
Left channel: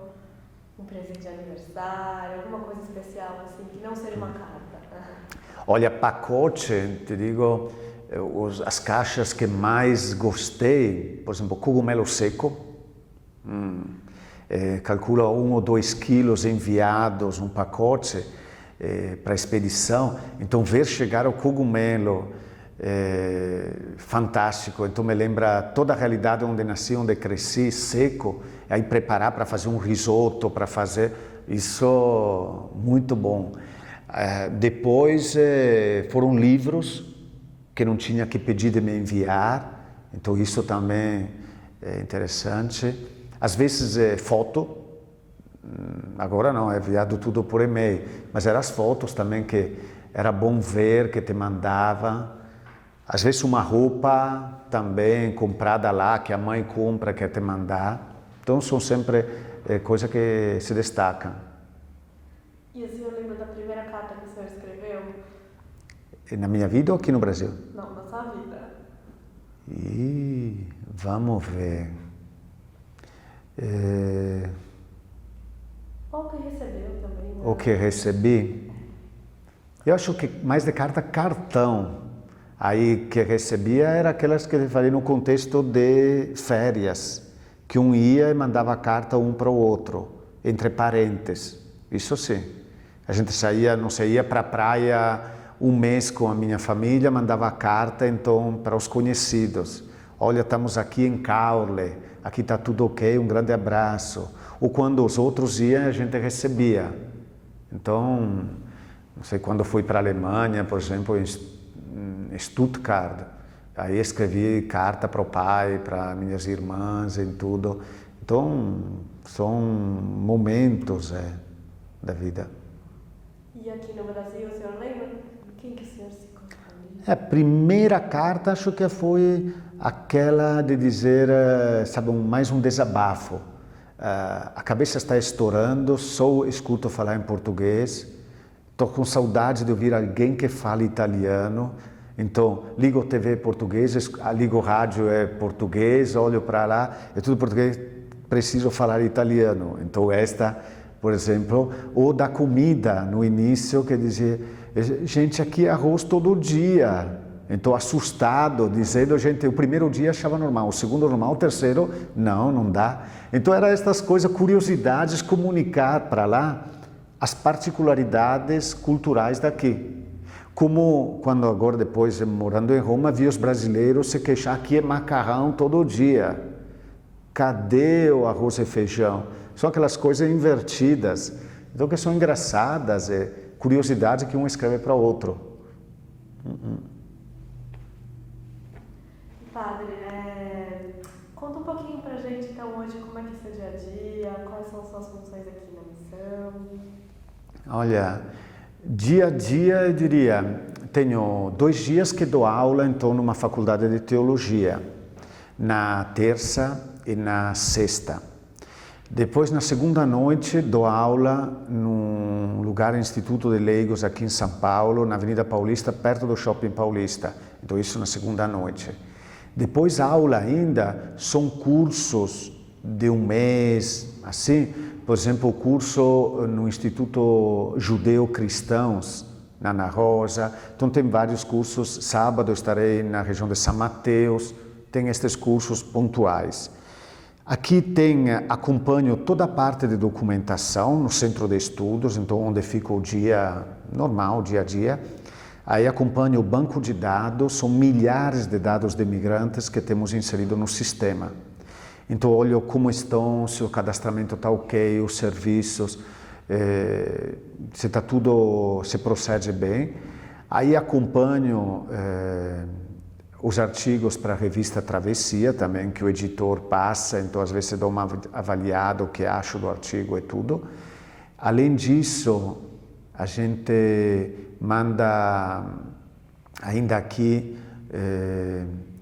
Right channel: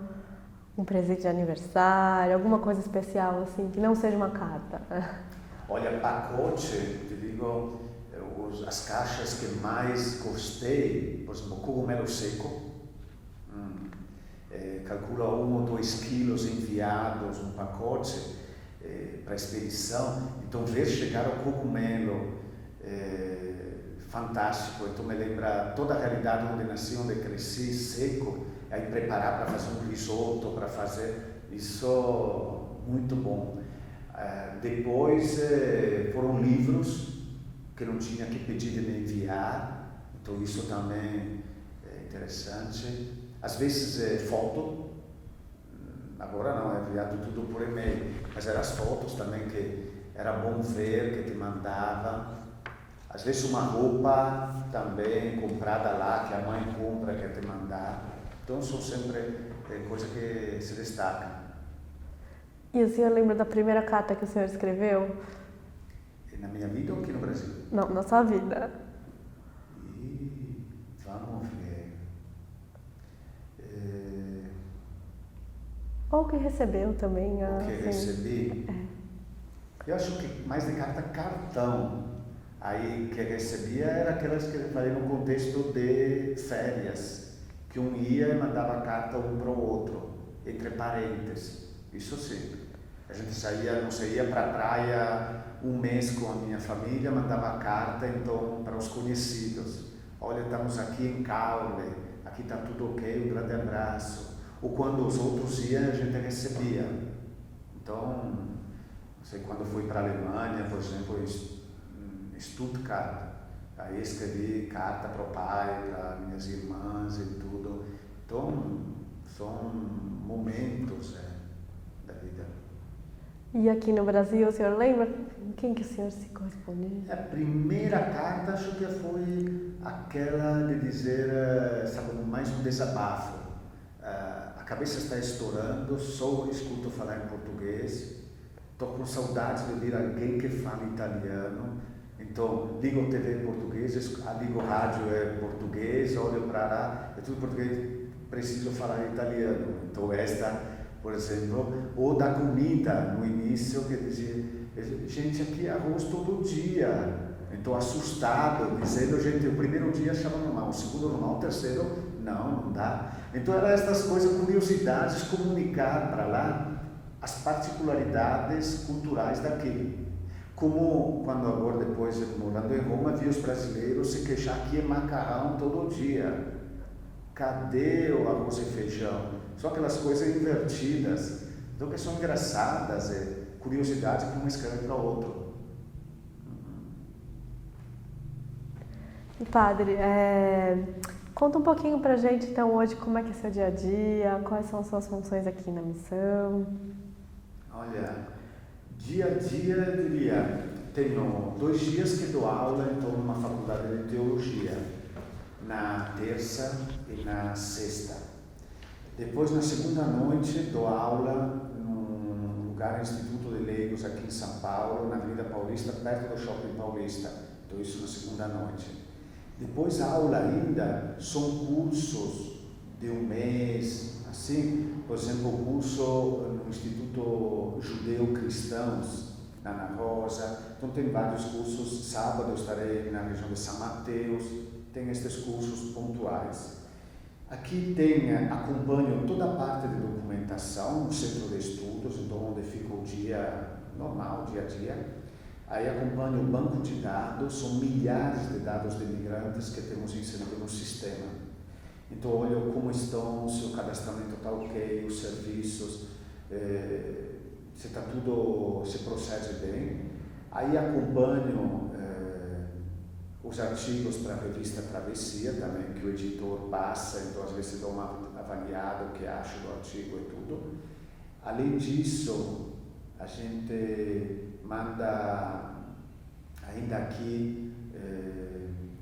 Um presente de aniversário, alguma coisa especial assim, que não seja uma carta? Olha, pacote, te digo, as caixas que mais gostei, por exemplo, cogumelo seco, calcula 1 ou 2 quilos enviados, um pacote, para expedição, então ver chegar o cogumelo, fantástico, então me lembra toda a realidade onde nasci, onde cresci, seco, aí preparar para fazer um risoto, para fazer, isso muito bom. Depois foram livros que não tinha que pedir de me enviar, então isso também é interessante. Às vezes foto, agora não, é enviado tudo por e-mail, mas eram as fotos também que era bom ver, que te mandava. Às vezes uma roupa também comprada lá, que a mãe compra, quer te mandar. Então são sempre coisas que se destacam. E o senhor lembra da primeira carta que o senhor escreveu? Na minha vida ou aqui no Brasil? Não, na sua vida. Vamos ver. Ou que recebeu também. O que recebi? Eu acho que mais de cartão. Aí que recebia era aquelas que eu falei no contexto de férias, que um ia e mandava carta um para o outro, entre parentes. Isso sim. A gente saía, não sei, ia para a praia um mês com a minha família, mandava carta então para os conhecidos. Olha, estamos aqui em Caule, aqui está tudo ok, um grande abraço. Ou quando os outros iam, a gente recebia. Então, não sei, quando fui para a Alemanha, por exemplo, em Stuttgart, aí escrevi carta para o pai, para minhas irmãs e tudo. Então, são momentos da vida. E aqui no Brasil, o senhor lembra quem que o senhor se correspondia? A primeira carta acho que foi aquela de dizer, sabe, mais um desabafo. A cabeça está estourando, só escuto falar em português, estou com saudade de ouvir alguém que fala italiano, então ligo TV português, ligo rádio português, olho para lá, é tudo português, preciso falar italiano. Então esta, por exemplo, ou da comida no início, que dizia, gente, aqui é arroz todo dia. Então, assustado, dizendo, gente, o primeiro dia achava normal, o segundo normal, o terceiro, não dá. Então, eram estas coisas, curiosidades, comunicar para lá as particularidades culturais daqui. Como quando agora, depois, morando em Roma, vi os brasileiros se queixar que é macarrão todo dia. Cadê o arroz e feijão? São aquelas coisas invertidas, então que são engraçadas, curiosidade que um escreve para o outro. Padre, conta um pouquinho pra gente então hoje como é que é seu dia a dia, quais são as suas funções aqui na missão. Olha, dia a dia eu diria, tenho 2 dias que dou aula então numa faculdade de teologia, na terça e na sexta. Depois, na segunda noite, dou aula num lugar, Instituto de Leigos, aqui em São Paulo, na Avenida Paulista, perto do Shopping Paulista. Então, isso na segunda noite. Depois, a aula ainda são cursos de um mês, assim. Por exemplo, o curso no Instituto Judeu-Cristãos, na Ana Rosa. Então, tem vários cursos. Sábado, estarei na região de São Mateus. Tem estes cursos pontuais. Aqui acompanho toda a parte de documentação no centro de estudos, então onde fica o dia normal, dia a dia. Aí acompanho o banco de dados, são milhares de dados de imigrantes que temos inserido no sistema. Então olho como estão, se o cadastramento está ok, os serviços, se está tudo, se procede bem. Aí acompanho os artigos para a revista Travessia também, que o editor passa, então às vezes eu dou uma avaliada o que acho do artigo e tudo. Além disso, a gente manda, ainda aqui,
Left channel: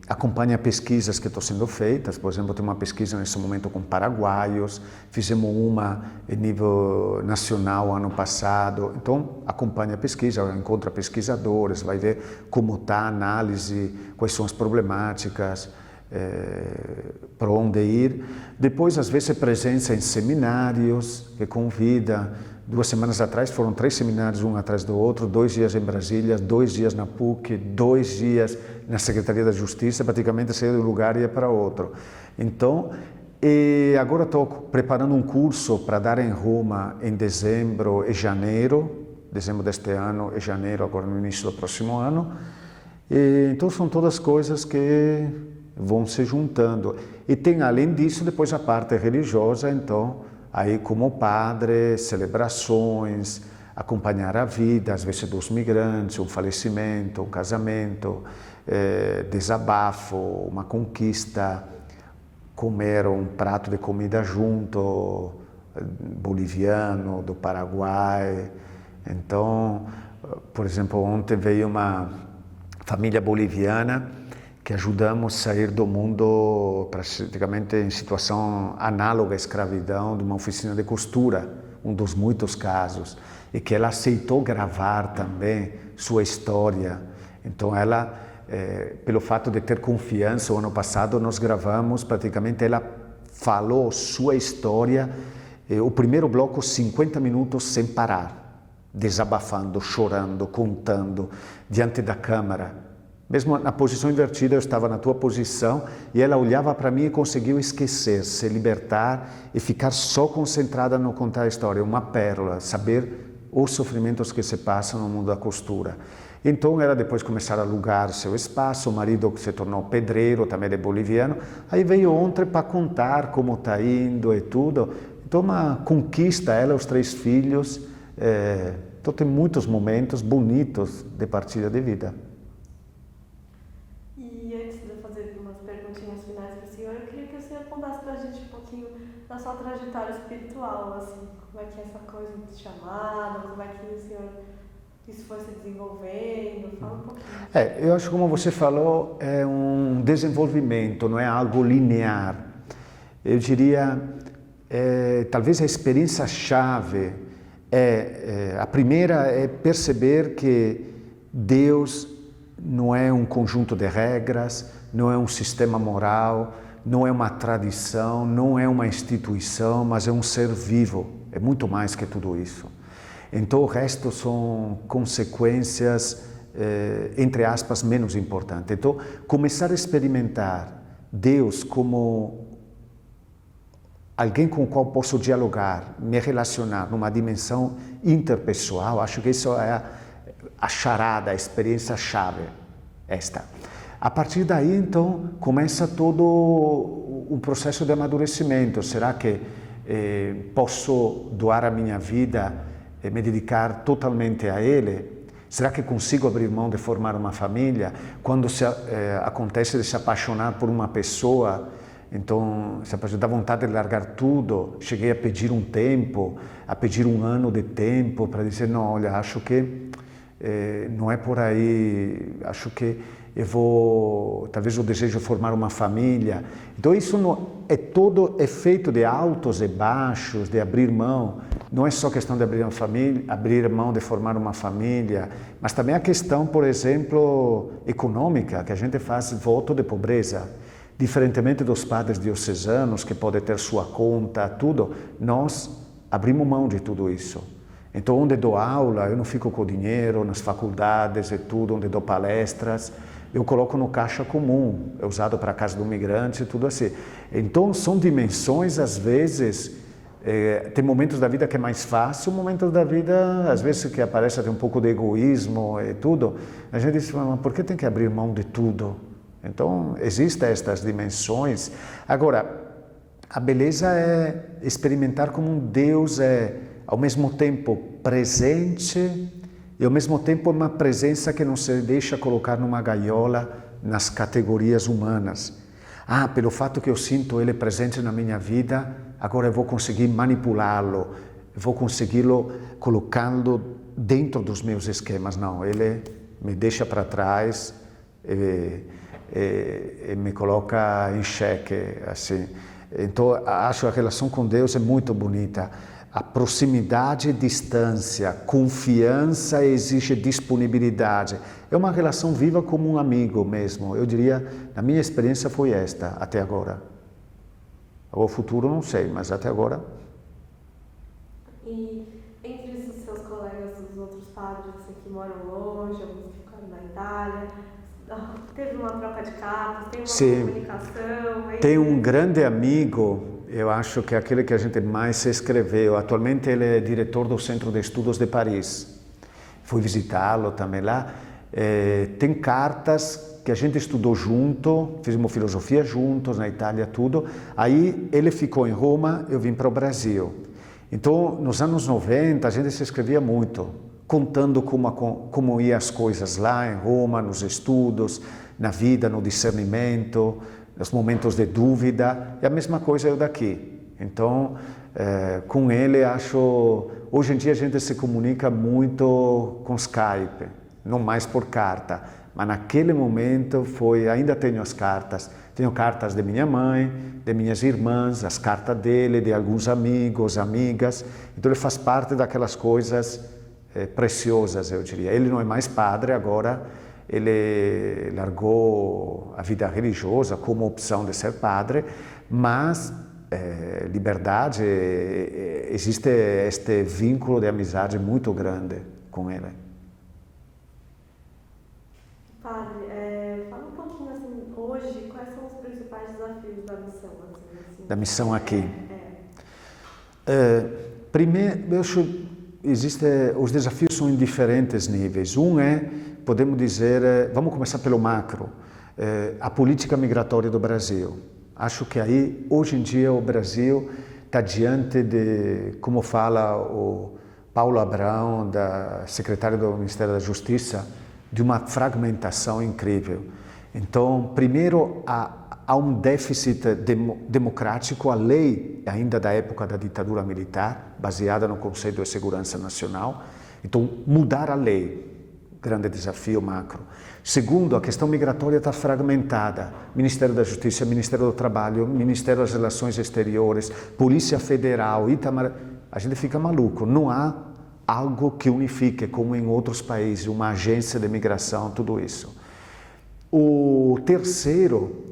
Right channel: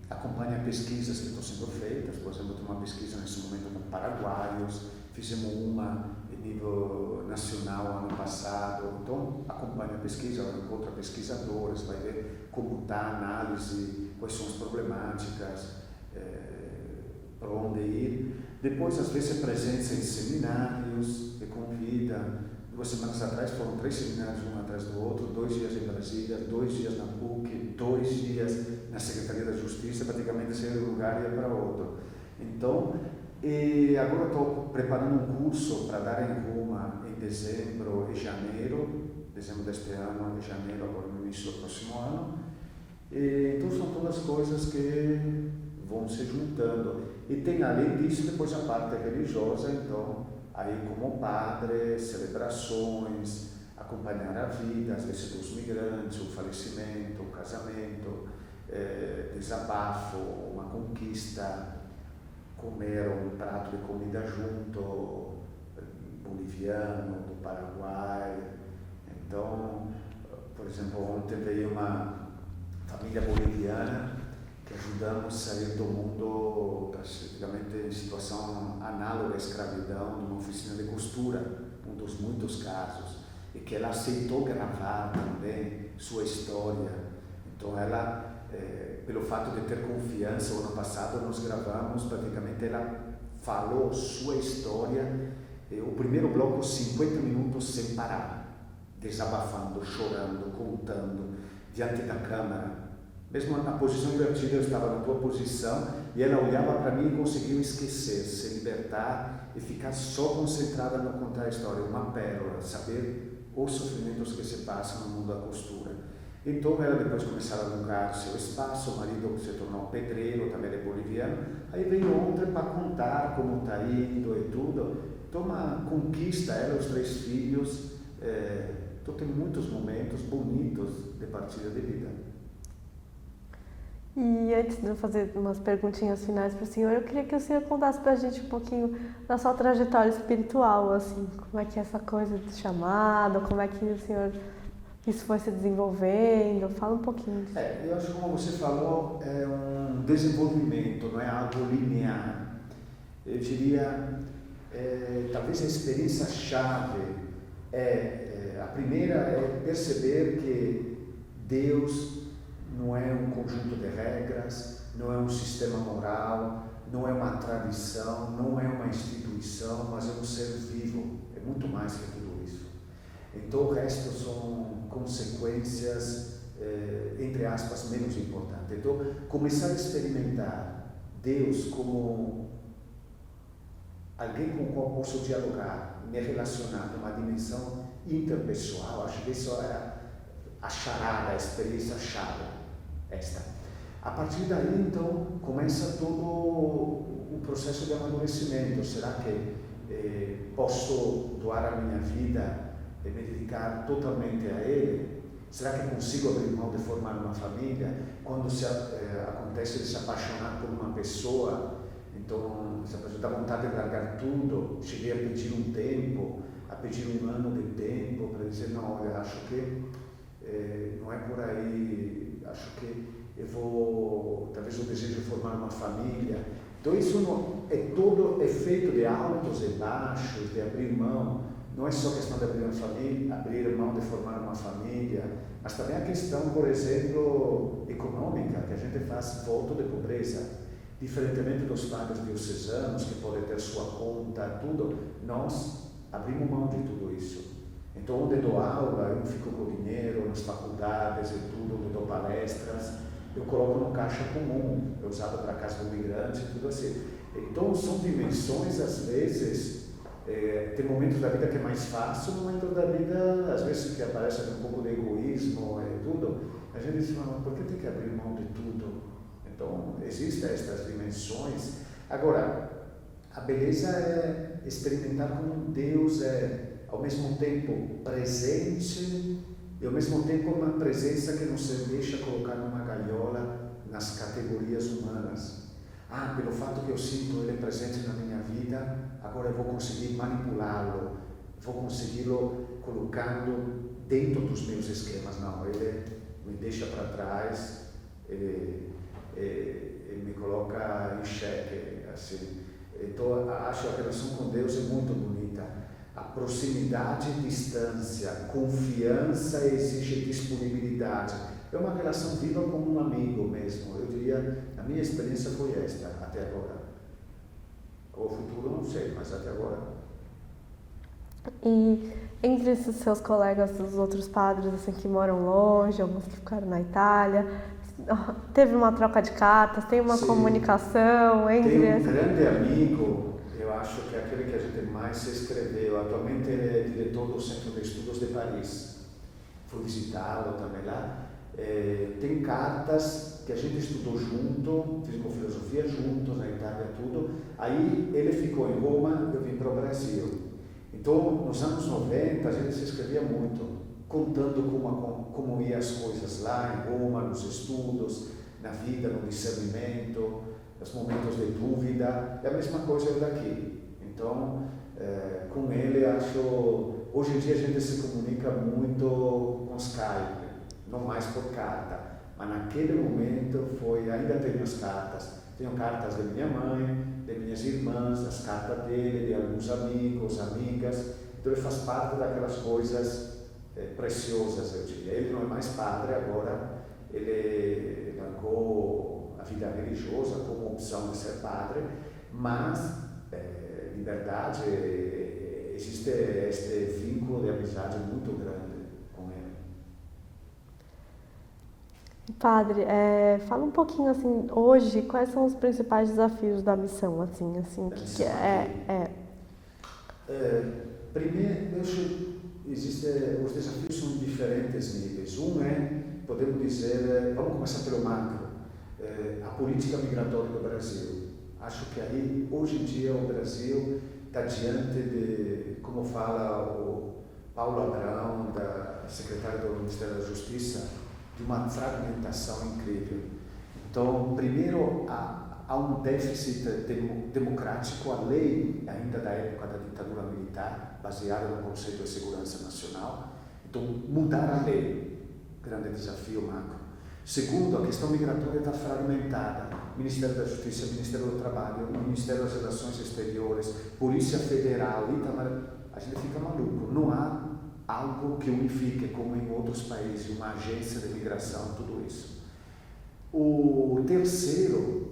acompanha pesquisas que estão sendo feitas. Por exemplo, tem uma pesquisa nesse momento com paraguaios, fizemos uma em nível nacional ano passado, então acompanha a pesquisa, encontra pesquisadores, vai ver como está a análise, quais são as problemáticas, para onde ir. Depois, às vezes, presença em seminários, que convida. 2 semanas atrás foram 3 seminários, um atrás do outro, 2 dias em Brasília, 2 dias na PUC, 2 dias na Secretaria da Justiça, praticamente saía de um lugar e ia para outro. Então, agora estou preparando um curso para dar em Roma em dezembro e janeiro deste ano e janeiro, agora no início do próximo ano. Então, são todas coisas que vão se juntando. E tem, além disso, depois a parte religiosa, então, aí como padre, celebrações, acompanhar a vida, às vezes dos migrantes, um falecimento, um casamento, desabafo, uma conquista, comer um prato de comida junto, boliviano, do Paraguai. Então, por exemplo, ontem veio uma família boliviana que ajudamos a sair do mundo praticamente em situação análoga à escravidão, de uma oficina de costura, um dos muitos casos, e que ela aceitou gravar também sua história. Então ela, pelo fato de ter confiança, o ano passado nós gravamos praticamente ela falou sua história, o primeiro bloco 50 minutos sem parar, desabafando, chorando, contando, diante da câmera. Mesmo na posição invertida, eu estava na tua posição e ela olhava para mim e conseguiu esquecer, se libertar e ficar só concentrada no contar a história. Uma pérola, saber os sofrimentos que se passam no mundo da costura. Então ela depois começou a alugar seu espaço, o marido se tornou pedreiro, também é boliviano. Aí veio ontem para contar como está indo e tudo. Então uma conquista, ela e os 3 filhos. Então tem muitos momentos bonitos de partida de vida. E antes de eu fazer umas perguntinhas finais para o senhor, eu queria que o senhor contasse para a gente um pouquinho da sua trajetória espiritual, assim, como é que é essa coisa de chamado, como é que o senhor, isso foi se desenvolvendo, fala um pouquinho. Eu acho que, como você falou, é um desenvolvimento, não é algo linear. Eu diria, talvez a experiência-chave a primeira é perceber que Deus não é um conjunto de regras, não é um sistema moral, não é uma tradição, não é uma instituição, mas é um ser vivo. É muito mais que tudo isso. Então o resto são consequências, entre aspas, menos importantes. Então começar a experimentar Deus como alguém com o qual posso dialogar, me relacionar numa dimensão interpessoal, acho que isso é a charada, a experiência-chave, esta. A partir daí, então, começa todo o processo de amadurecimento. Será que posso doar a minha vida e me dedicar totalmente a Ele? Será que consigo abrir mão de formar uma família? Quando acontece de se apaixonar por uma pessoa, então, dá vontade de largar tudo. Cheguei a pedir um tempo, a pedir um ano de tempo para dizer, não, olha, acho que não é por aí, acho que talvez eu desejo formar uma família. Então isso é feito de altos e baixos, de abrir mão. Não é só questão de abrir mão de formar uma família, mas também a questão, por exemplo, econômica, que a gente faz voto de pobreza. Diferentemente dos padres diocesanos, que podem ter sua conta, tudo, nós abrimos mão de tudo isso. Então, onde dou aula, eu não fico com o dinheiro, nas faculdades e tudo, onde dou palestras, eu coloco no caixa comum, é usado para a casa do migrante e tudo assim. Então, são dimensões, às vezes, tem momentos da vida que é mais fácil, momentos da vida, às vezes, que aparece até um pouco de egoísmo e tudo. A gente diz, mas por que tem que abrir mão de tudo? Então, existem estas dimensões. Agora, a beleza é experimentar como um Deus ao mesmo tempo presente e ao mesmo tempo uma presença que não se deixa colocar numa gaiola nas categorias humanas. Pelo fato que eu sinto Ele presente na minha vida, agora eu vou conseguir manipulá-lo, vou consegui-lo colocando dentro dos meus esquemas. Não, Ele me deixa para trás e me coloca em xeque, assim. Então, acho que a relação com Deus é muito bonita. A proximidade e distância, confiança exige disponibilidade. É uma relação viva como um amigo mesmo. Eu diria, a minha experiência foi esta, até agora. O futuro não sei, mas até agora. E entre esses seus colegas, os outros padres assim, que moram longe, alguns que ficaram na Itália, teve uma troca de cartas, tem uma comunicação? Tem um grande amigo, eu acho que é aquele que a gente mais se escreveu. Atualmente ele é diretor do Centro de Estudos de Paris. Fui visitá-lo também lá. Tem cartas que a gente estudou junto, fizemos filosofia juntos na Itália, tudo. Aí ele ficou em Roma, eu vim para o Brasil. Então, nos anos 90, a gente se escrevia muito, contando como iam as coisas lá em Roma, nos estudos, na vida, no discernimento, nos momentos de dúvida. E a mesma coisa eu daqui. Então, com ele, acho... Hoje em dia a gente se comunica muito com Skype, não mais por carta. Mas naquele momento ainda tenho as cartas. Tenho cartas de minha mãe, de minhas irmãs, as cartas dele, de alguns amigos, amigas. Então ele faz parte daquelas coisas preciosas, eu diria. Ele não é mais padre agora, ele largou a vida religiosa como opção de ser padre, mas liberdade, existe este vínculo de amizade muito grande com ele. Padre, fala um pouquinho assim, hoje, quais são os principais desafios da missão, assim da missão aqui? Primeiro, eu acho os desafios são em diferentes níveis. Podemos dizer, vamos começar pelo macro, a política migratória do Brasil. Acho que aí, hoje em dia, o Brasil está diante de, como fala o Paulo Abrão, secretário do Ministério da Justiça, de uma fragmentação incrível. Então, primeiro, há um déficit democrático, a lei ainda da época da ditadura militar, baseada no Conselho de Segurança Nacional. Então, mudar a lei, grande desafio macro. Segundo, a questão migratória está fragmentada. Ministério da Justiça, Ministério do Trabalho, Ministério das Relações Exteriores, Polícia Federal, a gente fica maluco. Não há algo que unifique, como em outros países, uma agência de migração, tudo isso. O terceiro,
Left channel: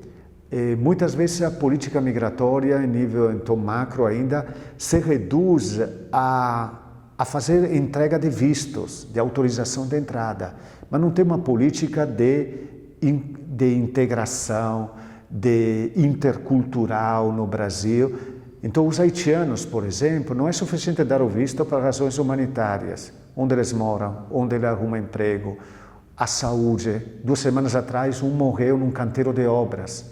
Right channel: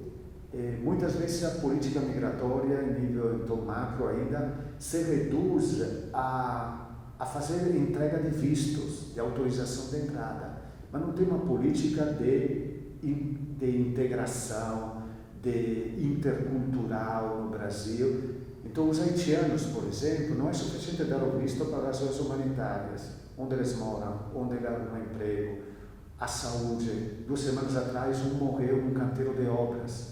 muitas vezes a política migratória, em nível então, macro ainda, se reduz a fazer entrega de vistos, de autorização de entrada, mas não tem uma política de integração, de intercultural no Brasil. Então, os haitianos, por exemplo, não é suficiente dar o visto para razões humanitárias, onde eles moram, onde ele arruma emprego, a saúde. 2 semanas atrás, um morreu num canteiro de obras.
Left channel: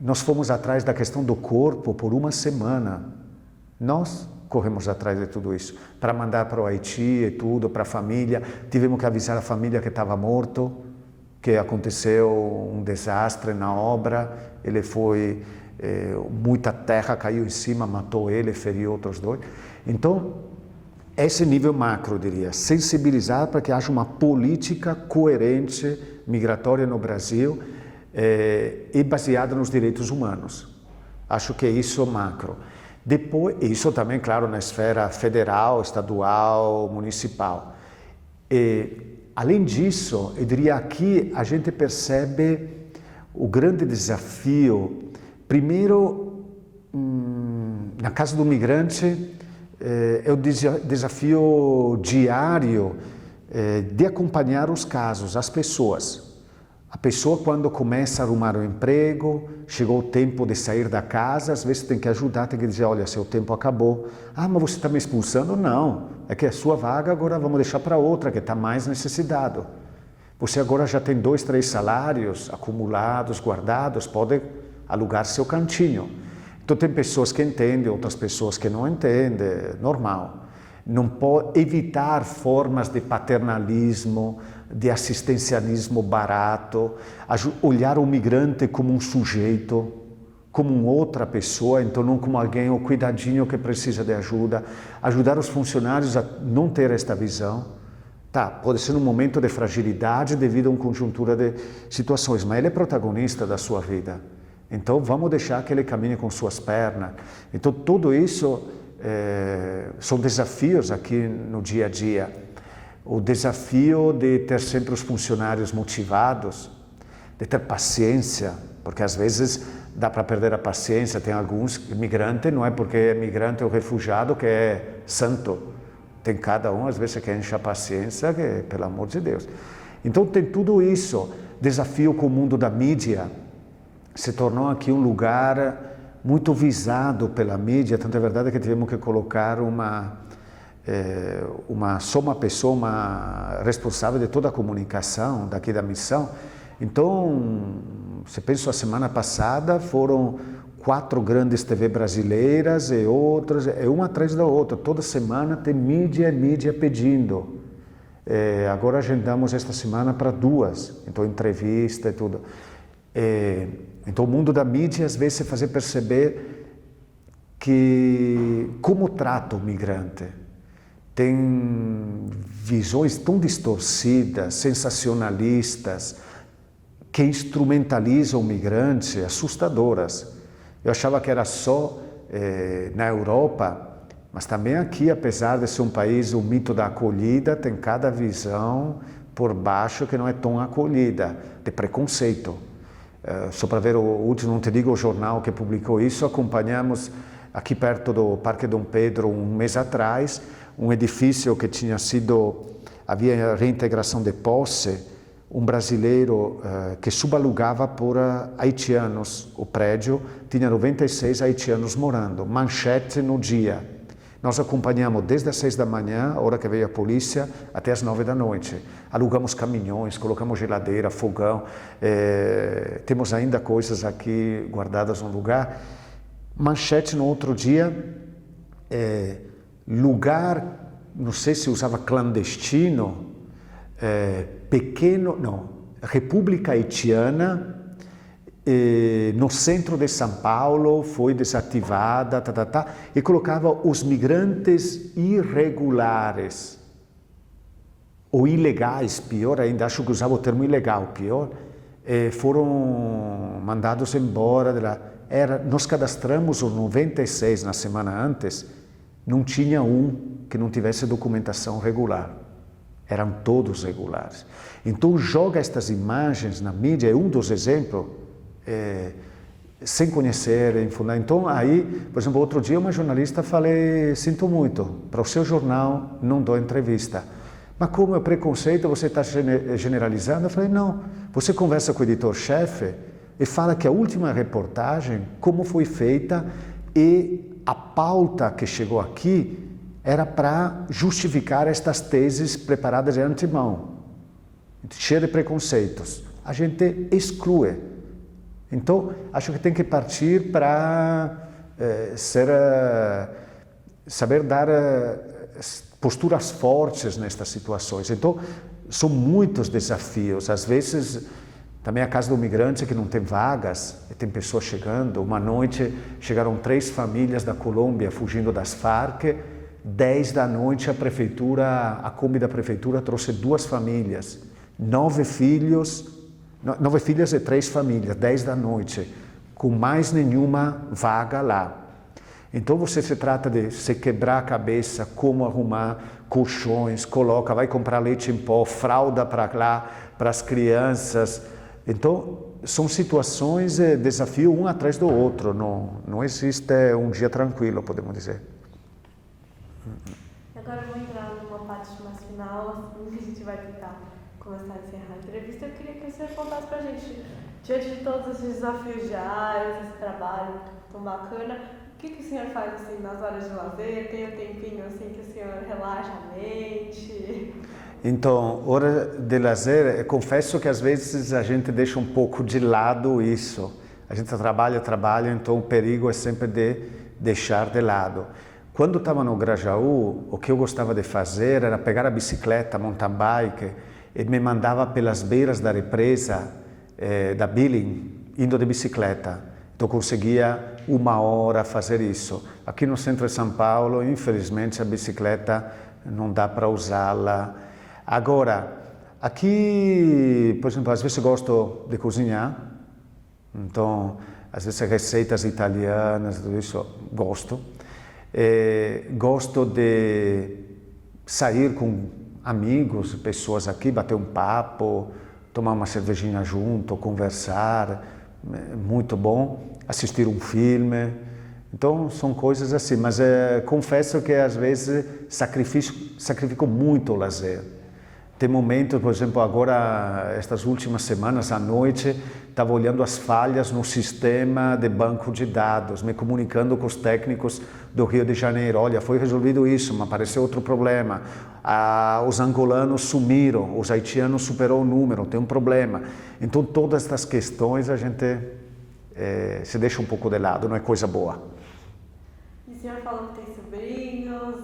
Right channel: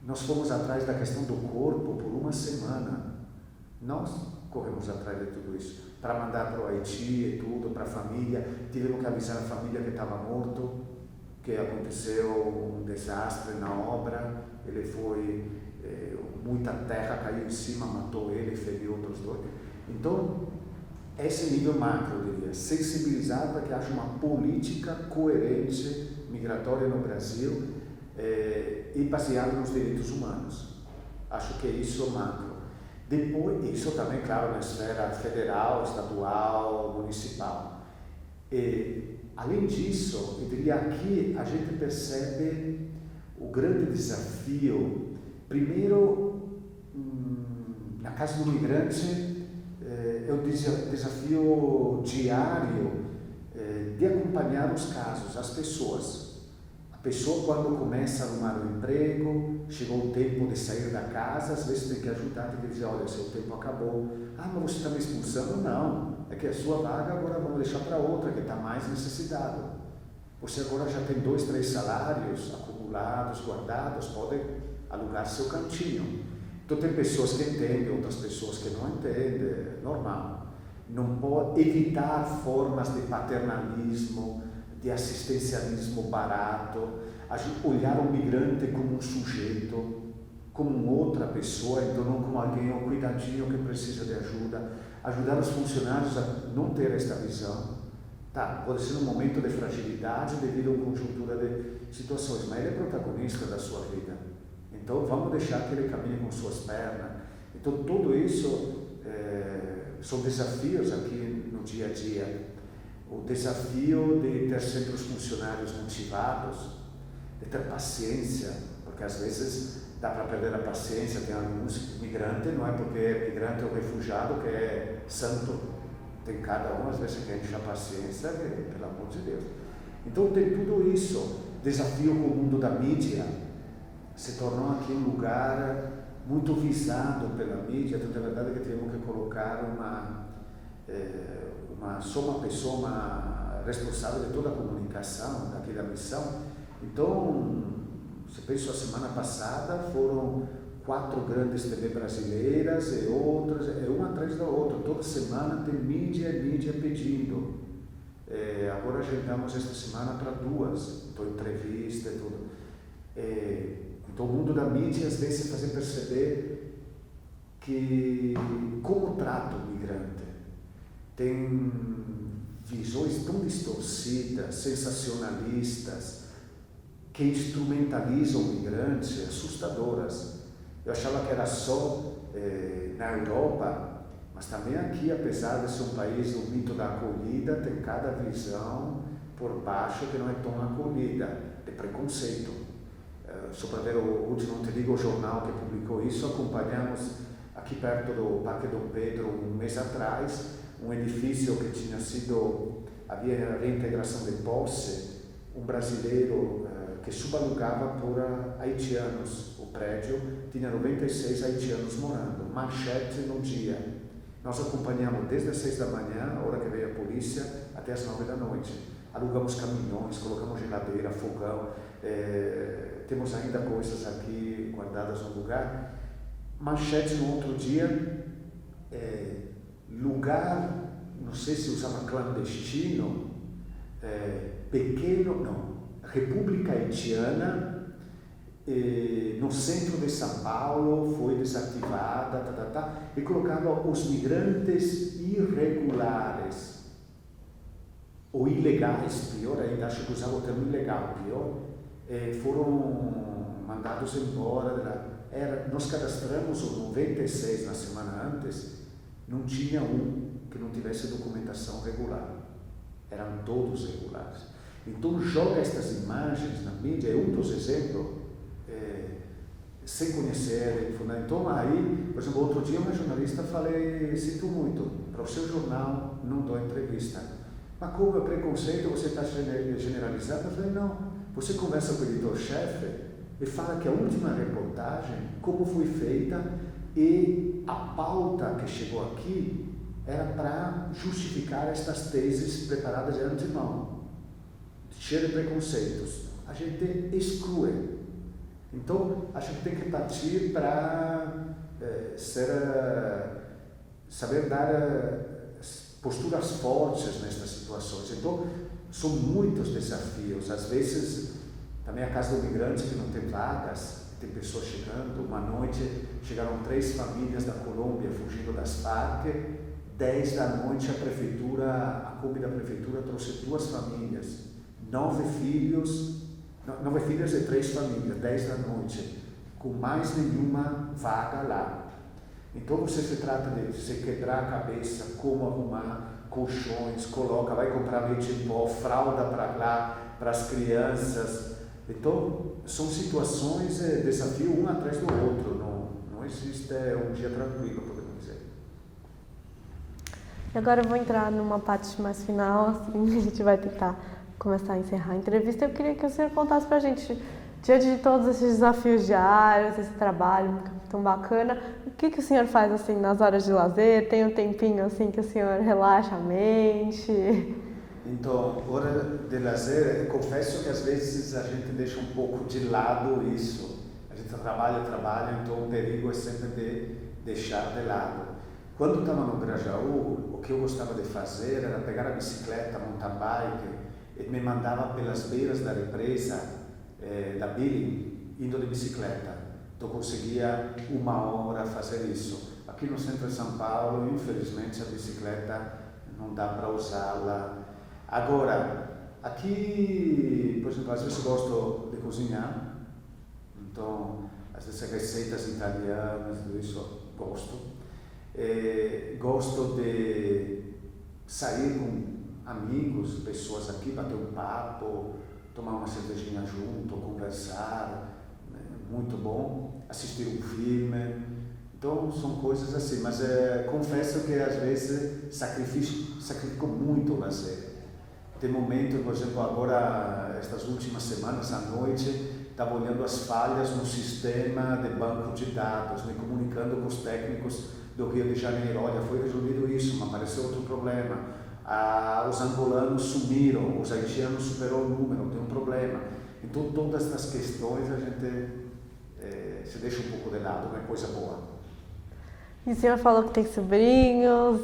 Nós fomos atrás da questão do corpo por 1 semana. Nós corremos atrás de tudo isso, para mandar para o Haiti e tudo, para a família. Tivemos que avisar a família que estava morto, que aconteceu um desastre na obra, ele foi... muita terra caiu em cima, matou ele, feriu outros 2. Então, esse nível macro, eu diria, sensibilizar para que haja uma política coerente migratória no Brasil e baseada nos direitos humanos. Acho que isso é macro. Depois, isso também, claro, na esfera federal, estadual, municipal. Além disso, eu diria aqui a gente percebe o grande desafio. Primeiro, na casa do migrante, é o desafio diário de acompanhar os casos, as pessoas. A pessoa, quando começa a arrumar um emprego, chegou o tempo de sair da casa, às vezes tem que ajudar, tem que dizer, olha, seu tempo acabou. Ah, mas você está me expulsando? Não, é que a sua vaga agora vamos deixar para outra, que está mais necessitado. Você agora já tem 2, 3 salários acumulados, guardados, pode alugar seu cantinho. Então tem pessoas que entendem, outras pessoas que não entendem, normal. Não pode evitar formas de paternalismo, de assistencialismo barato, olhar o migrante como um sujeito, como outra pessoa, então não como alguém, o cuidadinho que precisa de ajuda, ajudar os funcionários a não ter esta visão. Tá, pode ser um momento de fragilidade devido a uma conjuntura de situações, mas ele é protagonista da sua vida. Então, vamos deixar que ele caminhe com suas pernas. Então, tudo isso são desafios aqui no dia a dia. O desafio de ter sempre os funcionários motivados, de ter paciência, porque às vezes dá para perder a paciência. Tem alguns imigrantes, não é porque é migrante ou refugiado que é santo. Tem cada um, às vezes, que enche a paciência, que, pelo amor de Deus. Então, tem tudo isso. Desafio com o mundo da mídia. Se tornou aqui um lugar muito visado pela mídia, tanto é verdade que tivemos que colocar só uma pessoa, uma responsável de toda a comunicação daqui da missão. Então, se penso a semana passada, foram 4 grandes TV brasileiras e outras, uma atrás da outra. Toda semana tem mídia pedindo. Agora agendamos esta semana para 2, então entrevista e tudo. Então o mundo da mídia às vezes fazer perceber que como trata o migrante. Tem visões tão distorcidas, sensacionalistas, que instrumentalizam o migrante, assustadoras. Eu achava que era só na Europa, mas também aqui, apesar de ser um país, o mito da acolhida, tem cada visão por baixo que não é tão acolhida, de preconceito. Só para ver o último, não te digo o jornal que publicou isso, acompanhamos aqui perto do Parque Dom Pedro, um mês atrás, um edifício que havia reintegração de posse, um brasileiro que subalugava por haitianos. O prédio tinha 96 haitianos morando, manchete no dia. Nós acompanhamos desde as 6 da manhã, a hora que veio a polícia, até as 9 da noite. Alugamos caminhões, colocamos geladeira, fogão, temos ainda coisas aqui guardadas no lugar. Manchete no outro dia, lugar, não sei se usava clandestino, pequeno, não, República Haitiana, no centro de São Paulo, foi desativada, e colocava os migrantes irregulares, ou ilegais, pior ainda, acho que usava o termo ilegal, pior, foram mandados embora de lá. Nós cadastramos os 96 na semana antes, não tinha um que não tivesse documentação regular. Eram todos regulares. Então joga estas imagens na mídia, é um dos exemplos, sem conhecer, então aí, por exemplo, outro dia uma jornalista falei, sinto muito, para o seu jornal não dou entrevista. Mas como é preconceito, você está generalizando? Eu falei, não, você conversa com o editor-chefe e fala que a última reportagem, como foi feita, e a pauta que chegou aqui era para justificar estas teses preparadas de antemão, cheia de preconceitos. A gente exclui. Então, acho que tem que partir para saber dar posturas fortes nestas situações. Então, são muitos desafios. Às vezes, também a casa do migrante que não tem vagas, tem pessoas chegando. Uma noite chegaram 3 famílias da Colômbia fugindo das Farc. 10 da noite a Kombi da prefeitura trouxe 2 famílias, 9 filhos e 3 famílias, 10 da noite, com mais nenhuma vaga lá. Então você se trata de se quebrar a cabeça, como arrumar colchões, vai comprar leite em pó, fralda para lá, para as crianças. Então são situações, desafio um atrás do outro, não existe um dia tranquilo, podemos dizer. Agora eu vou entrar numa parte mais final, assim, a gente vai tentar começar a encerrar a entrevista. Eu queria que o senhor contasse pra gente, diante de todos esses desafios diários, esse trabalho tão bacana, o que o senhor faz assim nas horas de lazer? Tem um tempinho assim que o senhor relaxa a mente? Então, hora de lazer, confesso que às vezes a gente deixa um pouco de lado isso. A gente trabalha, então o perigo é sempre de deixar de lado. Quando estava no Grajaú, o que eu gostava de fazer era pegar a bicicleta, mountain bike, e me mandava pelas beiras da represa da Billing, indo de bicicleta. Então conseguia 1 hora fazer isso. Aqui no centro de São Paulo, infelizmente, a bicicleta não dá para usá-la. Agora, aqui, por exemplo, às vezes eu gosto de cozinhar, então, às vezes receitas italianas, tudo isso, gosto. Gosto de sair com amigos, pessoas aqui, bater um papo, tomar uma cervejinha junto, conversar, muito bom, assistir um filme. Então são coisas assim, mas confesso que às vezes sacrifico muito o lazer. Tem momentos, por exemplo, agora, estas últimas semanas, à noite, estava olhando as falhas no sistema de banco de dados, me comunicando com os técnicos do Rio de Janeiro. Olha, foi resolvido isso, mas apareceu outro problema. Os angolanos sumiram, os haitianos superou o número, tem um problema. Então, todas estas questões a gente se deixa um pouco de lado, não é coisa boa. E o senhor falou que tem sobrinhos,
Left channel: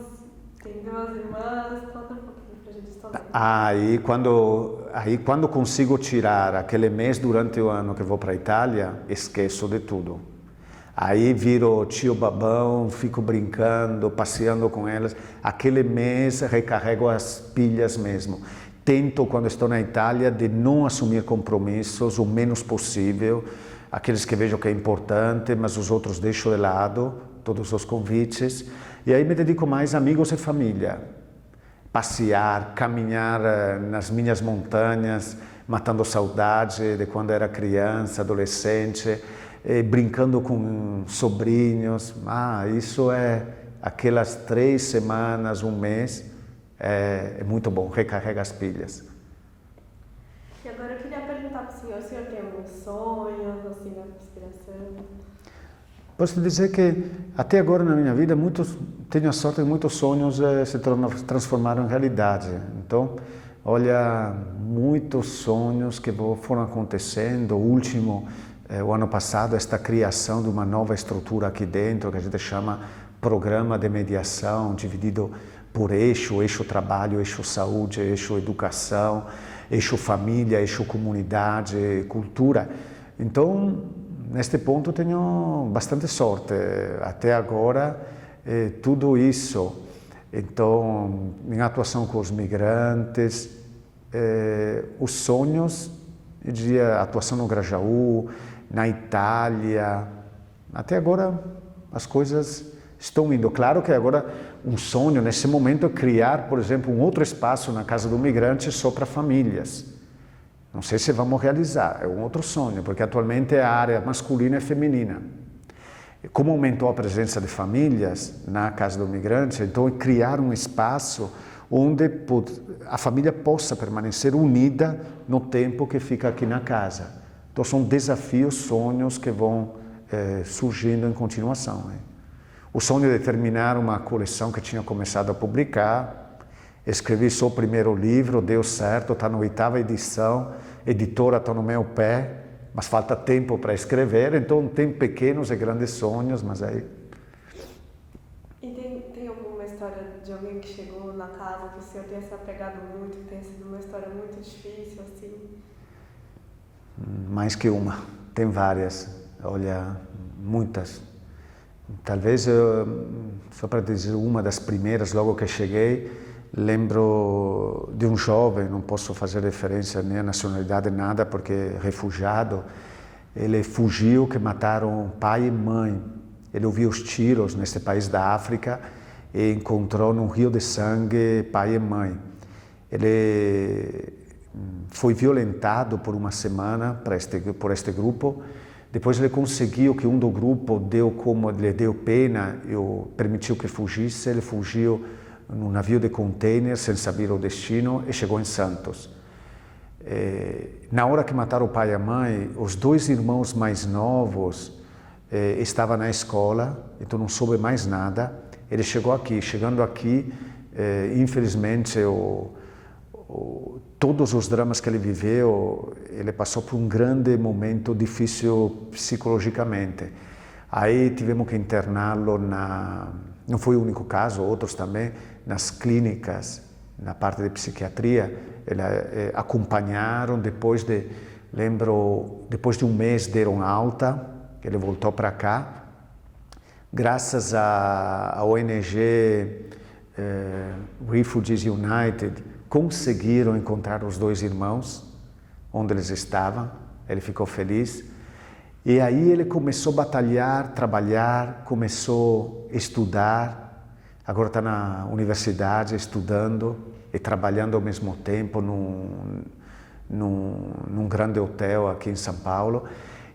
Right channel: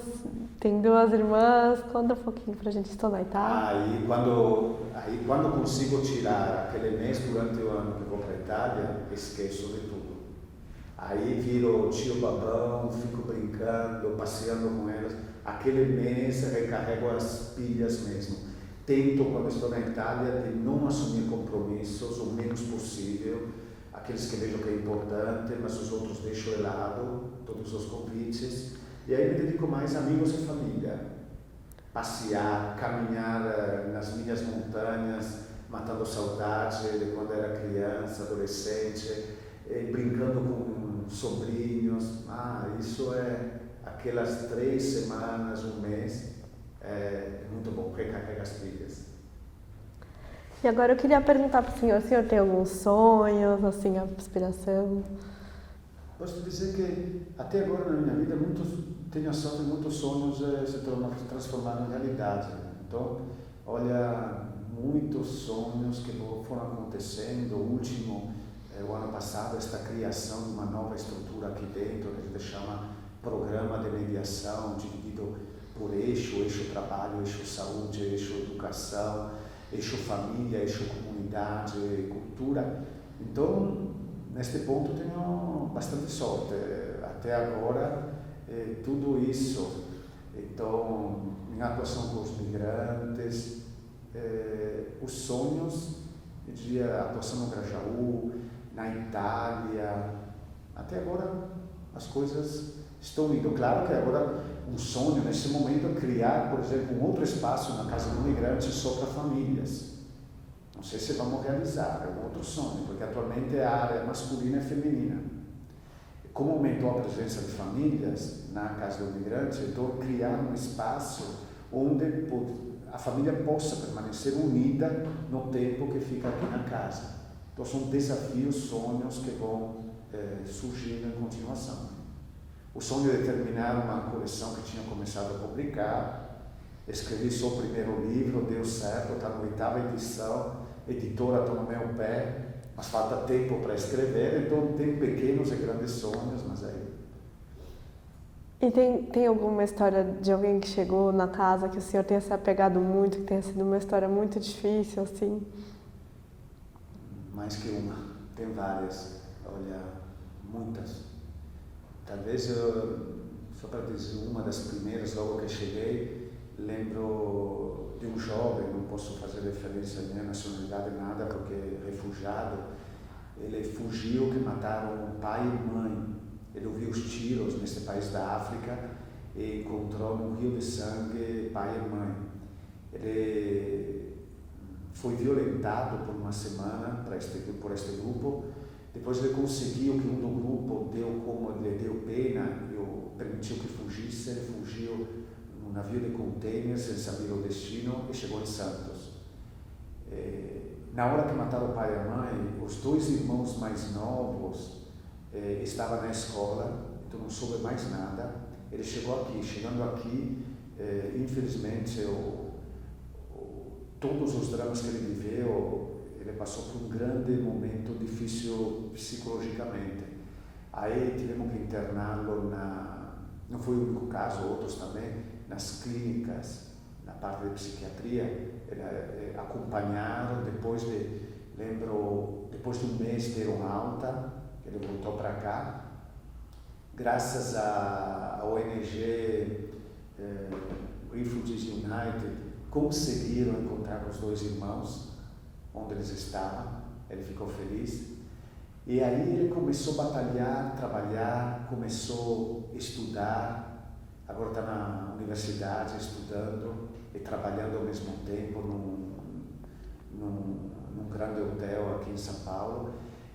tem 2 irmãs, conta um pouquinho pra gente estudar. Aí quando consigo tirar aquele mês durante o ano que vou para a Itália, esqueço de tudo. Aí viro tio babão, fico brincando, passeando com elas. Aquele mês recarrego as pilhas mesmo. Tento, quando estou na Itália, de não assumir compromissos o menos possível. Aqueles que vejo que é importante, mas os outros deixo de lado, todos os convites. E aí me dedico mais a amigos e família. Passear, caminhar nas minhas montanhas, matando saudade de quando era criança, adolescente. brincando com sobrinhos. Isso é aquelas 3 semanas, um mês, é muito bom, recarrega as pilhas. E agora eu queria perguntar para o senhor tem alguns sonhos, assim, aspiração? Posso dizer que até agora na minha vida tenho a sorte de muitos sonhos se transformaram em realidade. Então, olha, muitos sonhos que foram acontecendo. O último, o ano passado, esta criação de uma nova estrutura aqui dentro, que a gente chama Programa de Mediação, dividido por eixo trabalho, eixo saúde, eixo educação, eixo família, eixo comunidade, cultura. Então, neste ponto tenho bastante sorte. Até agora, tudo isso. Então, minha atuação com os migrantes, os sonhos, eu diria, atuação no Grajaú, na Itália. Até agora, as coisas estão indo. Claro que agora um sonho nesse momento é criar, por exemplo, um outro espaço na Casa do Migrante só para famílias. Não sei se vamos realizar, é um outro sonho, porque atualmente a área masculina e feminina. Como aumentou a presença de famílias na Casa do Migrante, então é criar um espaço onde a família possa permanecer unida no tempo que fica aqui na casa. Então são desafios, sonhos que vão surgindo em continuação. O sonho de terminar uma coleção que tinha começado a publicar, escrevi só o primeiro livro, deu certo, está na 8ª edição, editora está no meu pé, mas falta tempo para escrever, então tem pequenos e grandes sonhos, mas aí... E tem alguma história de alguém que chegou na casa que o senhor tenha se apegado muito, que tenha sido uma história muito difícil, assim? Mais que uma, tem várias, olha, muitas. Talvez, só para dizer uma das primeiras, logo que cheguei, lembro de um jovem, não posso fazer referência nem à nacionalidade, nada, porque é refugiado. Ele fugiu, que mataram pai e mãe. Ele ouviu os tiros nesse país da África e encontrou num rio de sangue pai e mãe. Ele foi violentado por uma semana por este grupo. Depois ele conseguiu que um do grupo lhe deu pena e permitiu que fugisse. Ele fugiu num navio de container sem saber o destino e chegou em Santos. Na hora que mataram o pai e a mãe, os 2 irmãos mais novos estavam na escola, então não soube mais nada. Ele chegou aqui. Chegando aqui, infelizmente, todos os dramas que ele viveu, ele passou por um grande momento difícil psicologicamente. Aí tivemos que interná-lo não foi o único caso, outros também, nas clínicas, na parte de psiquiatria. Ele acompanharam, depois de um mês deram alta, ele voltou para cá. Graças à ONG Refugees United, conseguiram encontrar os 2 irmãos, onde eles estavam. Ele ficou feliz. E aí ele começou a batalhar, trabalhar, começou a estudar. Agora está na universidade estudando e trabalhando ao mesmo tempo num grande hotel aqui em São Paulo.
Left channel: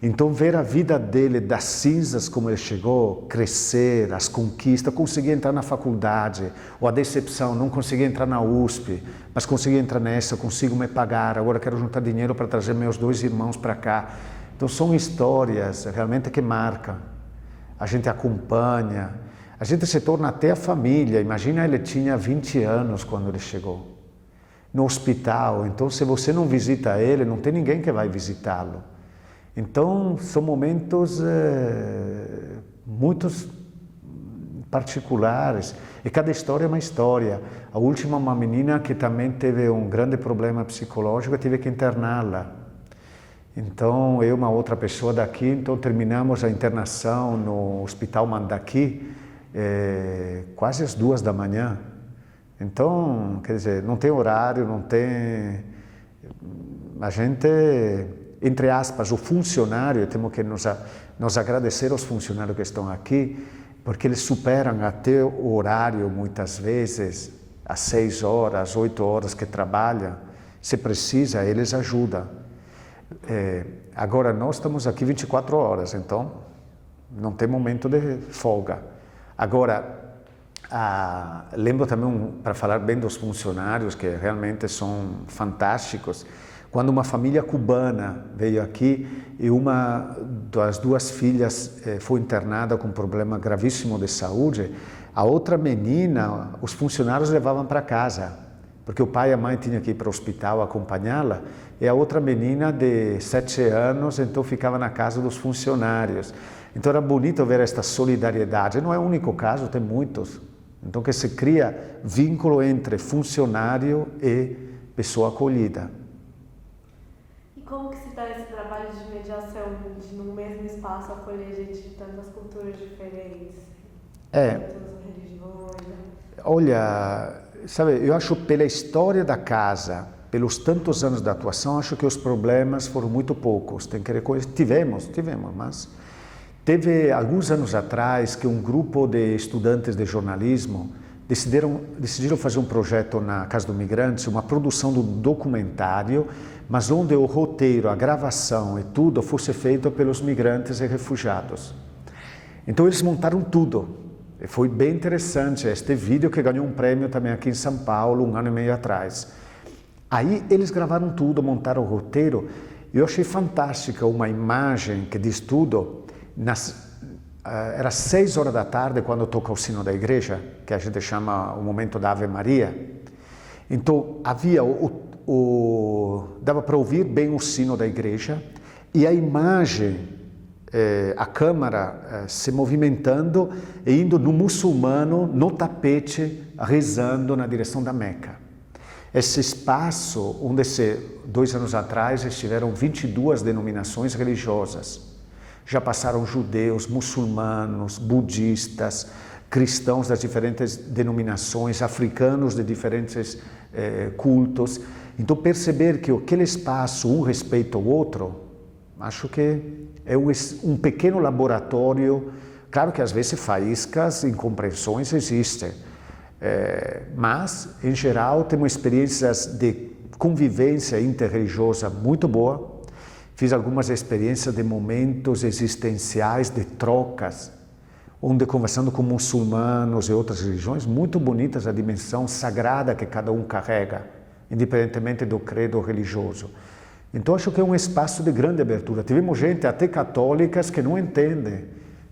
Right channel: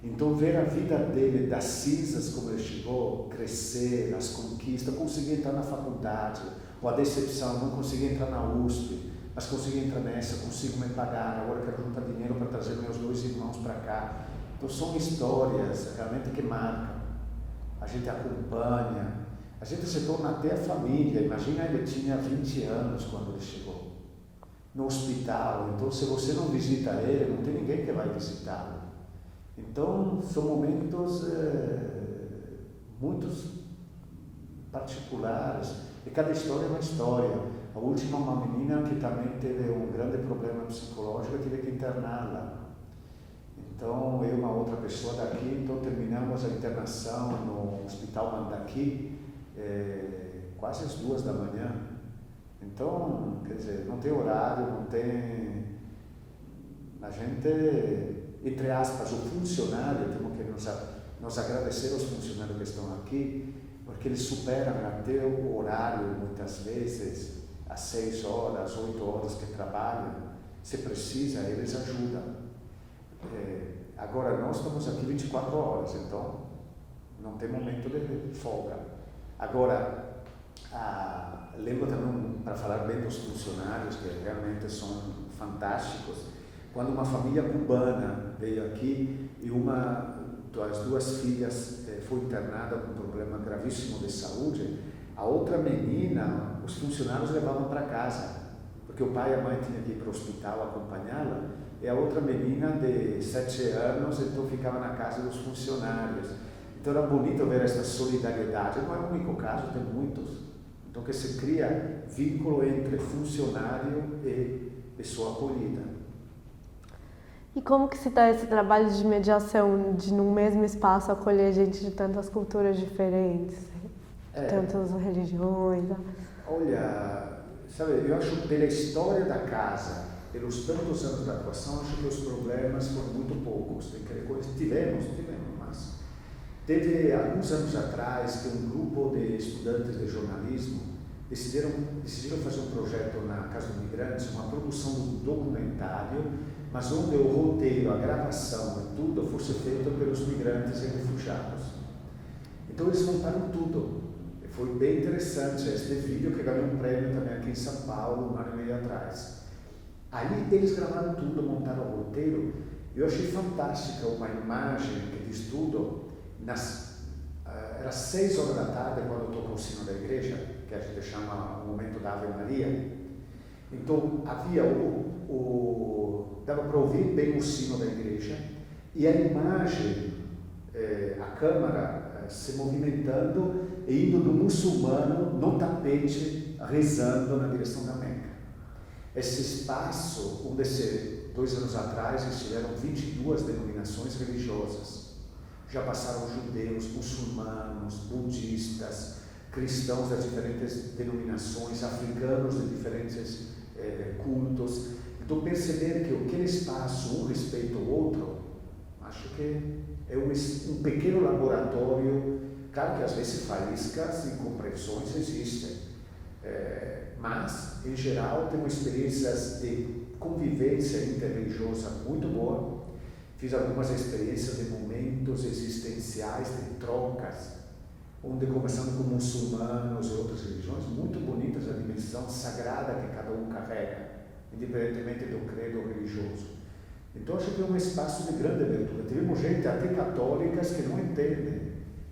Então ver a vida dele, das cinzas como ele chegou, crescer, as conquistas, conseguir entrar na faculdade, ou a decepção, não consegui entrar na USP, mas consegui entrar nessa, consigo me pagar, agora quero juntar dinheiro para trazer meus 2 irmãos para cá. Então são histórias realmente que marcam, a gente acompanha, a gente se torna até a família. Imagina, ele tinha 20 anos quando ele chegou, no hospital, então se você não visita ele, não tem ninguém que vai visitá-lo. Então, são momentos muito particulares, e cada história é uma história. A última, uma menina que também teve um grande problema psicológico, tive que interná-la. Então, eu e uma outra pessoa daqui, então terminamos a internação no Hospital Mandaki, quase às 2 da manhã. Então, quer dizer, não tem horário, não tem... A gente... Entre aspas, o funcionário, temos que nos agradecer aos funcionários que estão aqui, porque eles superam até o horário, muitas vezes, às 6 horas, 8 horas que trabalham. Se precisa, eles ajudam. agora nós estamos aqui 24 horas, então não tem momento de folga. Agora, lembro também, para falar bem dos funcionários, que realmente são fantásticos, quando uma família cubana veio aqui e uma das duas filhas foi internada com um problema gravíssimo de saúde, a outra menina, os funcionários levavam para casa, porque o pai e a mãe tinham que ir para o hospital acompanhá-la, e a outra menina de 7 anos, então ficava na casa dos funcionários. Então era bonito ver esta solidariedade, não é o único caso, tem muitos. Então que se cria vínculo entre funcionário e pessoa acolhida. E como que se dá esse trabalho de mediação, de num mesmo espaço acolher gente de tantas culturas diferentes, tantas religiões? Olha, sabe, eu acho pela história da casa, pelos tantos anos de atuação, acho que os problemas foram muito poucos. Tem que reconhecer, tivemos, mas teve alguns anos atrás que um grupo de estudantes de jornalismo decidiram fazer um projeto na Casa do Migrante, uma produção de um documentário, mas onde o roteiro, a gravação e tudo fosse feito pelos migrantes e refugiados. Então eles montaram tudo. E foi bem interessante este vídeo que ganhou um prêmio também aqui em São Paulo, 1 ano e meio atrás. Aí eles gravaram tudo, montaram o roteiro, e eu achei fantástica uma imagem que diz tudo. Era 6 horas da tarde quando toca o sino da igreja, que a gente chama o momento da Ave Maria. Então havia dava para ouvir bem o sino da igreja e a imagem, a câmera se movimentando e indo no muçulmano no tapete rezando na direção da Meca. Esse espaço onde 2 anos atrás estiveram 22 denominações religiosas. Já passaram judeus, muçulmanos, budistas, cristãos das diferentes denominações, africanos de diferentes cultos. Então perceber que aquele espaço, um respeita o outro, acho que é um pequeno laboratório. Claro que às vezes faíscas, incompreensões existem, mas em geral temos experiências de convivência interreligiosa muito boa. Fiz algumas experiências de momentos existenciais, de trocas, onde conversando com muçulmanos e outras religiões, muito bonitas a dimensão sagrada que cada um carrega, independentemente do credo religioso. Então acho que é um espaço de grande abertura. Tivemos gente, até católicas, que não entendem,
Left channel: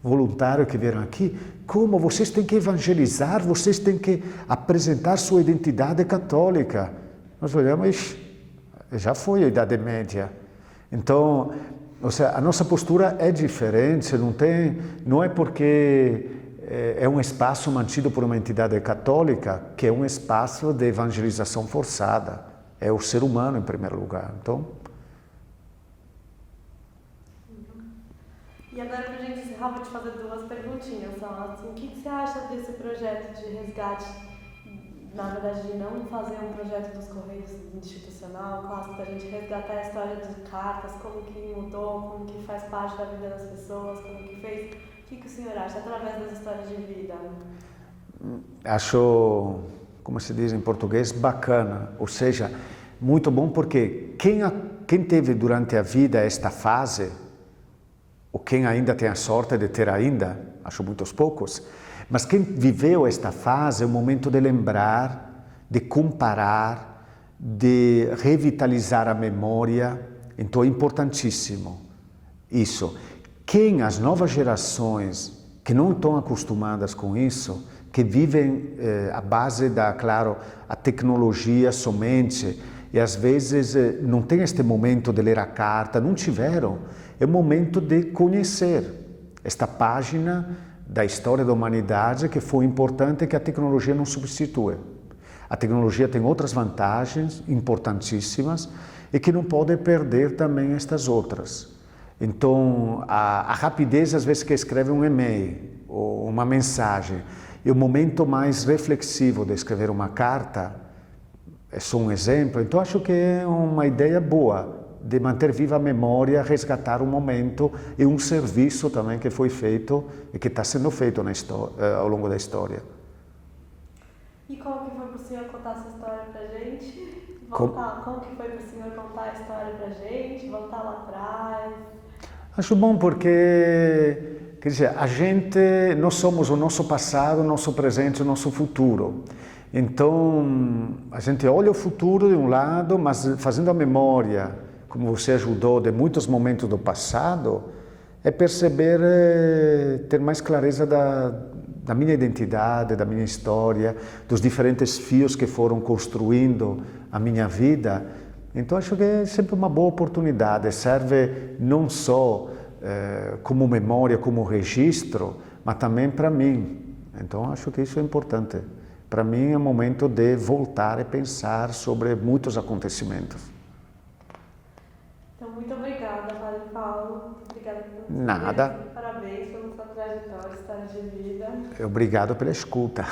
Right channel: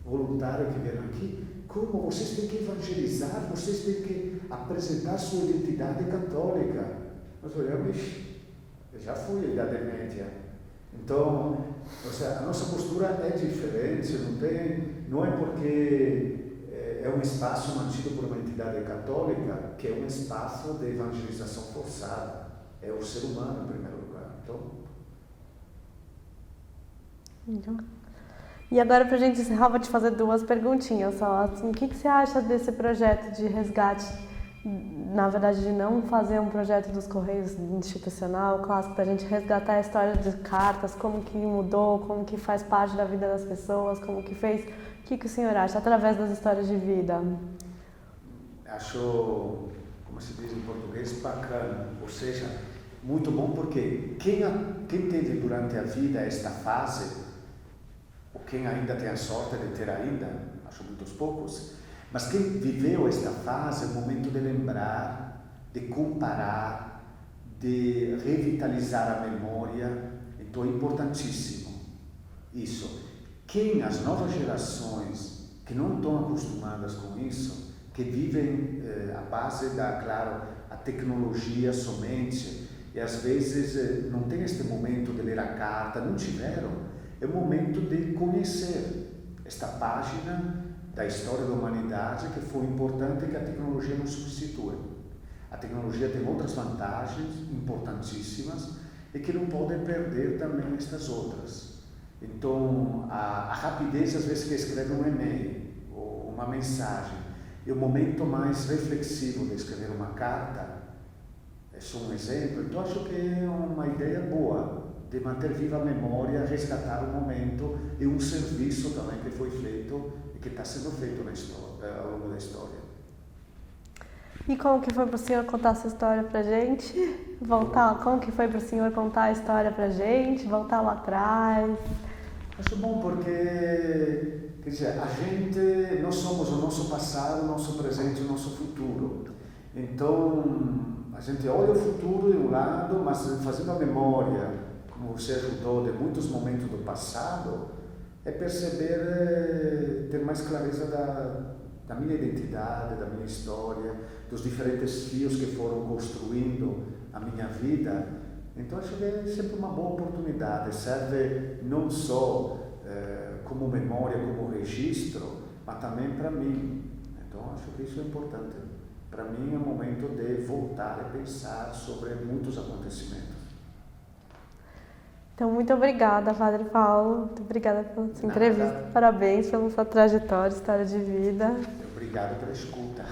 voluntários que vieram aqui, como vocês têm que evangelizar, vocês têm que apresentar sua identidade católica. Nós olhamos, já foi a Idade Média. Então, ou seja, a nossa postura é diferente, não é porque é um espaço mantido por uma entidade católica que é um espaço de evangelização forçada. É o ser humano em primeiro lugar. Então. E agora, para a gente encerrar, vou te fazer 2 perguntinhas só. Assim, o que você acha desse projeto de resgate? Na verdade, de não fazer um projeto dos Correios institucional, clássico, para a gente resgatar a história de cartas, como que mudou, como que faz parte da vida das pessoas, como que fez. O que o senhor acha através das histórias de vida? Acho, como se diz em português, bacana. Ou seja, muito bom porque quem teve durante a vida esta fase, ou quem ainda tem a sorte de ter ainda, acho muitos poucos, mas quem viveu esta fase é o momento de lembrar, de comparar, de revitalizar a memória. Então é importantíssimo isso. As novas gerações que não estão acostumadas com isso, que vivem à base claro, a tecnologia somente, e às vezes não tem este momento de ler a carta, não tiveram, é o momento de conhecer esta página da história da humanidade que foi importante e que a tecnologia não substitui. A tecnologia tem outras vantagens importantíssimas e que não pode perder também estas outras. Então, a rapidez às vezes que escreve um e-mail ou uma mensagem e o momento mais reflexivo de escrever uma carta é só um exemplo. Então, acho que é uma ideia boa de manter viva a memória, resgatar um momento e um serviço também que foi feito e que está sendo feito ao longo da história. E como que foi para o senhor contar essa história para a gente? Como que foi para o senhor contar a história para a gente? Voltar lá atrás? Acho bom porque, quer dizer, nós somos o nosso passado, o nosso presente, o nosso futuro. Então, a gente olha o futuro de um lado, mas fazendo a memória, como você ajudou, de muitos momentos do passado, é perceber, ter mais clareza da minha identidade, da minha história, dos diferentes fios que foram construindo a minha vida. Então acho que é sempre uma boa oportunidade, serve não só como memória, como registro, mas também para mim. Então acho que isso é importante. Para mim é um momento de voltar e pensar sobre muitos acontecimentos. Então, muito obrigada, Padre Paulo. Muito obrigada pela sua Nada. entrevista. Parabéns pela sua trajetória, história de vida. Obrigado pela escuta.